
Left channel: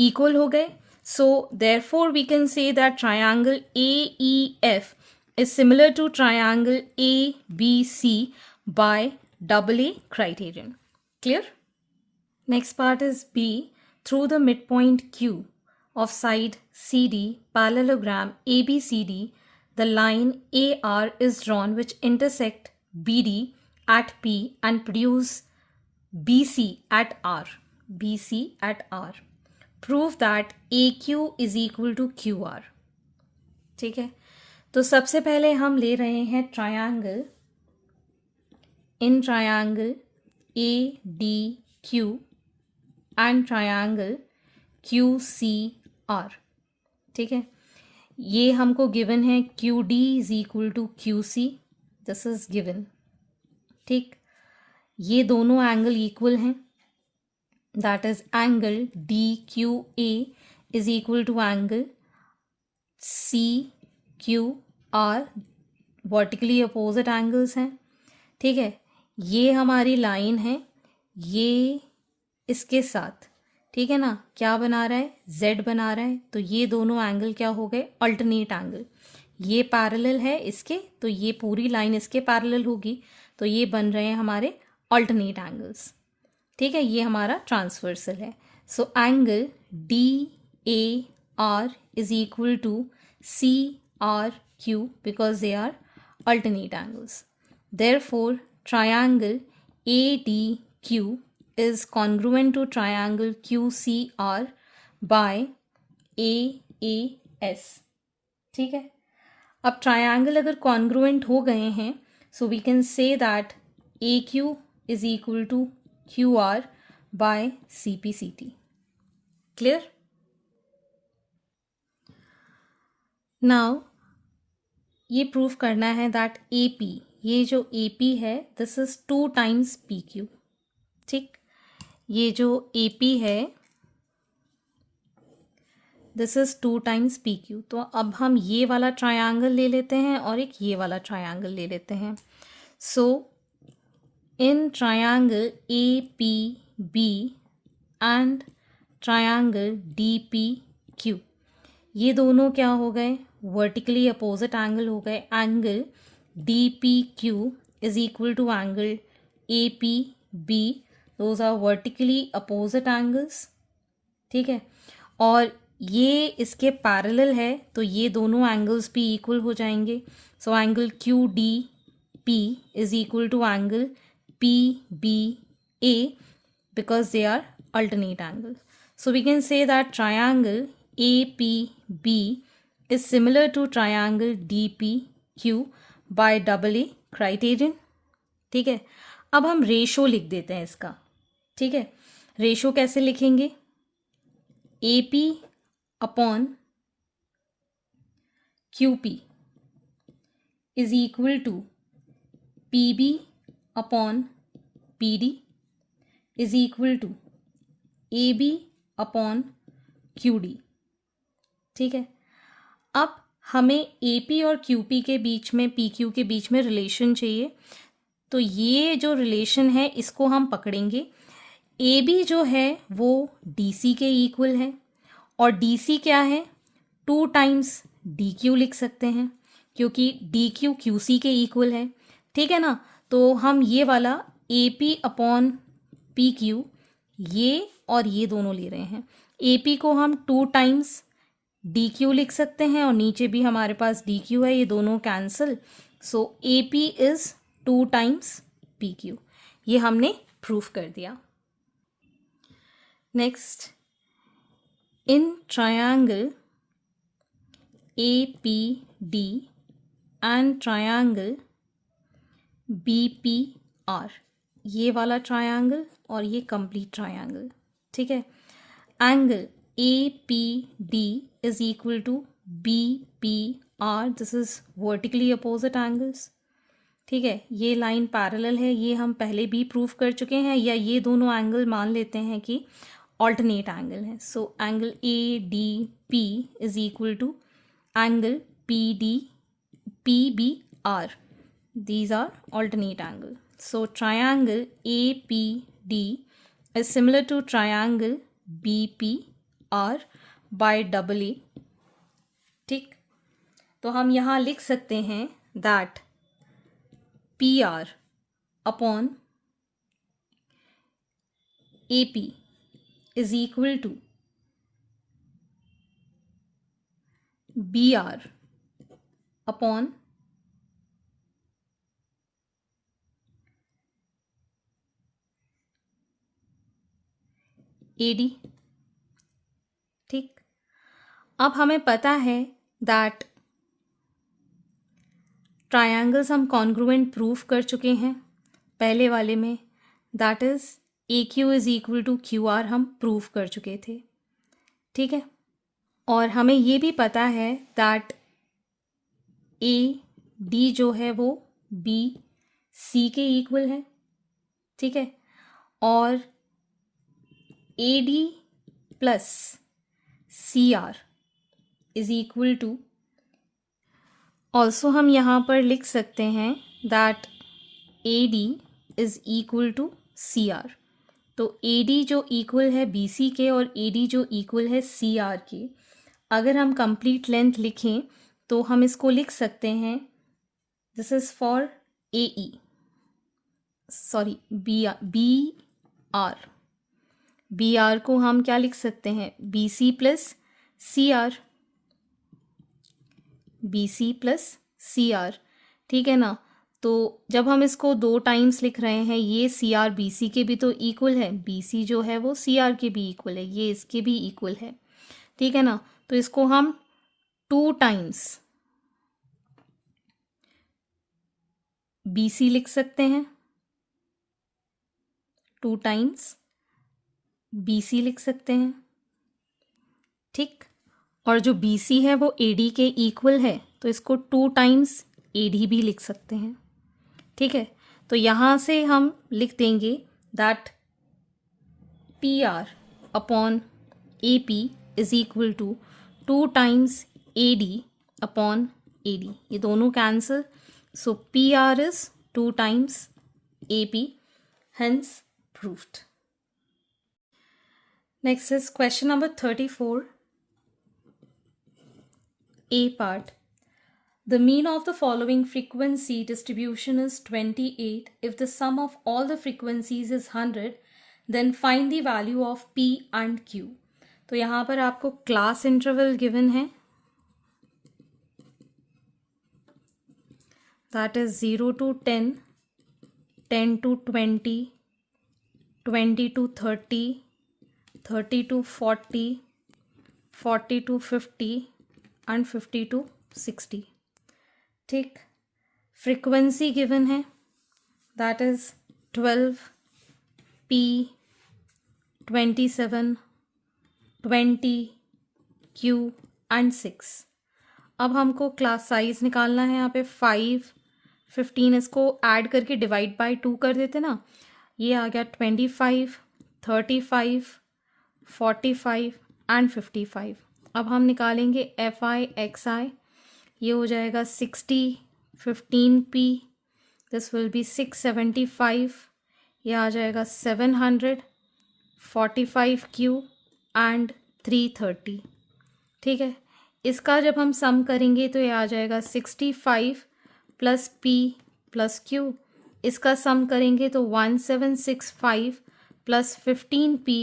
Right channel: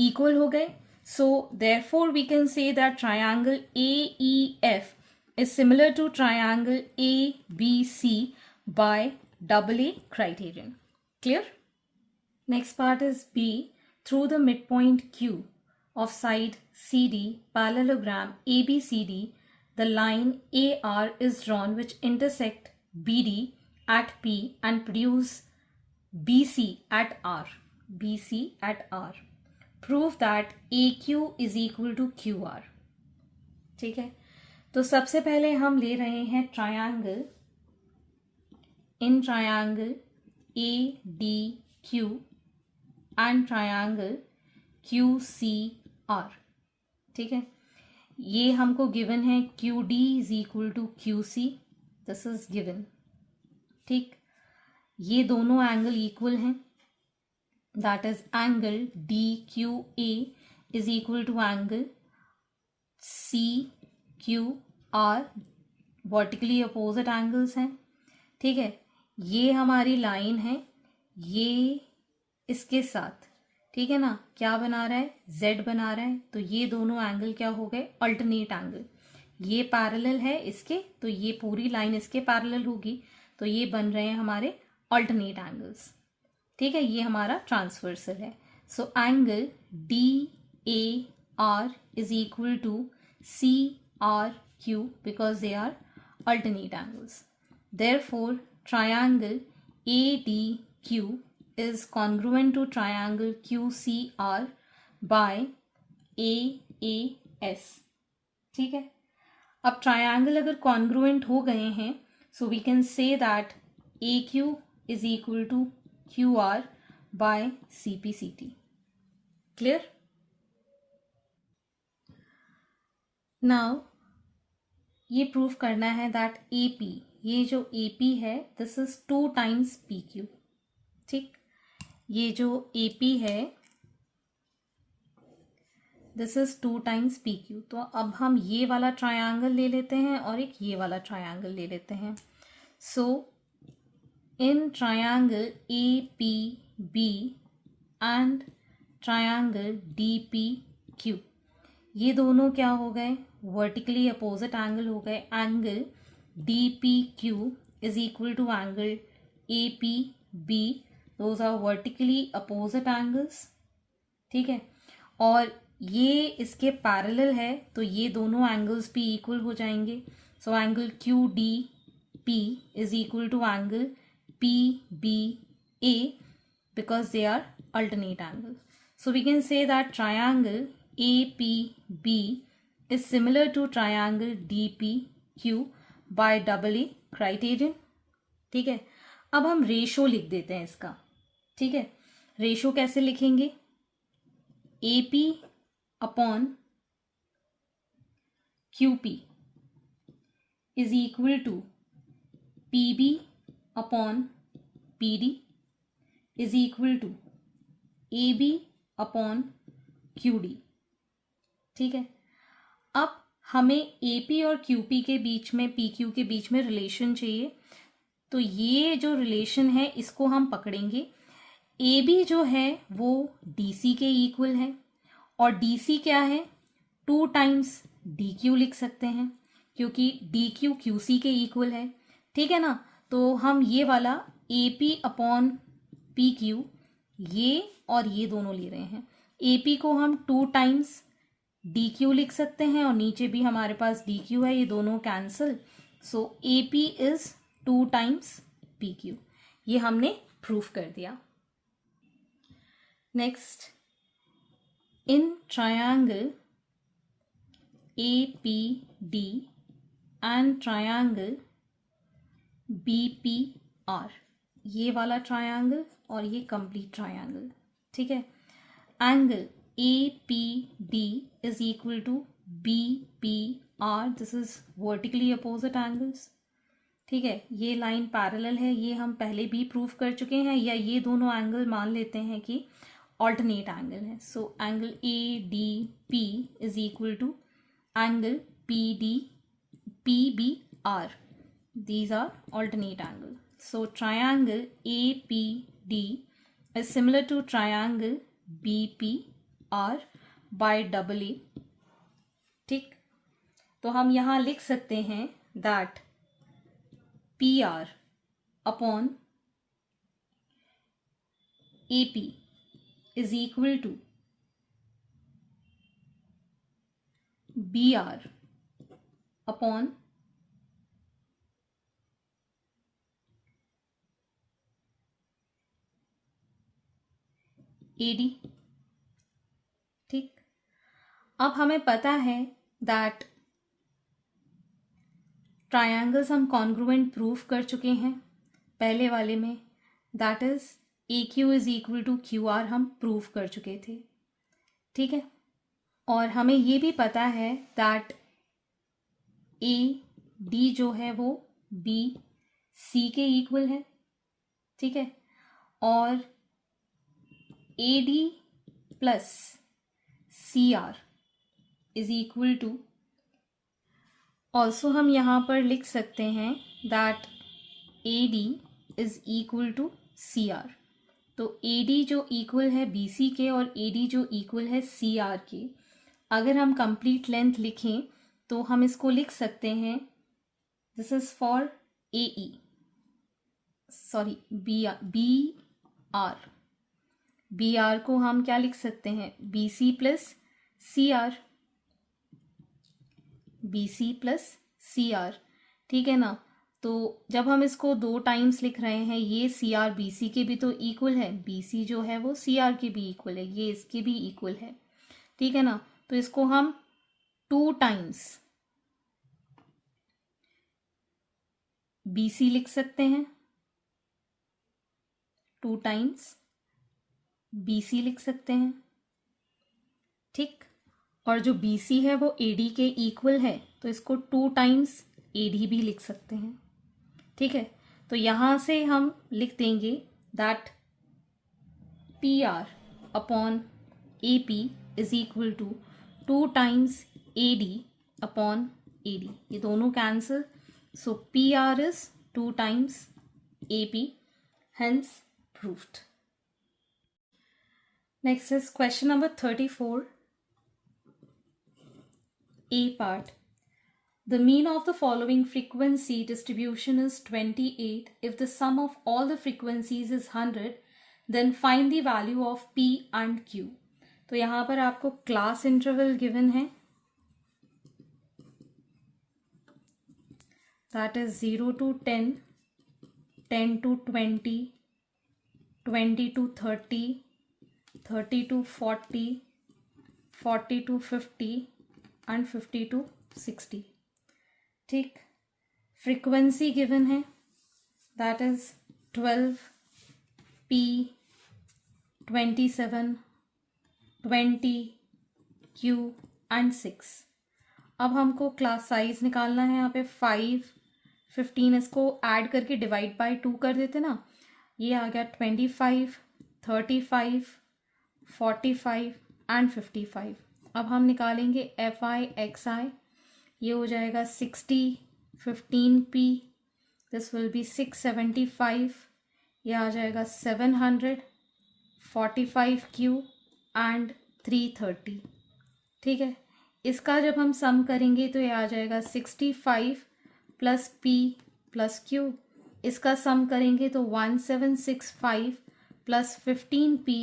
equal हो गए। So therefore we can say that triangle AEF is similar to triangle ABC by AA criterion. Clear? Next part is B. Through the midpoint Q of side CD parallelogram ABCD, the line AR is drawn which intersect BD at P and produce BC at R. BC at R. Prove that AQ is equal to QR. ठीक है, तो सबसे पहले हम ले रहे हैं triangle, in triangle ADQ and triangle QCR, ठीक है। ये हमको गिवन है QD is equal to QC, this is given, ठीक। ये दोनों एंगल इक्वल हैं, that is angle D Q A is equal to angle C Q R, vertically opposite angles हैं, ठीक है। ये हमारी लाइन है, ये इसके साथ, ठीक है ना, क्या बना रहा है, जेड बना रहा है, तो ये दोनों एंगल क्या हो गए, अल्टरनेट एंगल। ये पैरेलल है इसके, तो ये पूरी लाइन इसके पैरेलल होगी, तो ये बन रहे हैं हमारे अल्टरनेट एंगल्स, ठीक है। ये हमारा ट्रांसवर्सल है। So angle D A R is equal to C R Q because they are alternate angles. Therefore triangle A D Q is congruent to triangle Q C R by A S, ठीक है। अब triangle अगर congruent हो गए हैं, so we can say that A Q is equal to QR by CPCT. Clear? Now ये proof करना है दैट AP, ये जो AP है दिस इज 2 times PQ, ठीक। ये जो AP है दिस इज 2 times PQ, तो अब हम ये वाला ट्रायंगल ले लेते हैं और एक ये वाला ट्रायंगल ले लेते हैं। सो in triangle APB and triangle DPQ, ये दोनों क्या हो गए, वर्टिकली अपोजिट एंगल हो गए। Angle DPQ is equal to angle APB, those are vertically opposite angles, ठीक है। और ये इसके पैरेलल है तो ये दोनों एंगल्स भी इक्वल हो जाएंगे. So angle Q D P is equal to angle P B A because they are alternate angles. So we can say that triangle APB is similar to triangle DPQ by AA criterion. ठीक है. अब हम ratio लिख देते हैं इसका. ठीक है. रेशो कैसे लिखेंगे? AP upon QP is equal to PB upon PD is equal to AB upon QD. ठीक है. अब हमें AP और QP के बीच में, PQ के बीच में रिलेशन चाहिए. तो ये जो रिलेशन है इसको हम पकड़ेंगे. AB जो है वो DC के इक्वल है और DC क्या है? 2 टाइम्स DQ लिख सकते हैं क्योंकि DQ QC के इक्वल है. ठीक है ना. तो हम ये वाला AP अपॉन PQ ये और ये दोनों ले रहे हैं. AP को हम 2 टाइम्स DQ लिख सकते हैं और नीचे भी हमारे पास DQ है. ये दोनों cancel. So AP is 2 times PQ. ये हमने प्रूफ कर दिया. Next, in triangle APD and triangle BPR, ये वाला ट्रायंगल और ये कंप्लीट ट्रायंगल. ठीक है. Angle APD is equal to BPR. This is vertically opposite angles. ठीक है. ये लाइन पैरेलल है, ये हम पहले भी प्रूफ कर चुके हैं. या ये दोनों एंगल मान लेते हैं कि ऑल्टरनेट एंगल है. So angle ADP is equal to angle PBR. These are alternate angle. So triangle APD is similar to triangle BPR by AA. ठीक. तो हम यहाँ लिख सकते हैं that PR upon AP is equal to BR upon AD. ठीक. अब हमें पता है दैट ट्रायंगल्स हम कॉन्ग्रुएंट प्रूफ कर चुके हैं पहले वाले में. That is AQ is equal to QR हम प्रूफ कर चुके थे. ठीक है. और हमें ये भी पता है दैट AD जो है वो BC के इक्वल है. ठीक है. और AD plus CR is equal to, also हम यहाँ पर लिख सकते हैं that AD is equal to CR. तो AD जो इक्वल है BC के और AD जो इक्वल है CR के, अगर हम कंप्लीट लेंथ लिखें तो हम इसको लिख सकते हैं, this is for AE, sorry BR को हम क्या लिख सकते हैं? BC plus CR. BC plus CR. ठीक है ना. तो जब हम इसको 2 टाइम्स लिख रहे हैं, ये CR BC के भी तो इक्वल है, BC जो है वो CR के भी इक्वल है, ये इसके भी इक्वल है. ठीक है ना. तो इसको हम 2 टाइम्स BC लिख सकते हैं, 2 टाइम्स BC लिख सकते हैं. ठीक. और जो BC है वो AD के इक्वल है तो इसको 2 टाइम्स AD भी लिख सकते हैं. ठीक है. तो यहाँ से हम लिख देंगे that PR upon AP is equal to 2 times AD upon AD. ये दोनों cancel. So PR is 2 times AP, hence proved. Next is question number 34. A part. The mean of the following frequency distribution is 28. If the sum of all the frequencies is 100, then find the value of P and Q. तो यहाँ पर आपको class interval given है, that is 0 to 10, 10 to 20, 20 to 30, 30 to 40, 40 to 50 and 50 to 60. ठीक, frequency given है, that is 12, P, 27, 20, Q and 6. अब हमको class size निकालना है, यहाँ पे 5, 15 इसको ऐड करके डिवाइड बाय 2 कर देते ना, ये आ गया 25, 35, 45 एंड 55. अब हम निकालेंगे FI XI, ये हो जाएगा 60, 15P, दिस विल बी 675, ये आ जाएगा 700, 45Q एंड 330. ठीक है, इसका जब हम सम करेंगे तो ये आ जाएगा 65 प्लस P प्लस Q. इसका सम करेंगे तो 1765 प्लस 15P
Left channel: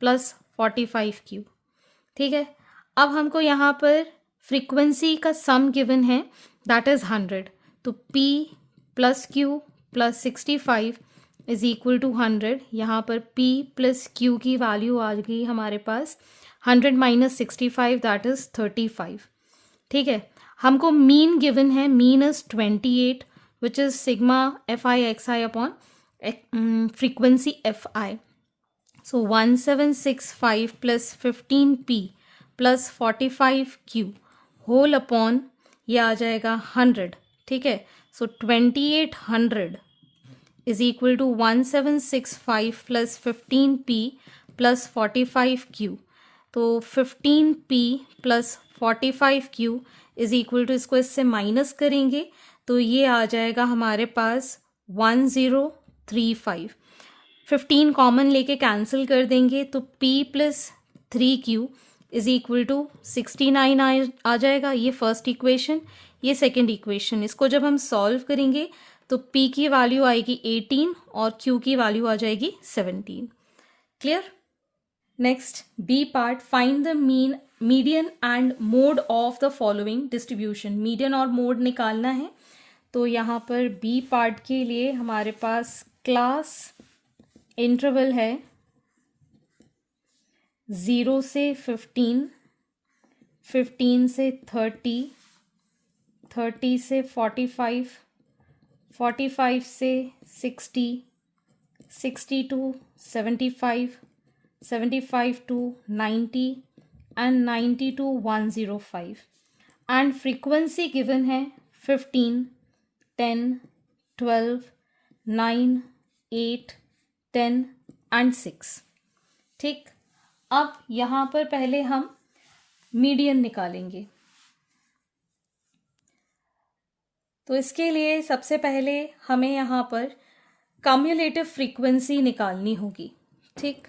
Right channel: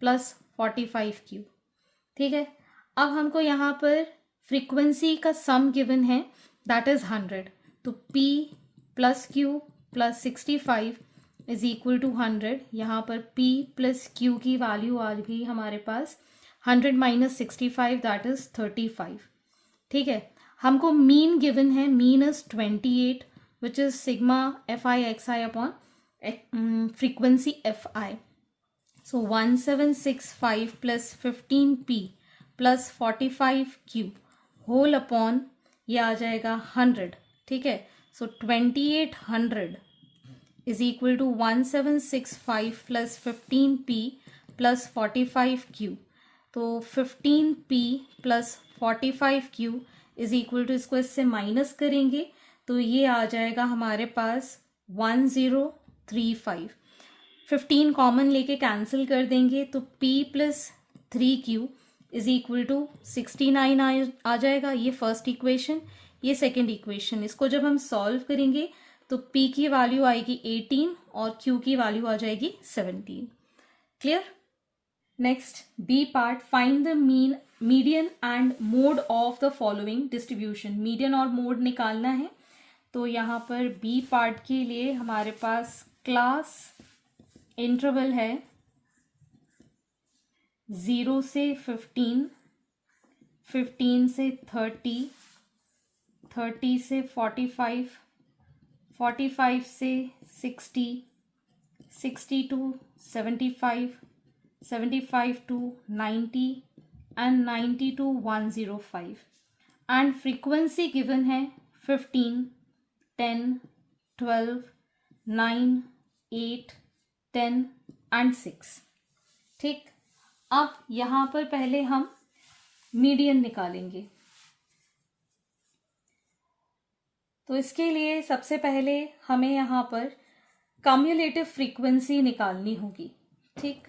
प्लस 45Q. ठीक है, अब हमको यहाँ पर फ्रीक्वेंसी का सम गिवन है, दैट इज 100. तो P plus Q plus 65 is equal to 100. यहाँ पर P प्लस Q की वैल्यू आ गई हमारे पास 100 माइनस 65, दैट इज 35. ठीक है, हमको मीन गिवन है, mean is 28 which is sigma FI XI upon frequency FI. So 1765 plus 15P plus 45Q whole upon ये आ जाएगा 100. ठीक है, so 2800 is equal to 1765 plus 15P plus 45Q. तो 15P plus 45Q is equal to, इसको इससे minus करेंगे तो ये आ जाएगा हमारे पास 1035. 15 कॉमन लेके कैंसिल कर देंगे तो P plus 3Q is equal to 69 आ जाएगा. ये फर्स्ट इक्वेशन, ये सेकेंड इक्वेशन. इसको जब हम सॉल्व करेंगे तो P की वैल्यू आएगी 18 और Q की वैल्यू आ जाएगी 17. Clear? Next B part, find the median and mode of the following distribution. Median और मोड निकालना है. तो यहाँ पर बी पार्ट के लिए हमारे पास क्लास इंटरवल है 0 से 15, 15 से 30, 30 से 45, 45 से 60, 60 to 75, 75 to 90 and 90 to 105. And frequency given है 15, 10, 12, 9, 8, 10 and 6. ठीक, अब यहाँ पर पहले हम मीडियन निकालेंगे. तो इसके लिए सबसे पहले हमें यहाँ पर कम्युलेटिव फ्रीक्वेंसी निकालनी होगी. ठीक,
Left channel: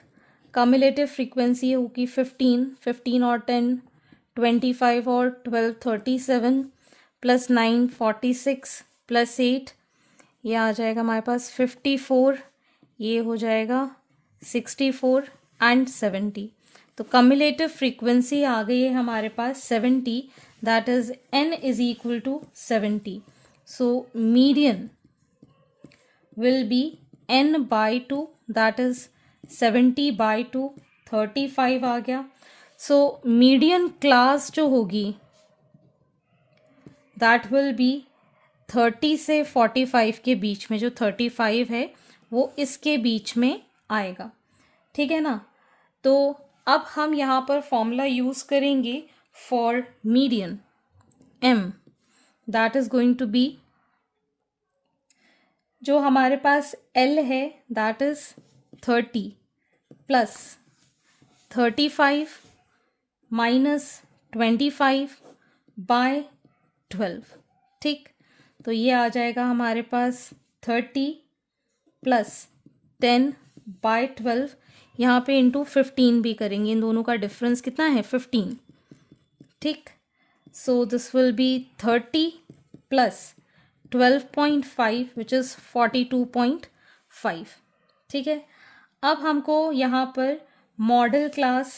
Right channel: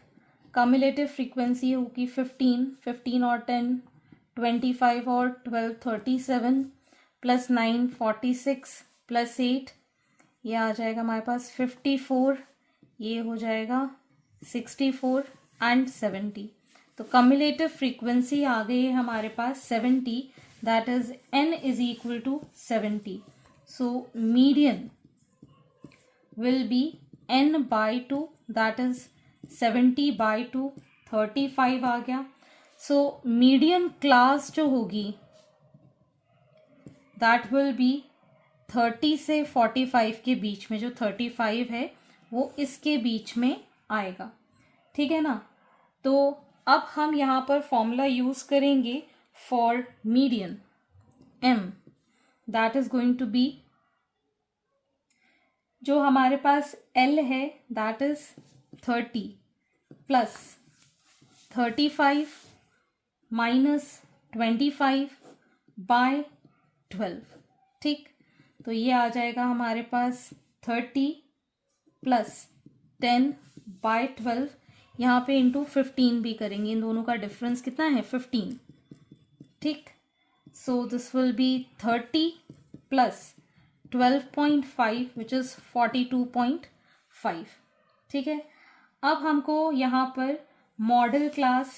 कम्युलेटिव फ्रीक्वेंसी होगी 15, 15 और 10, 25 और 12, 37 प्लस 9, 46 प्लस 8, ये आ जाएगा हमारे पास 54, ये हो जाएगा 64 एंड 70. तो कम्युलेटिव फ्रीक्वेंसी आ गई है हमारे पास 70, that is n is equal to 70. So median will be n by 2, that is 70 by 2, 35 आ गया. सो मीडियन क्लास जो होगी दैट विल बी 30 से 45 के बीच में. जो 35 है वो इसके बीच में आएगा. ठीक है ना. तो अब हम यहाँ पर फॉर्मूला यूज करेंगे for median. m that is going to be, जो हमारे पास l है that is 30 plus 35 minus 25 by 12. ठीक, तो ये आ जाएगा हमारे पास 30 प्लस 10 बाय 12. यहाँ पे इंटू 15 भी करेंगे, इन दोनों का डिफरेंस कितना है 15. ठीक, so this will B 30 plus 12.5 which is 42.5. ठीक है, अब हमको यहाँ पर मॉडल क्लास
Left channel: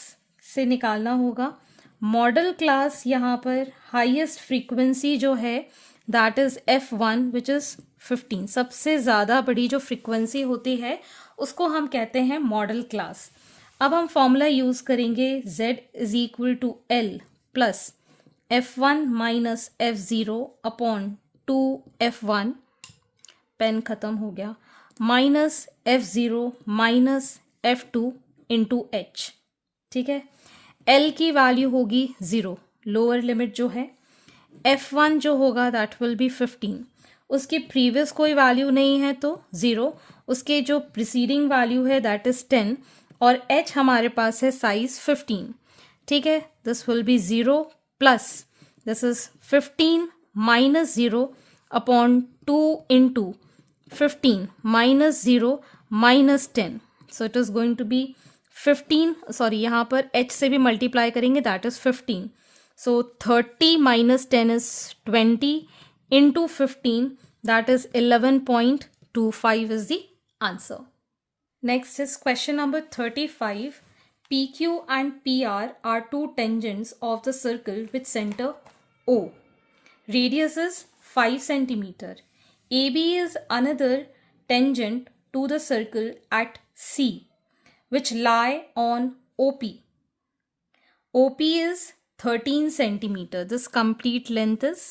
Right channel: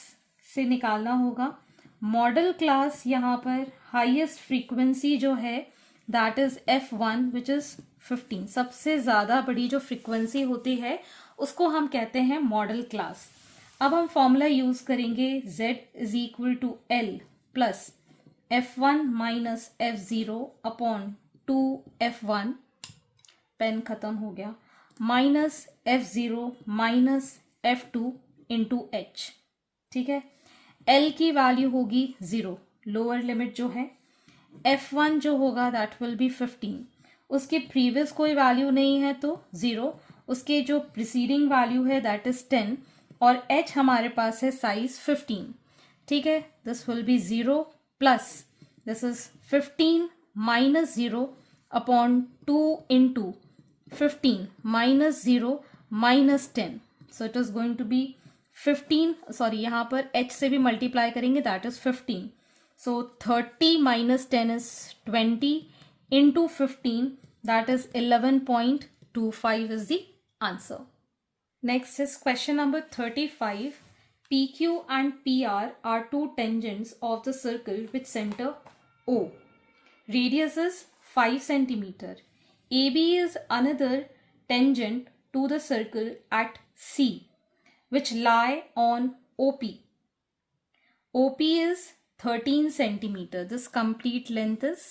से निकालना होगा। मॉडल क्लास यहाँ पर हाईएस्ट फ्रीक्वेंसी जो है that is F1 which is 15। सबसे ज़्यादा बड़ी जो फ्रीक्वेंसी होती है उसको हम कहते हैं मॉडल क्लास। अब हम फॉर्मूला यूज़ करेंगे Z is equal to L plus F1 minus F0 upon 2F1, pen ख़त्म हो गया, minus F0 minus F2 into H। ठीक है, L की वैल्यू होगी 0, लोअर लिमिट जो है। F1 जो होगा दैट विल बी 15, उसकी प्रीवियस कोई वैल्यू नहीं है तो 0, उसके जो प्रिसीडिंग वैल्यू है दैट इज 10, और H हमारे पास है साइज 15। ठीक है, this will be 0 plus this is 15 minus 0 upon 2 into 15 minus 0 minus 10, so it is going to be 15, sorry यहाँ पर H से भी मल्टीप्लाई करेंगे that is 15, so 30 minus 10 is 20 into 15, that is 11.25 is the answer. Next is question number 35. PQ and PR are two tangents of the circle with center O. Radius is 5 centimeter. AB is another tangent to the circle at C, which lie on OP. OP is 13 centimeter. This complete length is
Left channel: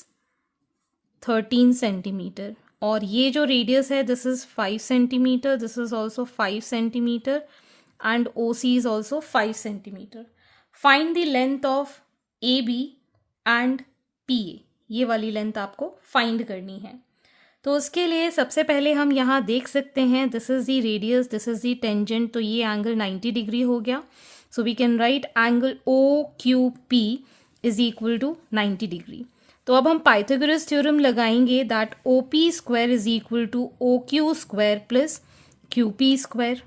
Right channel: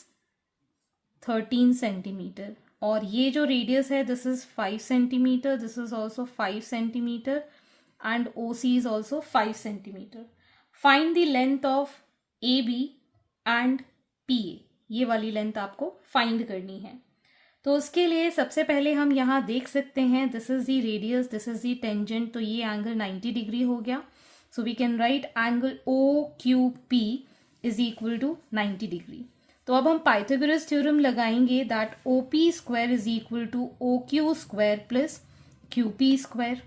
13 centimeter. और ये जो radius है this is 5 centimeter. This is also 5 centimeter and OC is also 5 centimeter. Find the length of AB and PA. ये वाली length आपको find करनी है। तो उसके लिए सबसे पहले हम यहाँ देख सकते हैं this is the radius, this is the tangent, तो ये एंगल 90 डिग्री हो गया। So we can write angle OQP is equal to 90 degree. तो अब हम पाइथागोरस थ्योरम लगाएंगे that OP square is equal to OQ square plus QP square.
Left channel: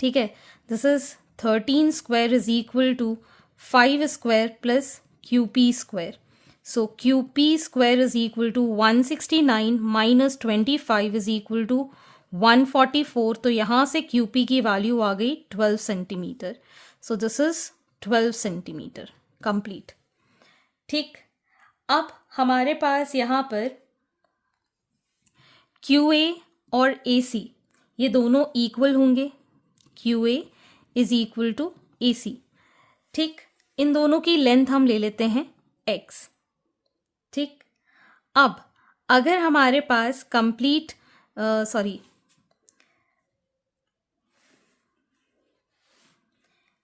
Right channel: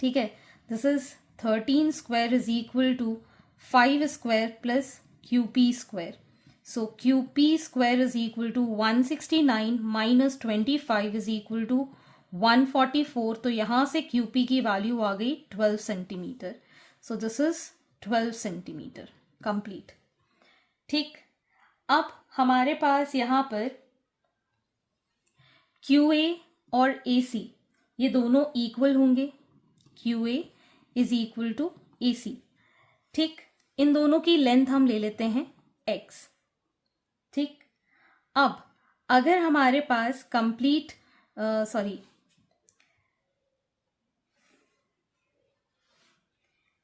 ठीक है, this is 13 square is equal to 5 square plus QP square. So QP square is equal to 169 minus 25 is equal to 144। तो यहाँ से QP की value आ गई 12 centimetre. So this is 12 centimetre complete. ठीक, अब हमारे पास यहाँ पर QA और AC ये दोनों इक्वल होंगे। QA is equal to AC। ठीक, इन दोनों की लेंथ हम ले लेते हैं X। ठीक, अब अगर हमारे पास कंप्लीट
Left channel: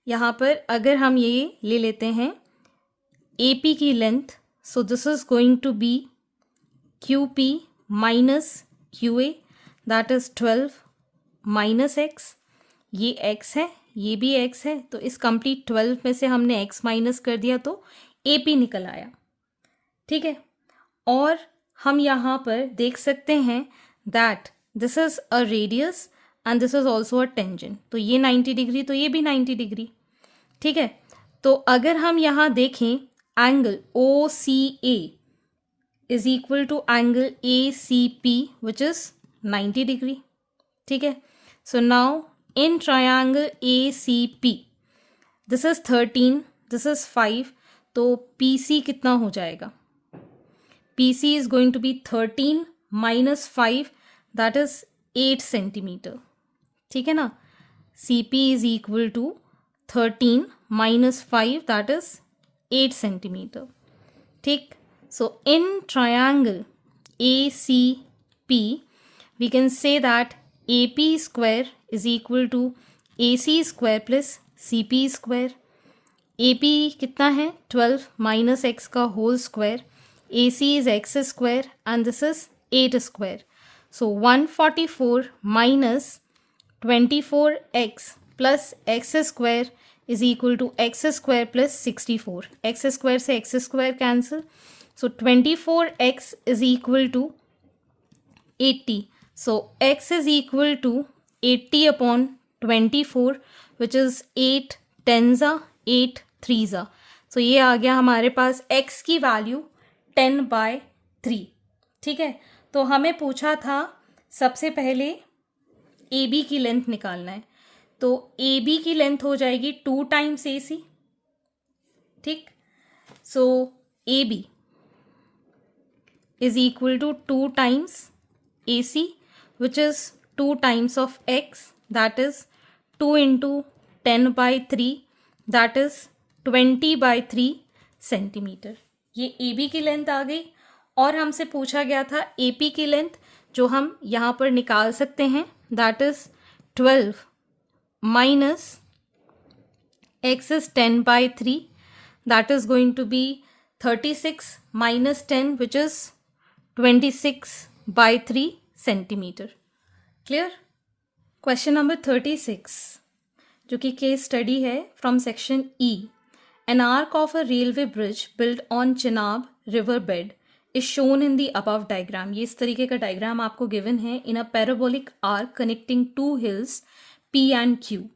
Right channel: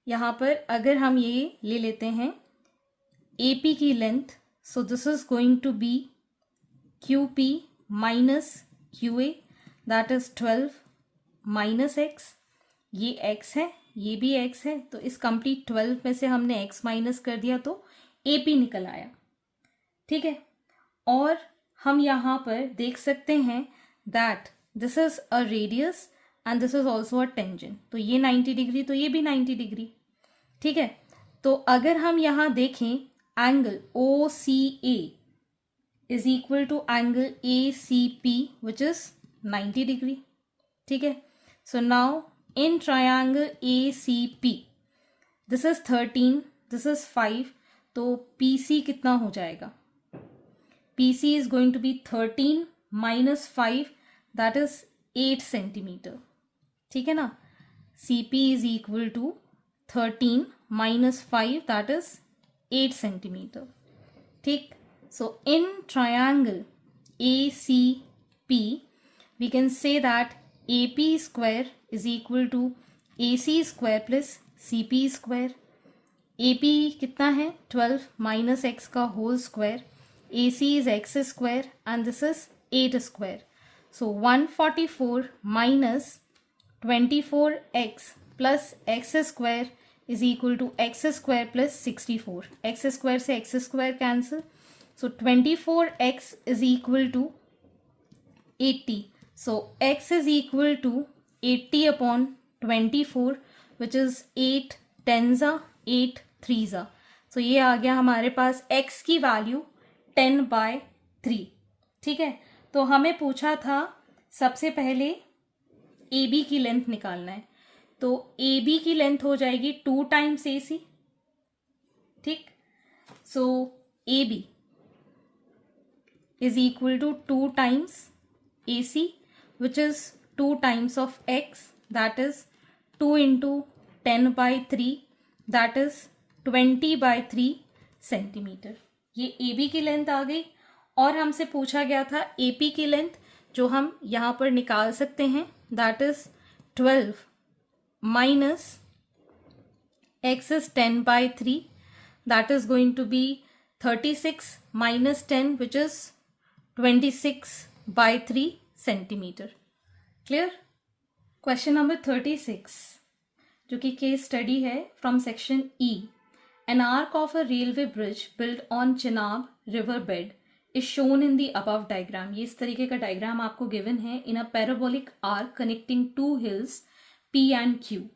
यहाँ पर अगर हम ये ले लेते हैं AP की length, so this is going to be QP minus QA that is 12 minus X। ये X है, ये भी X है, तो इस कंप्लीट 12 में से हमने X माइनस कर दिया तो AP निकल आया। ठीक है, और हम यहाँ पर देख सकते हैं that this is a radius and this is also a tangent, तो ये 90 डिग्री तो ये भी 90 डिग्री। ठीक है, तो अगर हम यहाँ देखें angle OCA is equal to angle ACP which is 90 degree. ठीक है, so now in triangle ACP this is 13, this is 5, तो PC कितना हो जाएगा? PC is going to be 13 minus 5 that is 8 centimeter. ठीक है ना, CP is equal to 13 minus 5 that is 8 centimeter. ठीक, so in triangle ACP we can say that AP square is equal to AC square plus CP square. AP कितना है 12 minus X का whole square, AC is X square and this is 8 square. So 144 minus 24X plus X square is equal to X square plus 64. X square से X square cancel. So 24X is equal to 80. So X is equal to 80 upon 24 which is 8 10s 8 3s. So ये आ गया हमारे पास X की value 10/3। ठीक है, तो हमें पूछा था सबसे पहले AB की लेंथ निकालना है, तो AB की लेंथ हो जाएगी 2 टाइम्स AC। ठीक. So A B is equal to 2 times AC, which is 2 times of X, that is 2 into 10 by 3, that is 20 by 3 centimetre. ये AB की लेंथ आ गई. और हमसे पूछा गया था AP की लेंथ, जो हम यहाँ पर निकाल सकते हैं, that is 12 minus X is 10 by 3, that is going to be 36 minus 10, which is 26 by 3 centimetre. Clear. Question number 36, जो कि केस स्टडी है from section E. An arch of a railway bridge build on Chenab river bed is shown in the above diagram. ये इस तरीके का diagram आपको given है in a parabolic arch connecting to hills P and Q.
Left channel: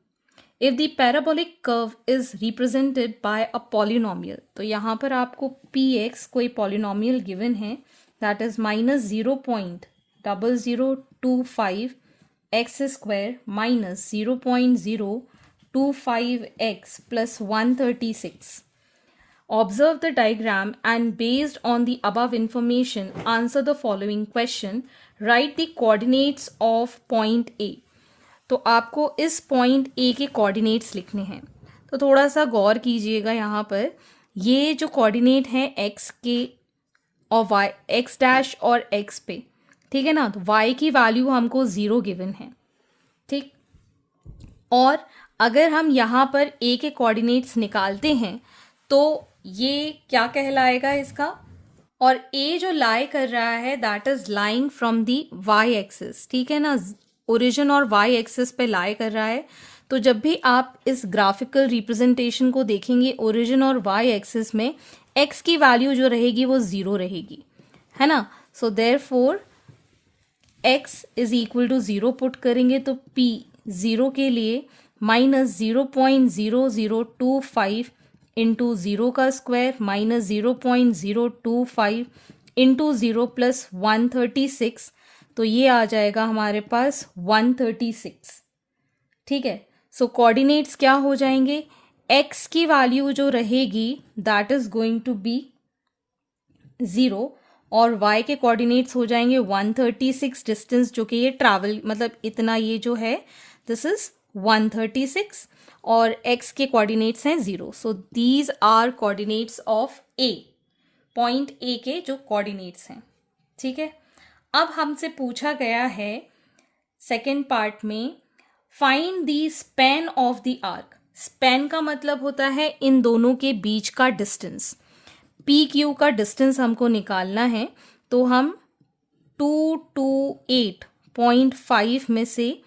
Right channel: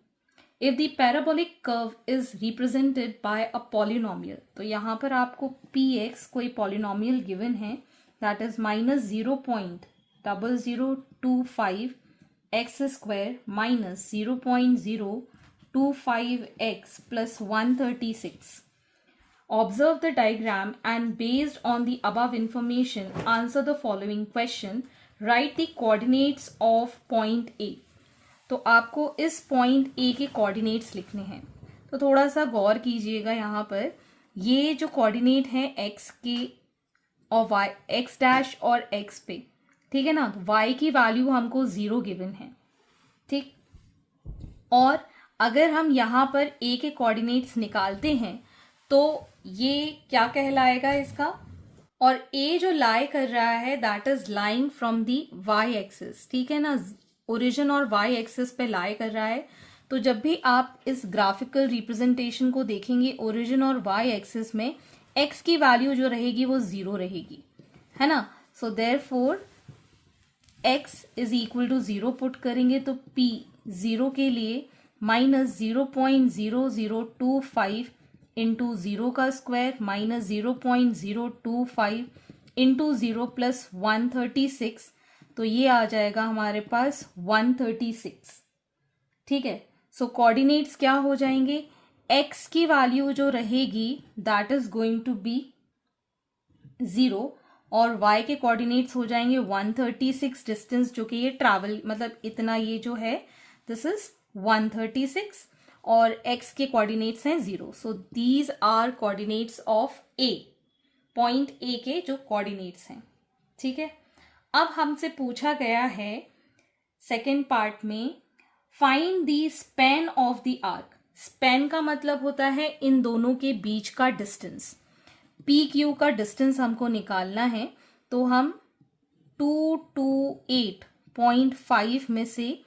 If the parabolic curve is represented by a polynomial, तो यहाँ पर आपको px कोई polynomial given है, that is minus 0.0025 x square minus 0.025x plus 136. Observe the diagram and based on the above information answer the following question. Write the coordinates of point A. तो आपको इस point A के coordinates लिखने हैं. तो थोड़ा सा गौर कीजिएगा यहाँ पर. ये जो कोऑर्डिनेट हैं एक्स के और वाई, एक्स डैश और एक्स पे, ठीक है ना. तो वाई की वैल्यू हमको 0 गिवन है. ठीक. और अगर हम यहाँ पर ए के कोऑर्डिनेट्स निकालते हैं तो ये क्या कहलाएगा इसका. और ए जो लाई कर रहा है that is lying from the Y axis. ठीक है ना. ओरिजिन और वाई एक्सिस पे लाई कर रहा है. तो जब भी आप इस ग्राफिकल रिप्रेजेंटेशन को देखेंगे ओरिजिन और वाई एक्सिस में एक्स की वैल्यू जो रहेगी वो 0 रहेगी, है ना. So therefore X is equal to 0 put करेंगे तो पी 0 के लिए माइनस 0.0025 इंटू 0 का स्क्वायर माइनस 0.025 इंटू 0 प्लस 136. तो ये आ जाएगा हमारे पास 136. ठीक है. सो कोऑर्डिनेट्स क्या हो जाएंगे. x की वैल्यू जो रहेगी that is going to be 0 और y के कोऑर्डिनेट्स हो जाएंगे 136 डिस्टेंस, जो कि ये ट्रैवल मतलब इतना ये जो है दिस इज 136 और x के कोऑर्डिनेट्स हैं 0. So these are coordinates of a. Point a के जो कोऑर्डिनेट्स हैं. ठीक है. अब हमसे पूछा गया है सेकेंड पार्ट में find the span of the arc. Span का मतलब होता है इन दोनों के बीच का डिस्टेंस. पी क्यू का डिस्टेंस हमको निकालना है. तो हम 228.5 में से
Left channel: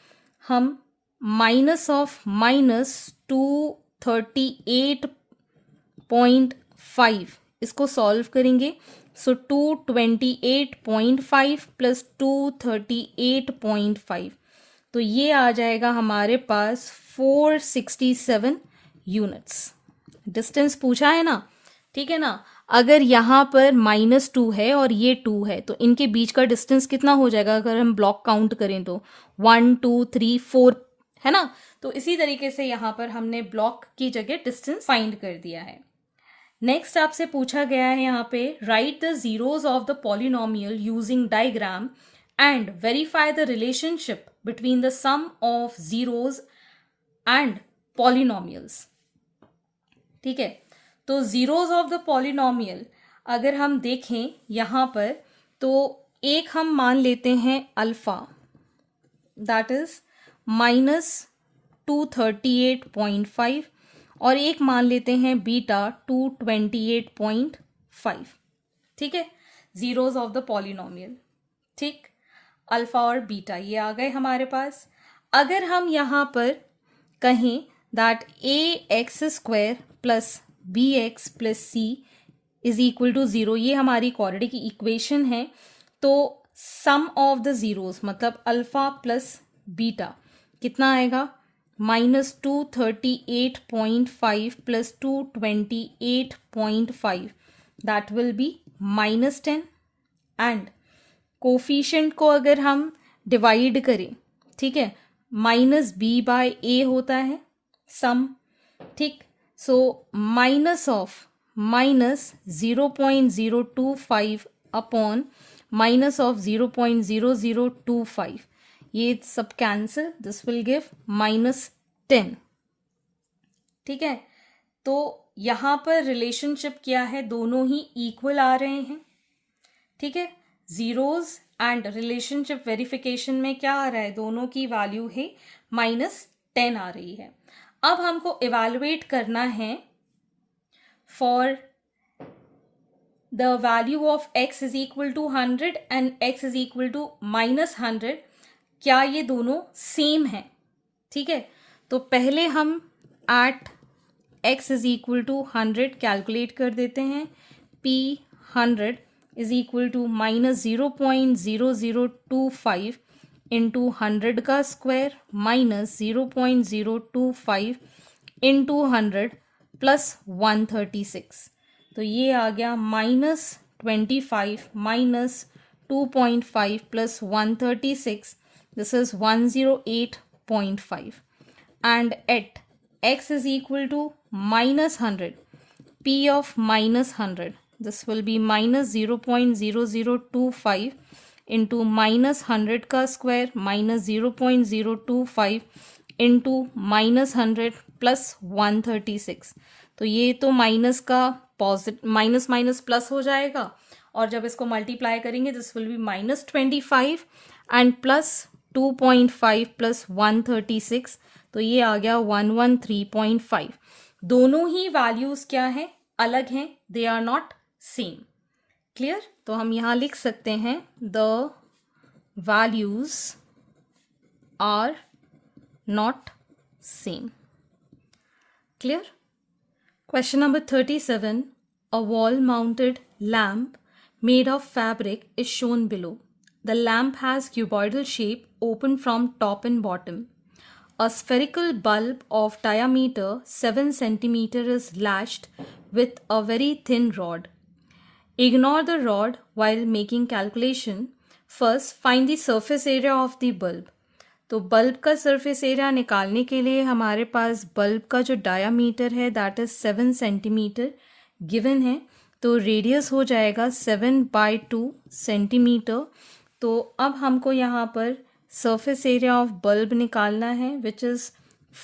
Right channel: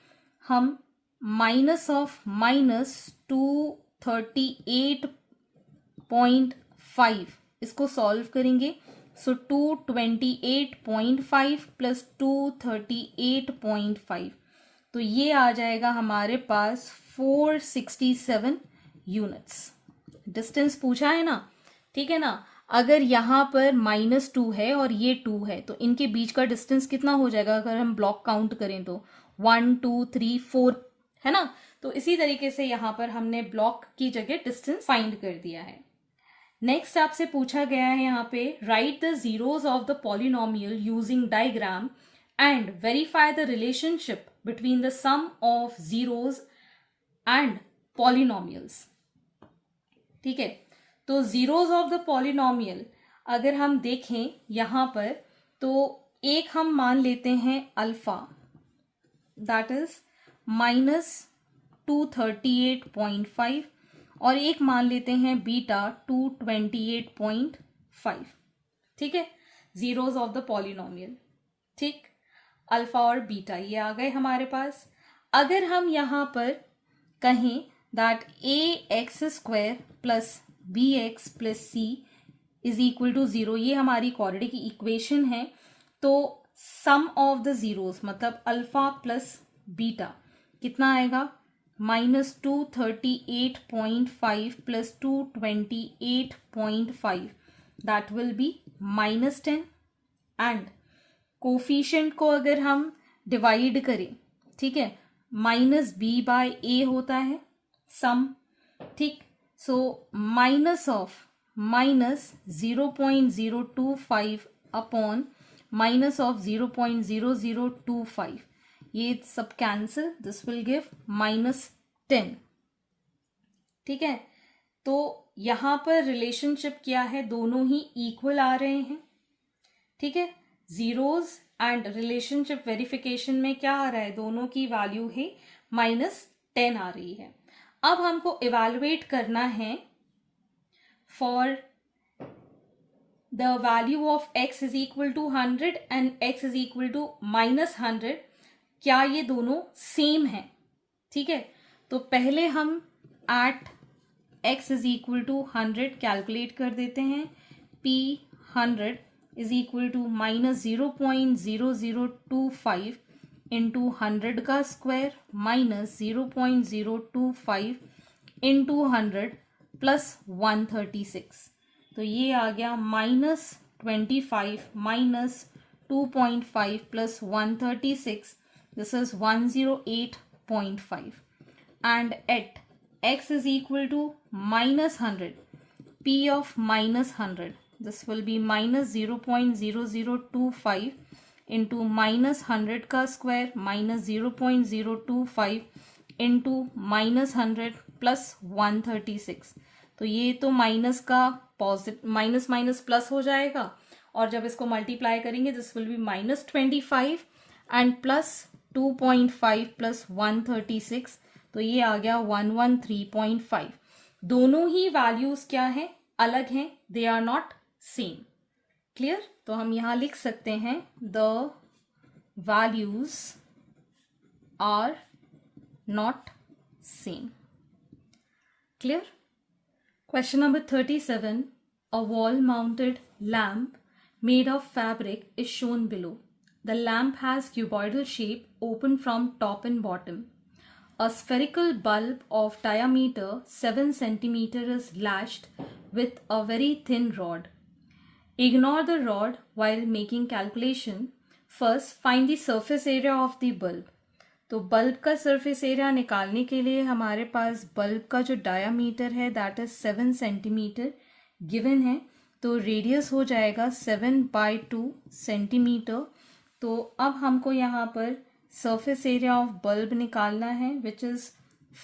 हम माइनस ऑफ माइनस 238.5 इसको सॉल्व करेंगे. सो 228.5 प्लस 238.5, तो ये आ जाएगा हमारे पास 467 यूनिट्स. डिस्टेंस पूछा है ना. ठीक है ना. अगर यहाँ पर -2 है और ये 2 है तो इनके बीच का डिस्टेंस कितना हो जाएगा अगर हम ब्लॉक काउंट करें तो 1 2 3 4 है ना. तो इसी तरीके से यहाँ पर हमने ब्लॉक की जगह डिस्टेंस फाइंड कर दिया है. नेक्स्ट आपसे पूछा गया है यहाँ पे write the zeros of the polynomial using diagram and verify the relationship between the sum of zeros and polynomials. ठीक है. तो जीरोज ऑफ द पॉलिनोमियल अगर हम देखें यहाँ पर तो एक हम मान लेते हैं अल्फा दैट इज -238.5 और एक मान लेते हैं बीटा 228.5. ठीक है. Zeros of the polynomial. ठीक. अल्फा और बीटा ये आ गए हमारे पास. अगर हम यहाँ पर कहें that ax² plus bx plus c is equal to 0, ये हमारी क्वाड्रेटिक इक्वेशन है. तो सम ऑफ द जीरोस मतलब अल्फा प्लस बीटा कितना आएगा -238.5 plus 228.5 that will be -10. And coefficient को अगर हम डिवाइड करें, ठीक है, -b/a होता है सम. ठीक. So minus of minus 0.025 upon minus of 0.0025. ये सब कैंसिल, दिस विल गिव -10. ठीक है, तो यहाँ पर रिलेशनशिप क्या है, दोनों ही इक्वल आ रहे हैं. ठीक है, जीरोज एंड रिलेशनशिप वेरिफिकेशन में क्या आ रहा है, दोनों की वैल्यू है -10 आ रही है. अब हमको इवैल्यूएट करना है for the value of x is equal to 100 and x is equal to -100. क्या ये दोनों सेम है? ठीक है, तो पहले हम at x is equal to 100 calculate कर देते हैं. p 100 is equal to -0.0025 into 100 का स्क्वायर माइनस 0.025 इंटू 100 प्लस 136. तो ये आ गया -25 minus 2.5 plus 136. This is 108.5. And at x is equal to -100, p of -100, this will be minus 0.0025 into -100 का square minus 0.025 into -100 plus 136. तो ये तो माइनस का माइनस माइनस प्लस हो जाएगा, और जब इसको मल्टीप्लाई करेंगे this will B -25 and plus 2.5 plus 136. तो ये आ गया 113.5. दोनों ही वैल्यूज क्या है, अलग हैं, they are not same. Clear? तो हम यहां लिख सकते हैं the values are not same. Clear? Question number 37. A wall-mounted lamp made of fabric is shown below. The lamp has cuboidal shape, open from top and bottom. A spherical bulb of diameter 7 cm is lashed with a very thin rod. Ignore the rod while making calculation. First, find the surface area of the bulb. तो bulb का surface area निकालने के लिए हमारे पास bulb का जो diameter है that is 7 centimetre given है. तो रेडियस हो जाएगा 7/2 सेंटीमीटर. तो अब हमको यहाँ पर सरफेस एरिया ऑफ बल्ब निकालना है which is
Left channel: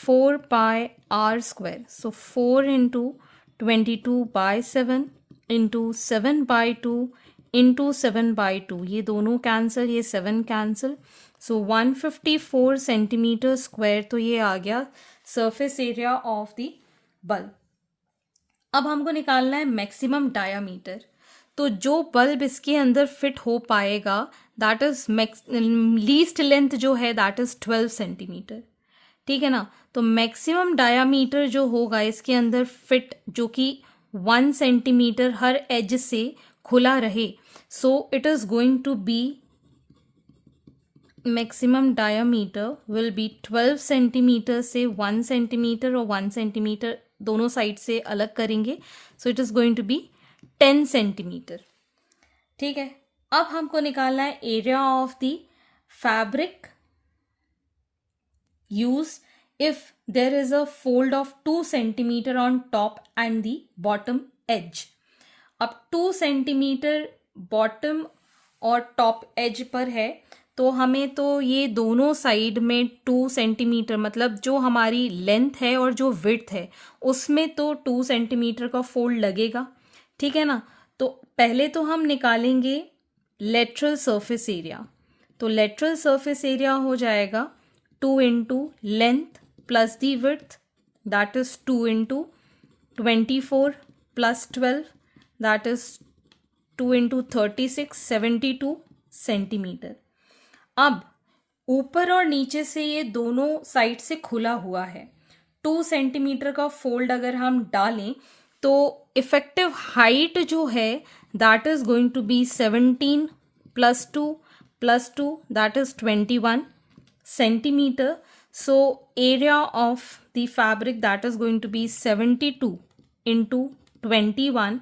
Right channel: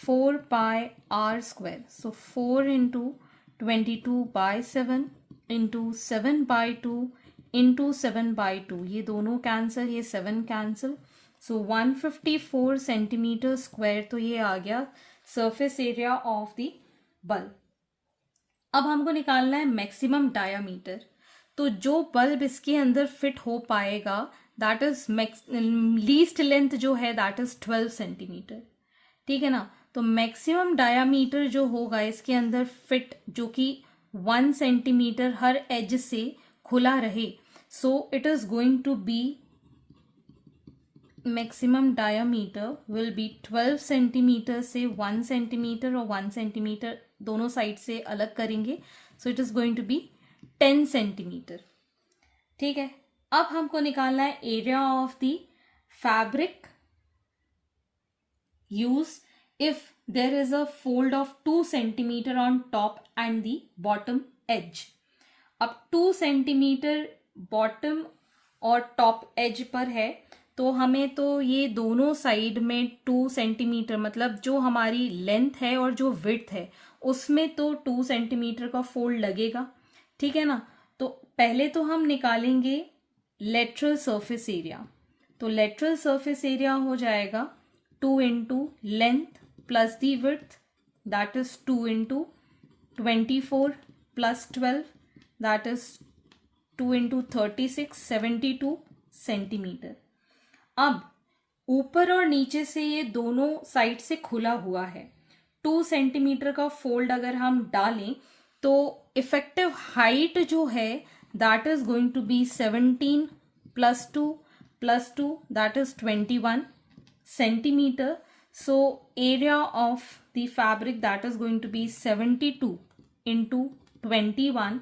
4πr². So 4 into 22/7 into 7/2 into 7/2. ये दोनों कैंसिल, ये 7 कैंसिल. सो 154 सेंटीमीटर स्क्वायर. तो ये आ गया surface area of the bulb. अब हमको निकालना है मैक्सिमम डायामीटर. तो जो बल्ब इसके अंदर फिट हो पाएगा दैट इज लीस्ट लेंथ जो है दैट इज 12 सेंटीमीटर. ठीक है ना? तो मैक्सिमम डायामीटर जो होगा इसके अंदर फिट, जो कि 1 सेंटीमीटर हर एज से खुला रहे. So it is going to be maximum diameter will be 12 centimetre से 1 सेंटीमीटर और 1 सेंटीमीटर दोनों साइड से अलग करेंगे. So it is going to be 10 centimetre. ठीक है, अब हमको निकालना है area of the fabric use if there is a fold of 2 centimetre on top and the bottom edge. अब 2 सेंटीमीटर बॉटम और टॉप एज पर है, तो हमें तो ये दोनों साइड में 2 सेंटीमीटर, मतलब जो हमारी लेंथ है और जो विड्थ है उसमें तो 2 सेंटीमीटर का फोल्ड लगेगा. ठीक है ना? तो पहले तो हम निकालेंगे लेटरल सरफेस एरिया. तो लेटरल सरफेस एरिया हो जाएगा 2 into length plus the width that is 2 into 24 plus 12 that is 2 into 36 72 centimetre. अब ऊपर और नीचे से ये दोनों साइड से खुला हुआ है. 2 सेंटीमीटर का फोल्ड अगर हम डालें तो इफेक्टिव हाइट जो है that is going to be 17 plus 2 that is 21 centimetre. So area of the fabric that is going to be 72 into 21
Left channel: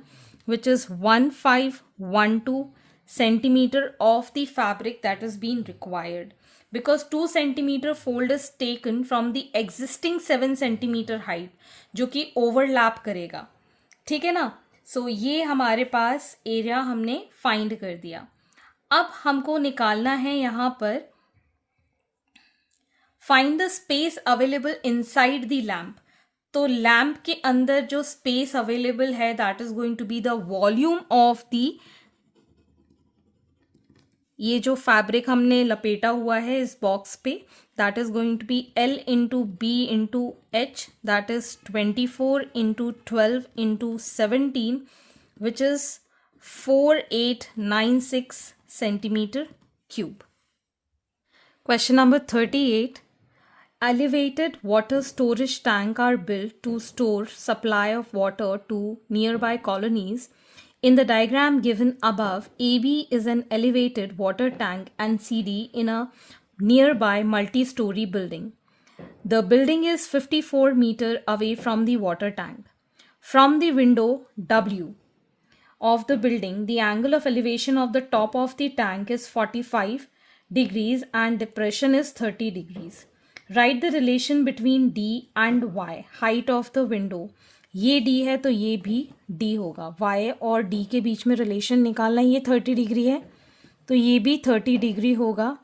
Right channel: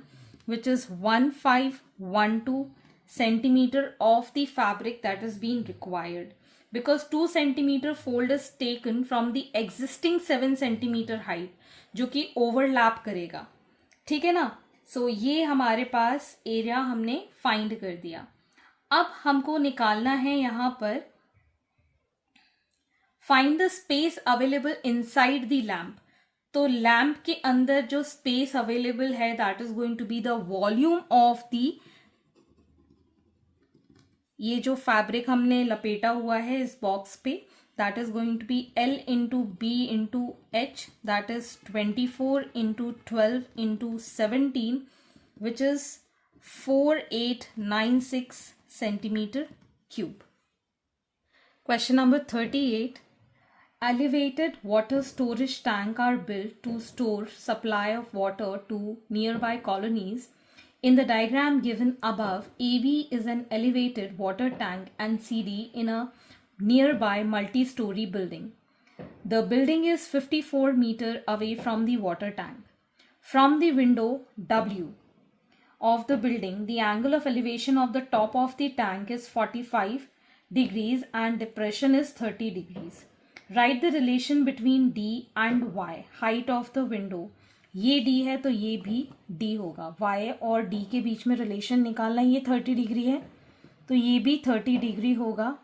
which is 1512 centimeter of the fabric that is being required, because 2 centimeter fold is taken from the existing 7 centimeter height जो कि overlap करेगा. ठीक है ना? सो ये हमारे पास area हमने find कर दिया। अब हमको निकालना है यहाँ पर find the space available inside the lamp. तो लैम्प के अंदर जो स्पेस अवेलेबल है that is going to be the volume of the, ये जो फैब्रिक हमने लपेटा हुआ है इस बॉक्स पे, that is going to be L into B into H, that is 24 into 12 into 17 which is 4896 centimetre cube. Question number 38. Elevated water storage tank are built to store supply of water to nearby colonies. In the diagram given above, AB is an elevated water tank and CD in a nearby multi-story building. The building is 54 meters away from the water tank. From the window W of the building, the angle of elevation of the top of the tank is 45 degrees and depression is 30 degrees. Write the relation between D and Y, height of the window. ये D है तो ये भी D होगा। Y और D के बीच में relation निकालना है। ये 30 डिग्री है तो ये भी 30 डिग्री होगा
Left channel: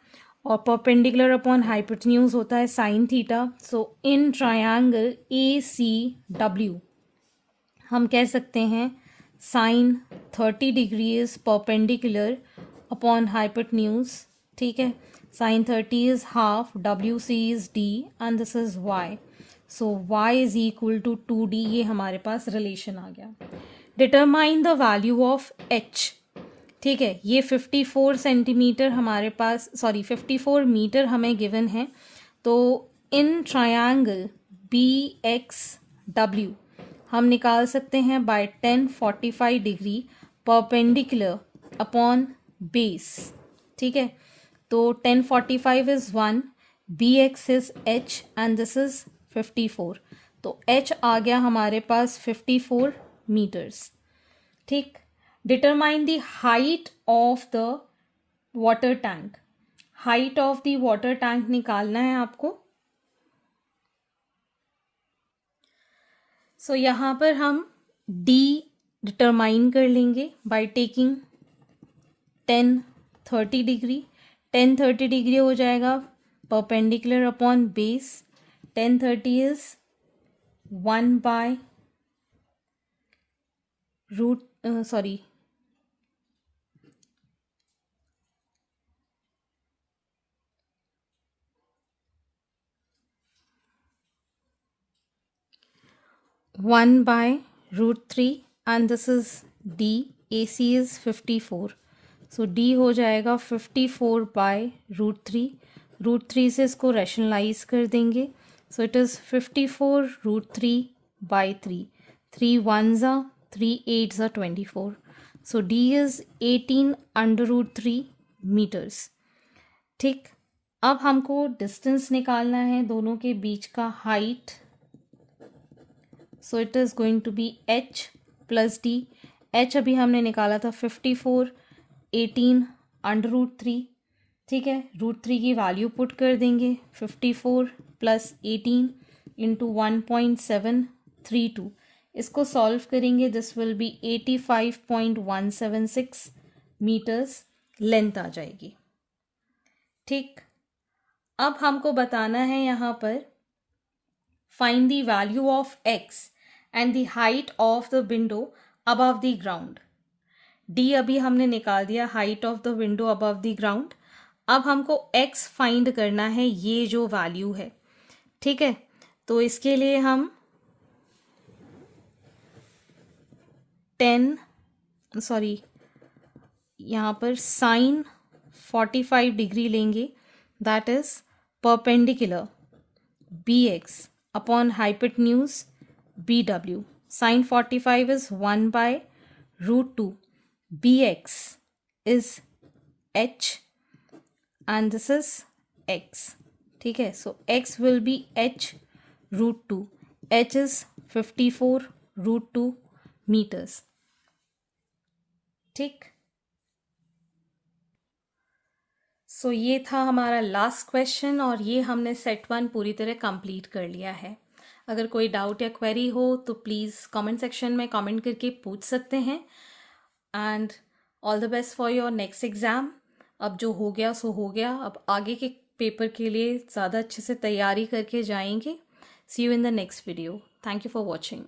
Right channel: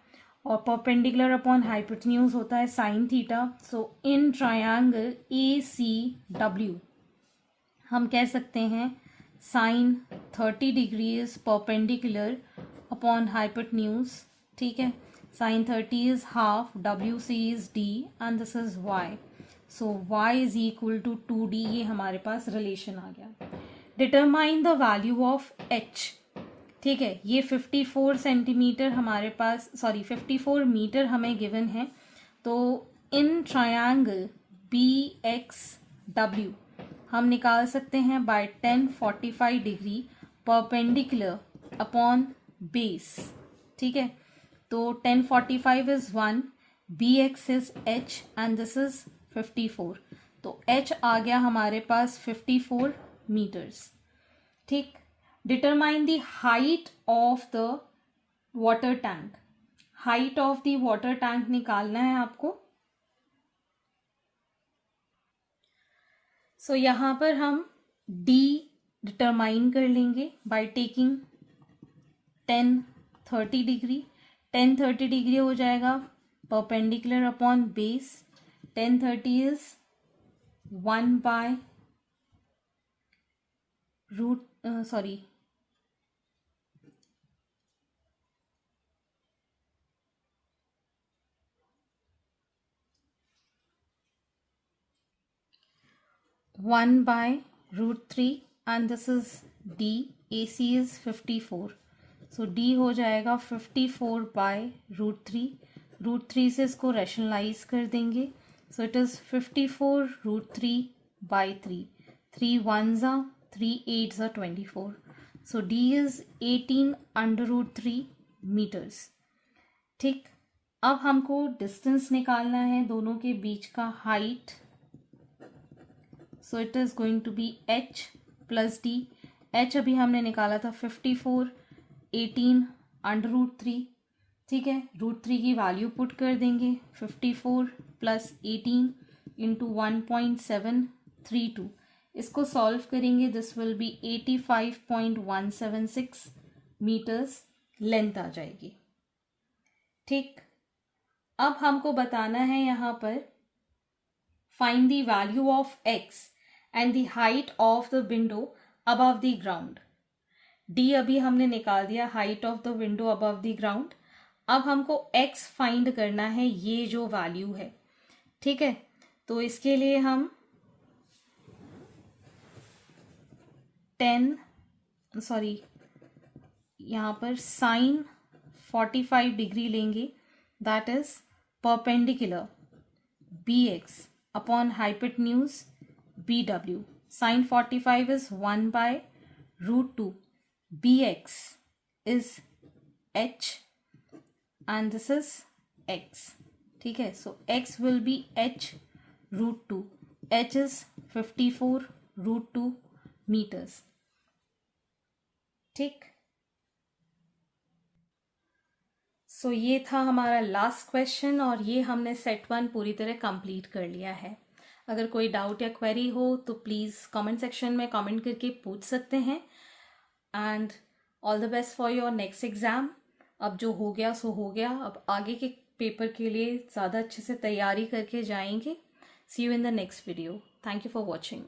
और परपेंडिकुलर अपॉन हाइपोटेन्यूज होता है sine theta. So in triangle ACW हम कह सकते हैं sine 30 degree is perpendicular upon hypotenuse. ठीक है, sine 30 is half, WC is D and this is Y। So Y is equal to 2D, ये हमारे पास रिलेशन आ गया। Determine the value of H। ठीक है, ये 54 सेंटीमीटर हमारे पास, सॉरी 54 मीटर हमें गिवन है। तो इन ट्रायंगल BXW हम निकाल सकते हैं by 1045 degree perpendicular upon base. ठीक है, तो 1045 is 1, BX is H and this is 54। तो H आ गया हमारे पास 54 मीटर्स। ठीक, determine the height of the water tank. Height of the water tank निकालना है आपको। सो यहाँ पर हम D डिटरमाइन कर लेंगे बाय टेकिंग 1030 डिग्री। 1030 डिग्री हो जाएगा perpendicular upon base. 1030 is 1 by root, sorry 1 by root 3 and this is D. AC is 54. So D हो जाएगा 54 by root 3. रूट 3 से इसको रैशनलाइज कर देंगे. So it is 54 root 3 by 3. 3 ones are 3 8s are 24. So D is 18 under root 3 meters. ठीक, अब हमको distance निकालना है दोनों के बीच का height. So it is going to be h plus d. h अभी हमने निकाला था 54, 18 अंडर रूट 3. ठीक है, रूट 3 की वैल्यू पुट कर देंगे. 54 प्लस 18 इंटू 1.732. इसको सॉल्व करेंगे. This will be 85.176 metres length आ जाएगी. ठीक, अब हमको बताना है यहाँ पर find the value of x and the height of the window above the ground. d अभी हमने निकाल दिया, height of the window above the ground. अब हमको x फाइंड करना है, ये जो वैल्यू है. ठीक है, तो इसके लिए हम 10 सॉरी यहाँ पर साइन 45 डिग्री लेंगे. That is perpendicular bx upon hypotenuse bw. Sine 45 is 1 by root 2. bx is h and this is x. ठीक है, so x will be h root 2. h is 54 root 2 meters. ठीक, सो ये था हमारा last question और ये हमने सेट 1 पूरी तरह कंप्लीट कर लिया है. अगर कोई डाउट या क्वेरी हो तो प्लीज़ कमेंट सेक्शन में कमेंट करके पूछ सकते हैं। And all the best for your next exam. अब जो हो गया सो हो गया, अब आगे के पेपर के लिए ज़्यादा अच्छे से तैयारी करके जाएंगे। See you in the next video. Thank you for watching.